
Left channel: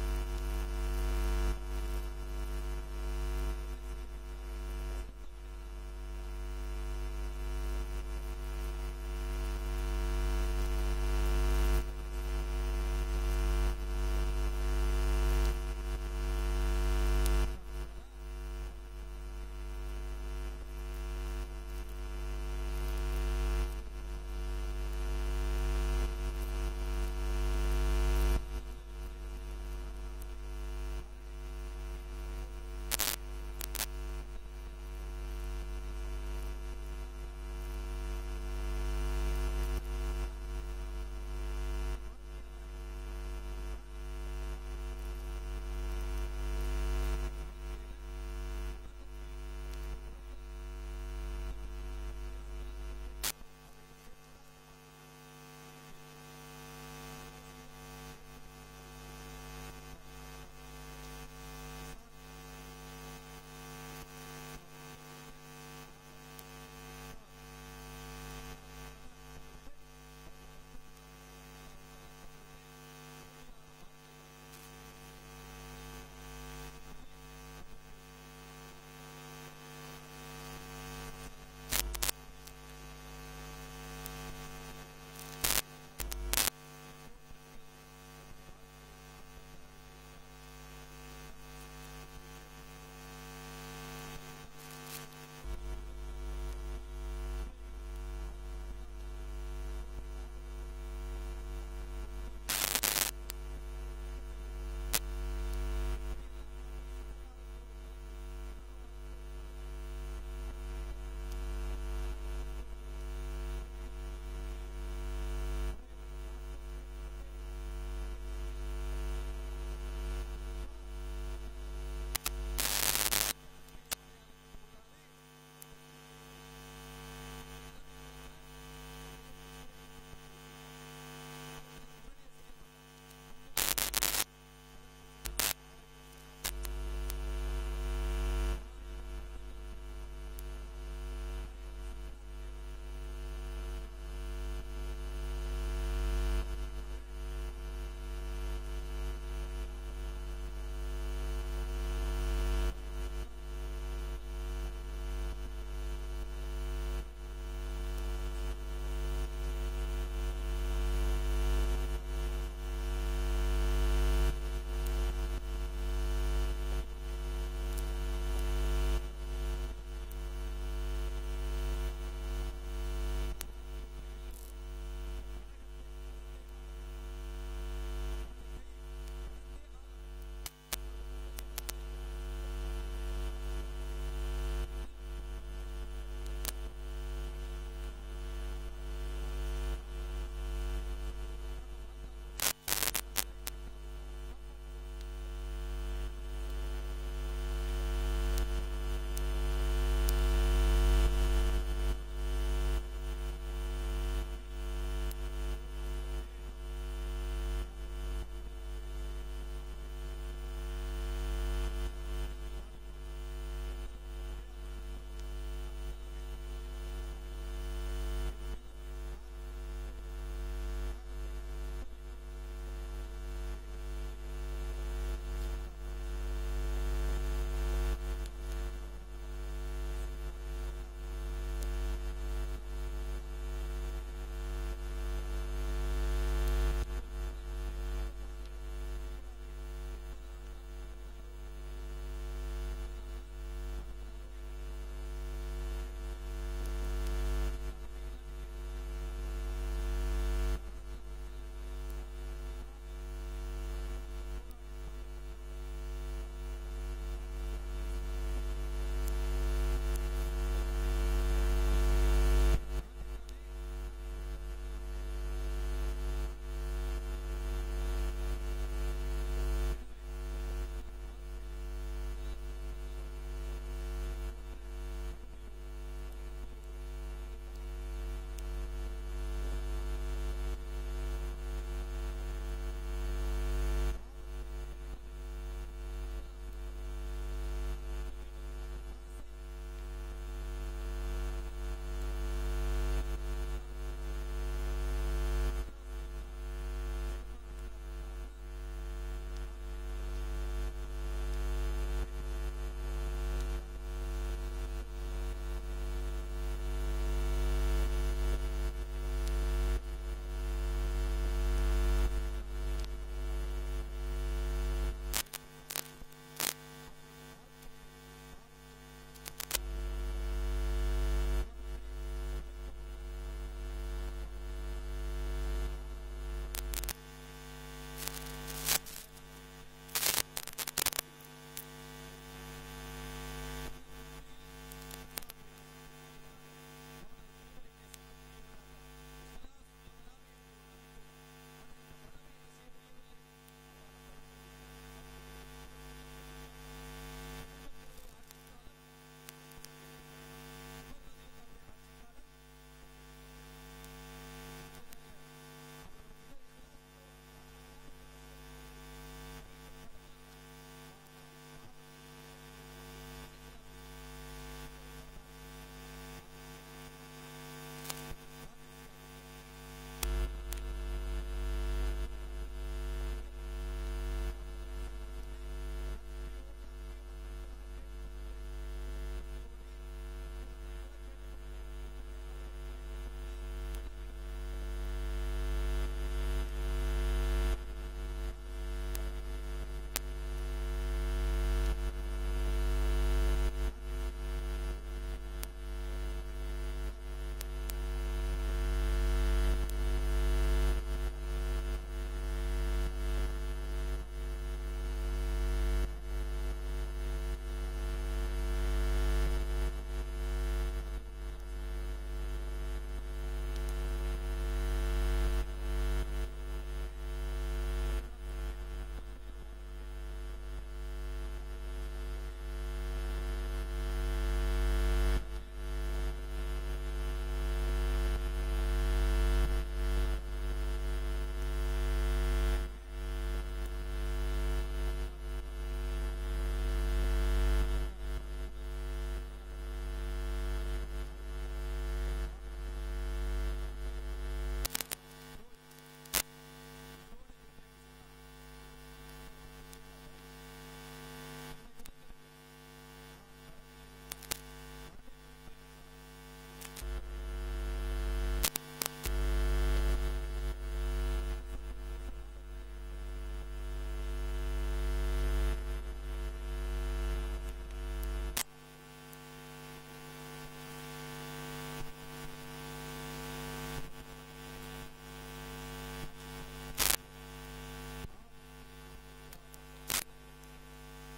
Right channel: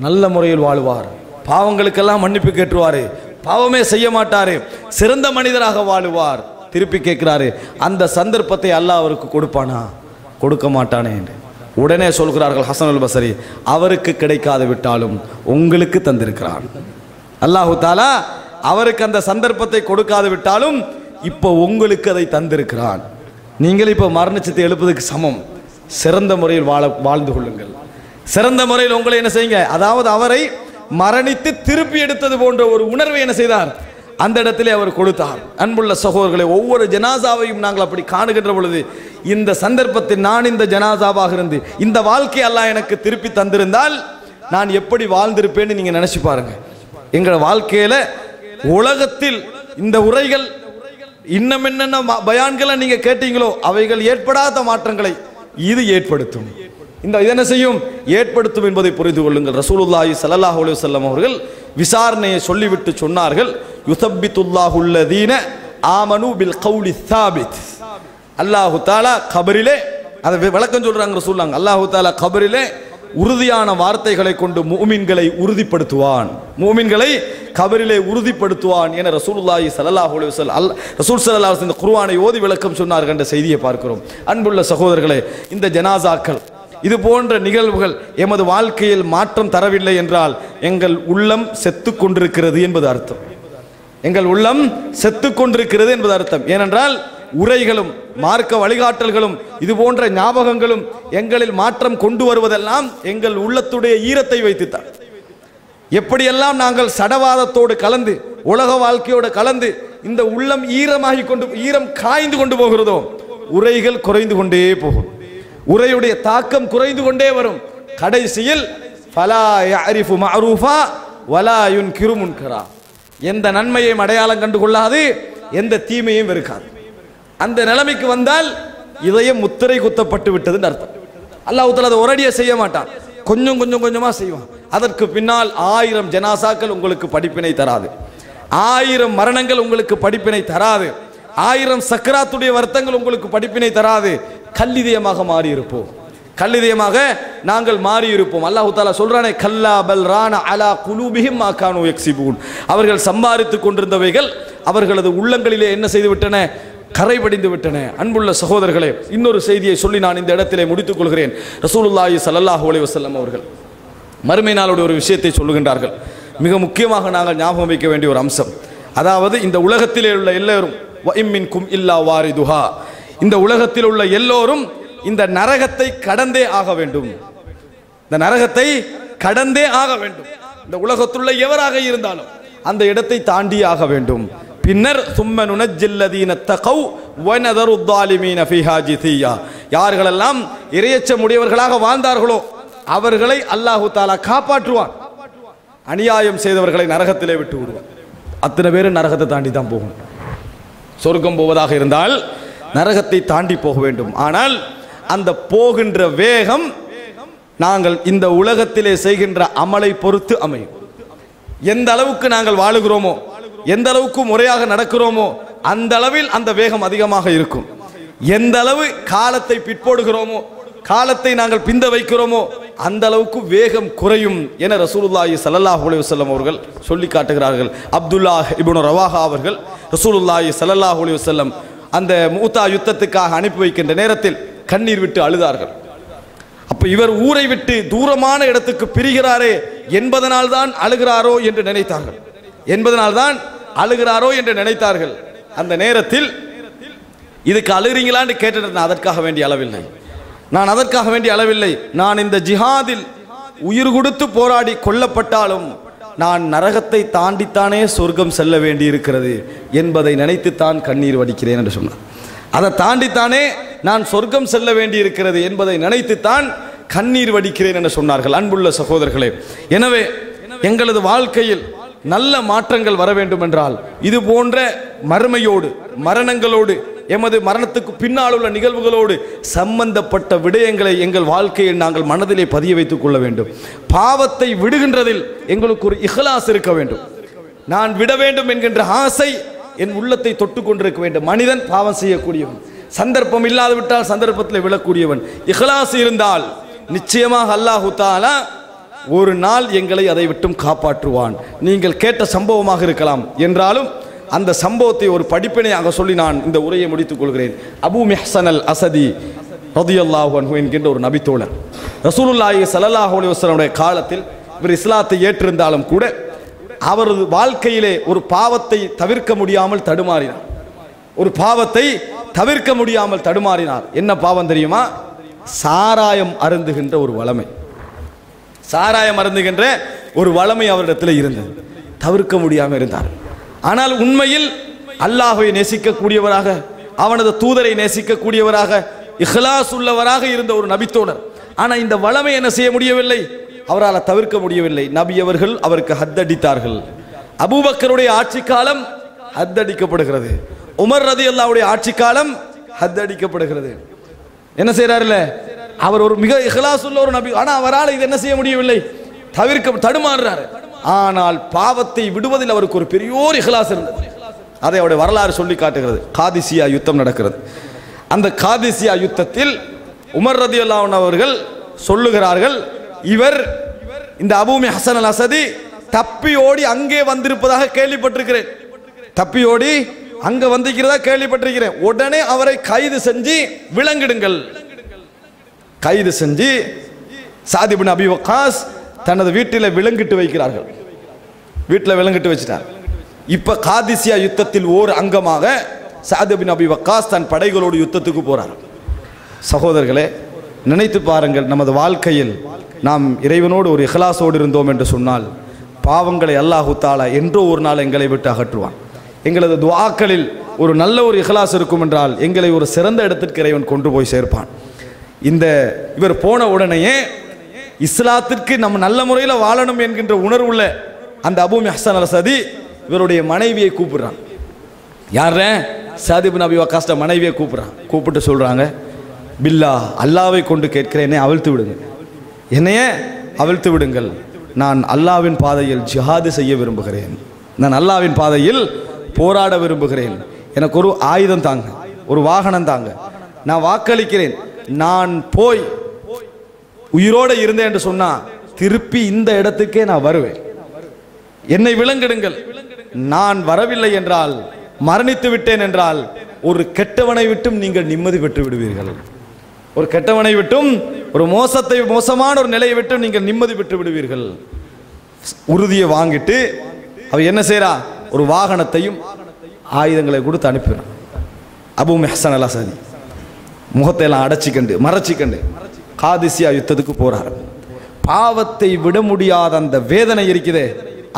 நல்ல முறையில் வாழுவார், பாவங்களுக்கெல்லாம் மன்னிப்பு கேட்டுருவாரு, பாவமே செய்ய மாட்டாரு, சிறந்த மனிதராக வாழுவார். திருப்பி கேட்கிறாரு, அந்த சந்தர்ப்பத்தை அல்லாஹ் அவருக்கு கொடுப்பானா? கொடுக்க மாட்டானே என்று. உடனே சொல்கிறார்கள் ஹசனுல் பஸரி, அவருக்கு கிடைக்காது விட்டாலும் உங்களுக்கு தந்திருக்கிறான். அல்லாஹு தாலா அவருக்கு அந்த சந்தர்ப்பத்தை கொடுக்காது விட்டாலும் இப்போ உங்களுக்கு அதை தந்திருக்கிறான். நீங்கள் இப்போ மரணிச்சத்தை எழுப்பதுக்கு சமம். சிறந்த முறையில் வாழ்ந்து கொள்ளுங்கள், சிறந்த முறையில் உங்களை என்ன செய்யுங்க. அதாவது அவரை மரணித்து திருப்பி எடுத்தது போன்ற ஒரு உணர்வை என்ன செய்தார்? அந்த இடத்திலே அவர் கொடுத்தார். அன்புள்ள சகோதரர்களை, ஒவ்வொரு ஜனாசாவையும் நாங்கள் அப்படி காணுகின்ற பொழுது, இந்த சந்தர்ப்பத்தில் நான் இந்த ஜனாசாவாக இருந்து இந்த வாழ்க்கை அல்லாஹ் எனக்கு திருப்பி தந்திருந்தால் நான் எப்படி வாழ்ந்திருப்பேன்னு நீங்க நினைச்சு பாருங்க. எங்கள் வாழ்க்கையில உலகத்தில் இந்த உரைகள் இன்னும் என்னென்ன பயான்களை நீங்க கேட்டீங்களோ அவைகள் ஏற்படாத மாற்றங்களை இது ஏற்படுத்தும். இந்த என்ன செய்யும்? ஏற்படுத்தும் என்பதை புரிந்து கொள்ளுங்கள். ரசூலுல்லாஹி ஸல்லல்லாஹு அலைஹி வஸல்லம் அவர்கள் விசாரணையை சொல்லிவிட்டு சொன்னார்கள், யுஸப்பித்துல்லாஹுல்லதீன ஆமனு பில் கௌலி ஸாபித். அல்லாஹு தஆலா கபரிலே, அதை விளக்கம் சொல்றாங்க ரசூலுல்லாஹ், அல்லாஹு தஆலா கபரிலே உறுதியான வார்த்தைகளை கொண்டு முஃமின்களை உறுதிப்படுத்துவான், முஃமின்களை கபரிலே உறுதிப்படுத்துவான் என ரசூலுல்லாஹி ஸல்லல்லாஹு அலைஹி வஸல்லம் ரசூல் ஸல்லல்லாஹு அலைஹி வஸல்லம் குர்ஆனை ஓதி விளக்கம் சொன்னார்கள் என்ற செய்தியை பார்க்கிறோம். அன்புள்ள சகோதரர்களே, இந்த ஜனாசாக்கள் இது போன்ற நிகழ்வுகள் எமது வாழ்க்கையில் மாற்றம் தரவில்லை என்றால் எங்கள் உள்ளம் செத்து கொண்டிருக்கிறது என்பது அர்த்தம். எங்கள் உள்ளம் செத்து கொண்டிருக்கிறது என்பது அர்த்தம். ஏனென்றால் உரைகளும் மார்க்க வழிகாட்டல்களும் இது போன்ற ஞாபகங்களும் எங்களில் மாற்றம் கொண்டு வருவதெல்லாம் எங்கள் உள்ளத்துடைய ஈரத்தை வைத்துத்தான். எப்படியெல்லாம் நாங்கள் சடவாதத்தோடு கலந்து உலக வாழ்க்கையோடு கலந்து இந்த உள்ளம் ஈரம் காய்ந்து கொண்டு போகிறதோ உரைகள் குறைந்து கொண்டே போகும், உரையுடைய தாக்கம் குறைந்து கொண்டே வரும். கடைசியில் ஃபலா யஅரிஃபு மஅரூஃபா வலா யுன்கிரு முன்கரா, எந்த நன்மையையும் அடையாளம் கண்டு கொள்ளாது, எந்த தீமையும் வெறுக்காது. அந்த நிலைமைக்கு வந்தால் இதயம் முத்திரை குத்தப்பட்டு விட்டதுன்னு அர்த்தம். அல்லாஹ் தஆலா அதை ஒரடியாக செய்ய மாட்டான், கொஞ்சம் கொஞ்சமா செய்வான். அதற்கு பின்னால் 1000 ஜனாசாக்கள் உங்களுக்கு படிப்பினை தராது, 1000 மரணங்கள் உங்களுக்கு படிப்பினை தராது, 1000 சக்கராத்துடைய வருத்தங்கள் உங்களுக்கு படிப்பினை தராது. கல்லிதயமாக மாறி இருப்போம், கல்லிதயமாக நாங்கள் மாறி இருப்போம். அல்லாஹ் தஆலா சொல்றானே, கல்லா பல் ரான அலா குலூபிஹிம் மா கானூ யக்ஸிபூன், அவர்கள் சம்பாதித்துக் கொண்டிருந்தவைகள் அவர்களது உள்ளங்களிலே என்ன செய்து விட்டன? கரைபடிந்து விட்டன. அன்புள்ள சகோதரர்களே, இன்னொரு செய்தியை சொல்லி நான் இந்த இடத்திலே முடித்துக் கொள்கிறேன். ரசூலுல்லாஹி ஸல்லல்லாஹு அலைஹி வஸல்லம் அவர்கள் மறுமை நாளோட ஒரு விஷயத்தை சொல்லுகின்றார்கள். மிக முக்கியமாக நாங்கள் ஞாபகம் வைக்க வேண்டிய ஒரு அம்சம், அதாவது இந்த உலகத்திலே உள்ள எல்லோரும் வஇம்மின்கும் இல்லா வாரிதுஹா, இந்த உலகத்தில் உள்ள எல்லோரும் இந்த நரகத்தை கடந்தே ஆக வேண்டும், இந்த நரகத்தை கடந்தே ஆக வேண்டும். இந்த உலகத்தில் உள்ள எவராக இருந்தாலும் அந்த இடத்தை தாண்டி ஆக வேண்டும். பின்னர் சும்ம நுனஜ்ஜில்லதீன தகவ் வனதரு ظالمீன ஃபீஹா ஜிதியா, யார்களெல்லாம் இறையச்சம் உடையவர்களாக வாழ்ந்தார்களோ அவர்களை அல்லாஹு தஆலா காப்பாற்றுவான், அநியாயம் செய்தவர்களை நரகத்திலே விட்டு விடுவான். அத்தனை பேரும் நரகத்தை தாண்டி தான் போகும். சொர்க்கம் போவதாக இருந்தால் நரகத்தை தாண்டி போக வேண்டும். ஆனால் அந்த போகின்ற வேகம் நாங்கள் இந்த உலகத்திலே செய்கின்ற அமலை பொறுத்து அமையும். எந்த அளவுக்கு நாங்கள் வாழுகிறோமோ, எந்த அளவுக்கு முறையாக நடக்கிறோமோ அந்த அளவில் அந்த வேகம் அதிகமாக இருக்கும். எந்த அளவு காலத்தை பிற்போடுகிறோமோ, காலத்தை நாங்கள் பிந்த வைக்கிறோமோ அந்த அளவுக்கு வேகம் குறையும் என ரசூலுல்லாஹி ஸல்லல்லாஹு அலைஹி வஸல்லம் அவர்கள் சொல்லி காட்டுகிறார்கள். அப்துல்லாஹ் இப்னு ரவாஹா அவர்கள் ரசூலுல்லாஹி ஸல்லல்லாஹு அலைஹி வஸல்லம் அந்த மூத்தா யுத்தத்துக்காக அனுப்பி வைக்கின்ற நேரத்தில் கண்ணீர் விட்டு அழுதார்கள். அப்ப இவர் ஊரை விட்டு தூரமான இடத்துக்கு பிரிகிறாரே என்பதனால் தான் அழுகிறாரோ என்று நினைத்தார்கள். அந்த நேரத்தில் இதுக்கு அழுகிறீங்களான்னு கேட்டு அதற்காக வேண்டிய அளவில்லை, நான் இந்த ஜிஹாதில் உயிர் கொடுத்து போராடி கொல்லப்பட்டாலும் நான் நரகத்தை தாண்டித்தானே சொர்க்கம் செல்ல வேண்டி இருக்கிறது என்பதை நினைத்துத்தான் கண்ணீர் வடிக்கிறேன் என்று சொன்னார். அதை தாண்டித்தானே நான் சொர்க்கம் செல்ல வேண்டி இருக்கிறது என்பதை நினைத்துத்தான் கண்ணீர் வடிக்கிறேன் என்று சொன்னார்கள். அன்புள்ள சகோதரர்களே, எனவே எங்களது வாழ்க்கையில் நல்ல மாற்றங்கள் வர வேண்டும் என்றால் இது போன்ற மறுமையோடு, மரணங்களோடு, எமது மரணத்துக்கு பின்னால் உள்ள நிகழ்வுகளோடு சம்பந்தப்பட்ட விடயங்களை எங்கள் வாழ்க்கையில் நாங்கள் மனதிலே பதிய வைத்துக் கொள்ள வேண்டும். பாவத்தை விடுகின்றதில் எங்களுக்கு ஒரு இஹ்லாஸ் இருக்க வேண்டும். நான் விட வேண்டும் என்கின்ற ஆசை என் உள்ளத்தை தொட்டு கொண்டிருக்க வேண்டும். மனிதன் பாவம் செய்யக்கூடியவன், சந்தர்ப்பம் இல்லாது விட்டால் சந்தர்ப்பத்தில் விழக்கூடியவன். இஹ்லாஸ் இருந்தால் நிச்சயமாக அல்லாஹு தஆலா ஒரு நாள் எங்களை அதை விட்டும் காப்பாற்றுவான். நீங்கள் கேட்ட சம்பவமாக இருக்கலாம் என்றாலும் அந்த சம்பவத்தை ஒரு படிப்பினையாக சொல்லி நான் இந்த உரையை முடித்துக் கொள்கிறேன். அபூ மிஹ்சன் அல் அஸதி ரலியல்லாஹு அன்ஹு என்கின்ற ஒரு நபித்தோழர் ரசூலுல்லாஹி ஸல்லல்லாஹு அலைஹி வஸல்லம் காலத்தில் இவர் இஸ்லாத்தை ஏற்றிருந்தாலும் கூட அவரது வாழ்க்கையிலே ஒரு பாவத்தை தவிர்க்க முடியாமல் தடுமாறினார். என்ன பாவம் தெரியுமா? சாராயம் அருந்துகின்ற ஒரு வளமை அவரிடத்தில் இருந்தது. தவிர்க்க முடியாமல் இருந்தார். ஆனால் உண்மையில் அல்லாஹ்வை நேசிக்கக்கூடியவராக, அவனது தூதரை நேசிக்கக்கூடியவராக, இஹ்லாஸ் உள்ளவராக இருந்த ஒரு நபித்தோழர். ஆனால் இந்த வளமை என்ன செய்ய முடியவில்லை, அவரால் தவிர்க்க முடியவில்லை. நபி அவர்கள் அவருக்கு ஹத்தடித்தார்கள். அபூபக்கருடைய ஆட்சி காலம் ஹத்தடிக்கப்படுகிறது, உமர் ரலியல்லாஹுடைய ஆட்சி காலம் ஹத்தடிக்கப்படுகிறது. என்ன செய்யறாருல, அவர் ஒரு மிக இஹ்லாஸ் உள்ள ஒரு நபி, ஆனால் அவரால் இது என்ன செய்ய முடியவில்லை, தடுமாறுறாரு. ஆனால் பாவத்தை விடுவதில் அவருக்கு ஒரு பெரியோர் இஹ்லாஸ் இருந்தது. அதை அவருடைய வரலாறு சொல்லி காட்டுகிறது. காதிசியா யுத்தம் நடக்கிறது. அந்த காதிசியா யுத்தத்தில் உமர் ரலியல்லாஹு அன்ஹு அவர்கள் சொல்லுகிறார்கள், இவர் இந்த அபூ மிஹ்சன் அல் அஸதி தப்பி ஓடி அங்கே வந்திருப்பதாக கேள்விப்பட்டிருக்கிறேன், கேள்விப்பட்டிருக்கிறேன். உடனே அவரை கைது செஞ்சு விலங்கிடுங்கள். கைது செஞ்சு சாத் இப்னு அபி வக்காஸ் தனது வீட்டில் விலங்கிட்டு வைக்கிறார்கள். வீட்டில் விலங்கிட்டு வச்சிட்டார். இப்ப காதிசியா யுத்தத்தில் ஓர் அங்கமாக சாத் இப்னு அபி வக்காஸ் தன் படைகளோடு யுத்தத்துக்கு போறார். சகோதரர்களே, நினைத்து பாருங்கள், நமது வாழ்க்கையில் நாம் இறைவனோடு ஒரு இஹ்லாஸோடு இருந்தோம் என்று சொன்னால் பாவங்களை அல்லாஹு தஆலா என்றோ ஒரு நாள் எங்களை விட்டு அகற்றுவான். எங்களது துஆக்களில் ஒரு நல்ல ஒரு இஹ்லாஸ் இருக்கும் என்றால் எங்களை ஒரு சிறந்த இடத்திற்கு இறைவன் கொண்டு போய் சேர்ப்பான். இவர் போன உடனேயே இஸ்லாத்திற்கு நம்ம நல்ல முறையில் வாழணும் என்கின்ற உணர்வுள்ள அந்த அபூ மிஹ்சன் அல் அஸதி இவருடைய மனைவியை கூப்பிடுறான். யார? சாத் இப்னு அபி வக்காஸ் மனைவியை கூப்பிட்டு சொல்றாங்க, பில்லா, அல்லாவை கொண்டு கேட்கிறேன், என்னை அவிழ்த்து விடுங்கள். நான் அல்லாவின் பாதையில் ஜிஹாது செய்ய விரும்புகிறேன், நான் அல்லாவின் பாதையில் போராட விரும்புகிறேன். எனக்கு ஒரு ஆயுதம் தாங்க, ஒரு வாகனம் தாங்க, நான் வாக்களிக்கிறேன். நான் போய் உயிரோடு இருந்தேன் என்று சொன்னா திருப்பி இந்த இடத்துக்கே நான் வருவேன், என்னை விலங்கிடுங்கள். நான் வரவில்லை என்றால், மரணித்து விட்டேன் என்றால், ஒரு கெட்டவனை விட்டும் நீங்கள் நிம்மதி பெற்று விடுவீர்கள். ஒரு கெட்டவனை விட்டும், ஒரு மோசமான ஒரு நிலையை விட்டும் நீங்கள் நிம்மதி பெற்று விடுவீர்கள். உறுதியை வாங்கிட்டு அவ என்ன செய்யறா, ஒரு வாகனத்தையும் ஆயுதங்களை கொடுத்து அனுப்பினான். அபூ மிஹ்சன் அல் அஸதி முகத்தை எல்லாம் மறைச்சிக்கண்டு காதிசியா யுத்தத்துக்கு போறார். பாவத்தை விட முடியாத அந்த வேதனை இருக்குதே,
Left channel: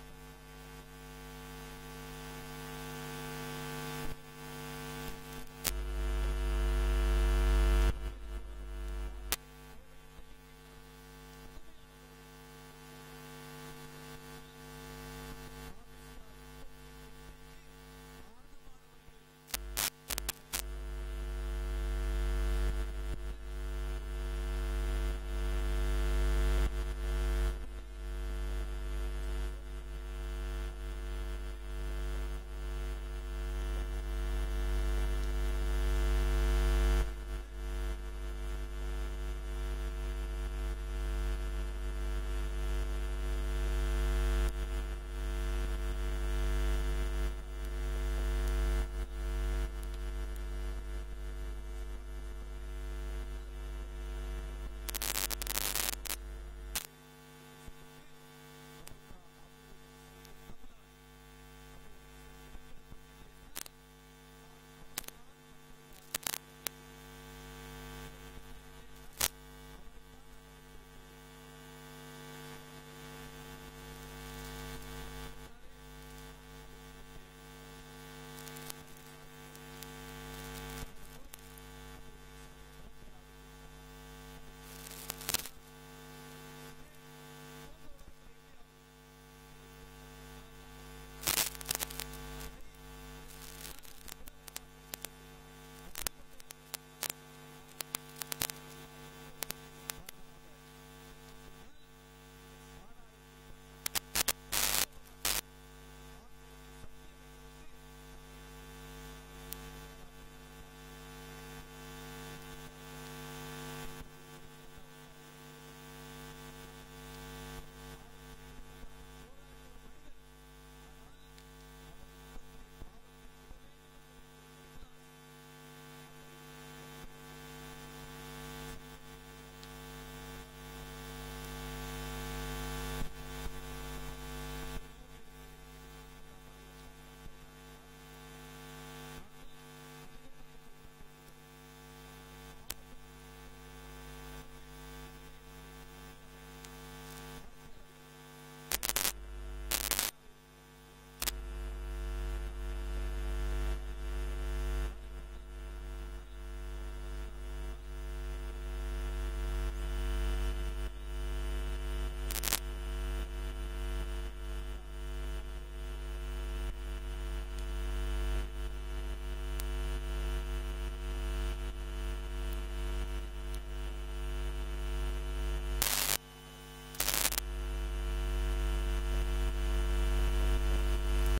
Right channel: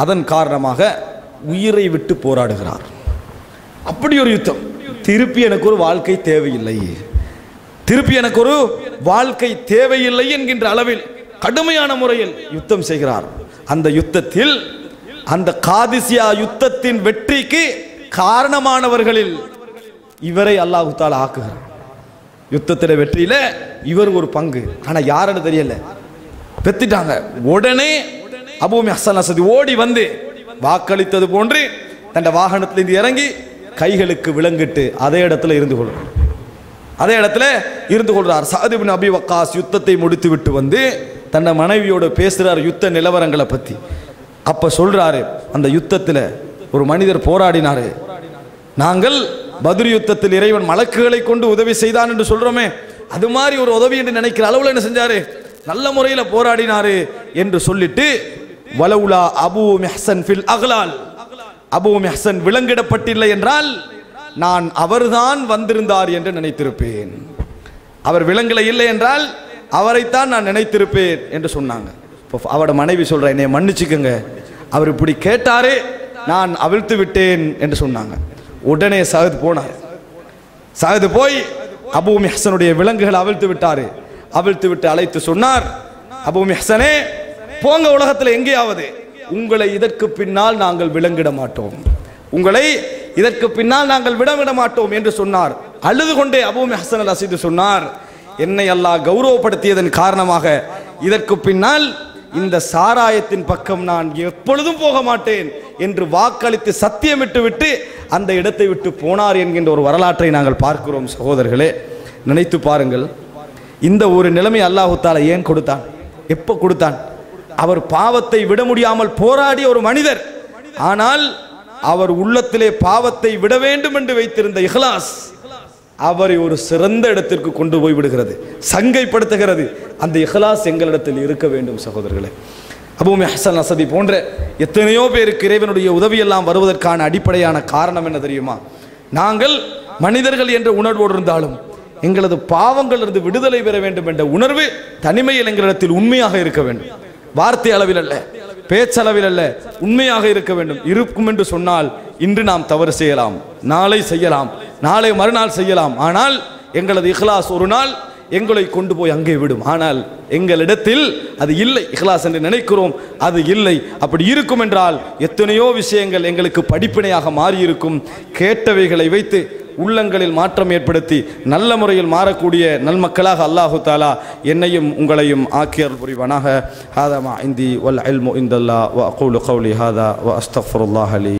அதன் காரணமாக உயிரை விட்டு போராடுகிறார். அப்படி ஒரு யுத்தம். திருப்பி எனக்கு ஒரு வாழ்க்கை தேவையில்லை, திருப்பி எனக்கு ஒரு வாழ்க்கை தேவையில்லை என்கின்ற அளவில் கடுமையான முறையில் யுத்தம் செய்கிறார். அந்த யுத்தத்தில், அந்த காதிசியா யுத்தத்தின் வெற்றிக்கு காரணமானவர்களில் இவரை அல்லாஹ் தஆலா ஆக்குகிறார். யுத்தத்தில வெற்றியில இவர் ஒரு பங்கு. ஆனா யாருன்னு தெரியல, பெத்திட்டாங்க. உடனே அபூ ஹசன் அஸ்ஸதி ஓடி வந்து வாக்களித்தது போன்று தன் வாகனத்திலிருந்து இறங்கி கைகளுக்கு விலங்கிட்டு அதே இடத்துல இருந்து கொள்கிறார். அதே இடத்துல இருந்து கொள்றார். சஅத் இப்னு அபி வக்காஸ் யுத்தத்தை முடித்து விட்டு வந்து தன் மனைவியோடு பேசுறார் யுத்த நிலவரங்களை பத்தி. அப்ப சொல்றாரு, அந்த யுத்தத்தில் ஒரு மனிதர் போராடினாரு. நாங்கள் பத்ர் யுத்தத்தில் இறைவன் மலக்குகளை கொண்டு உதவி செய்தான் என்று சொல்றோமே, அது மாதிரி ஒரு உதவி என்று நினைக்கிற அளவுல என்ன செஞ்சாரு, நல்ல முறையில் போராடினாரு என்று சொல்லிட்டு, வலவுலா அபூ மிஹ்சன் ஃபில் அக்லால், அபூ மிஹ்சன் விலங்கிடப்பட்டில்லை என்றால் நான் அவர்தான் வந்திருந்தார் என்று நினைத்திருப்பேன். அவர் விலங்கில இல்லை என்றால் அவரைத்தான் நான் நினைத்திருப்பேன் என்று சொன்னாங்க. அவரோட மனைவி சொல்ற, என்னை மன்னிச்சுக்கங்க, அவர் இப்படி கேட்டாரே, நான் அவிழ்த்து விட்டேன் என்று சொன்னாங்க. உடனே சஅத் போனார். சஅத் போய் அபூ மிஹ்சனுடைய விலங்குகளை அவிழ்த்து விட்டாரு. அவிழ்த்து விட்டு அழைத்து சொன்னார், அபூ மிஹ்சனே, போங்க உலகத்தில் எங்கேயாவது, உங்களை இதற்கு பின்னால் நாங்கள் விலங்கிட மாட்டோம், உங்களை இதற்கு பின்னால் நாங்கள் விட மாட்டோம் என்று சொன்னார். அழுது கொண்டே அபூ மிஹ்சன் அல் அஸீத் சொன்னார், என்னை அல்லாஹ் கௌரவப்படுத்தியதன் காரணமாக இதற்கு பின்னால் இந்த சாராயத்தின் பக்கம் நான் எப்பொழுதும் போக மாட்டேன் என்று வாக்களித்து சத்தியமிட்டு விட்டு அந்த இடத்தை விட்டு போனார் என்கின்ற ஒரு வரலாற்றை நாங்கள் பார்க்கிறோம். சகோதரர்களே, நினைத்து பாருங்கள், இந்த ஒரு நிலைமை அல்லாஹ் தஆலா ஏன் கொடுத்தான், எப்போ கொடுத்தான்? அவர் பாவத்தை விட முடியாமல் போராடிய ஒரு மனிதர், ஆனால் அவர் உள்ளத்திலே பாவத்தை விட வேண்டும் என்று வைத்திருந்த இஹ்லாஸ் அவரை ஒரு சிறந்த இடத்திற்கு கொண்டு போய் விடுகிறது, சங்கைப்படுத்துகிறது. அந்த இஹ்லாஸ் எங்களிடத்தில் இருக்க வேண்டும் சகோதரர்களே. அபூ ஹசன் அஸ்ஸதி போன்ற எத்தனையோ பேருக்கு இறைவனுடைய உதவியெல்லாம் வருவதற்கான அடிப்படையான காரணம் என்ன தெரியுமா? நாங்கள் மனிதர்கள் என்ற உணர்வோடு இருந்தாலும் எங்களது பாவங்கள் இருந்து விடுதலை பெற வேண்டும் என்ற உணர்வு தனிமையில் எங்களிடத்தில் உண்மையாக இருக்க வேண்டும். வார்த்தை அளவில் அல்ல, பேச்சளவில் அல்ல, உண்மையாக இருக்க வேண்டும். இருக்கும் என்று சொன்னால் இன்று நாம் தவறு செய்யலாம், நாளை செய்யலாம், நாளை மறுநாள் செய்யலாம். ஆனால் எங்களது இஹ்லாஸ் ஒரு நாள் எங்களை கொண்டு போய் அங்கே விடும். ஆனால் எங்களிடத்தில் அது இல்லை, இஹ்லாஸ் என்று நினைக்கிறோம், அது இல்லை. அப்படி இருக்கும் என்றால் எத்தனையோ விஷயங்கள் எங்களுக்கு படிப்பினையாக மாறியிருக்கும். கேட்டவைகளை வைத்து உள்ளங்களில் மாற்றம் ஏற்படுத்தி நல்ல முறையில் மாறக்கூடிய நல்மக்களாக அல்லாஹு தஆலா என்னையும் உங்களையும் ஆக்கியர் புரிவானாக. ஹாதா மா இந்தி வல் இல்மு இந்தல்லாஹ் வ அகூலு கௌலி ஹாதா வ அஸ்தக்ஃபிருல்லாஹ் லி.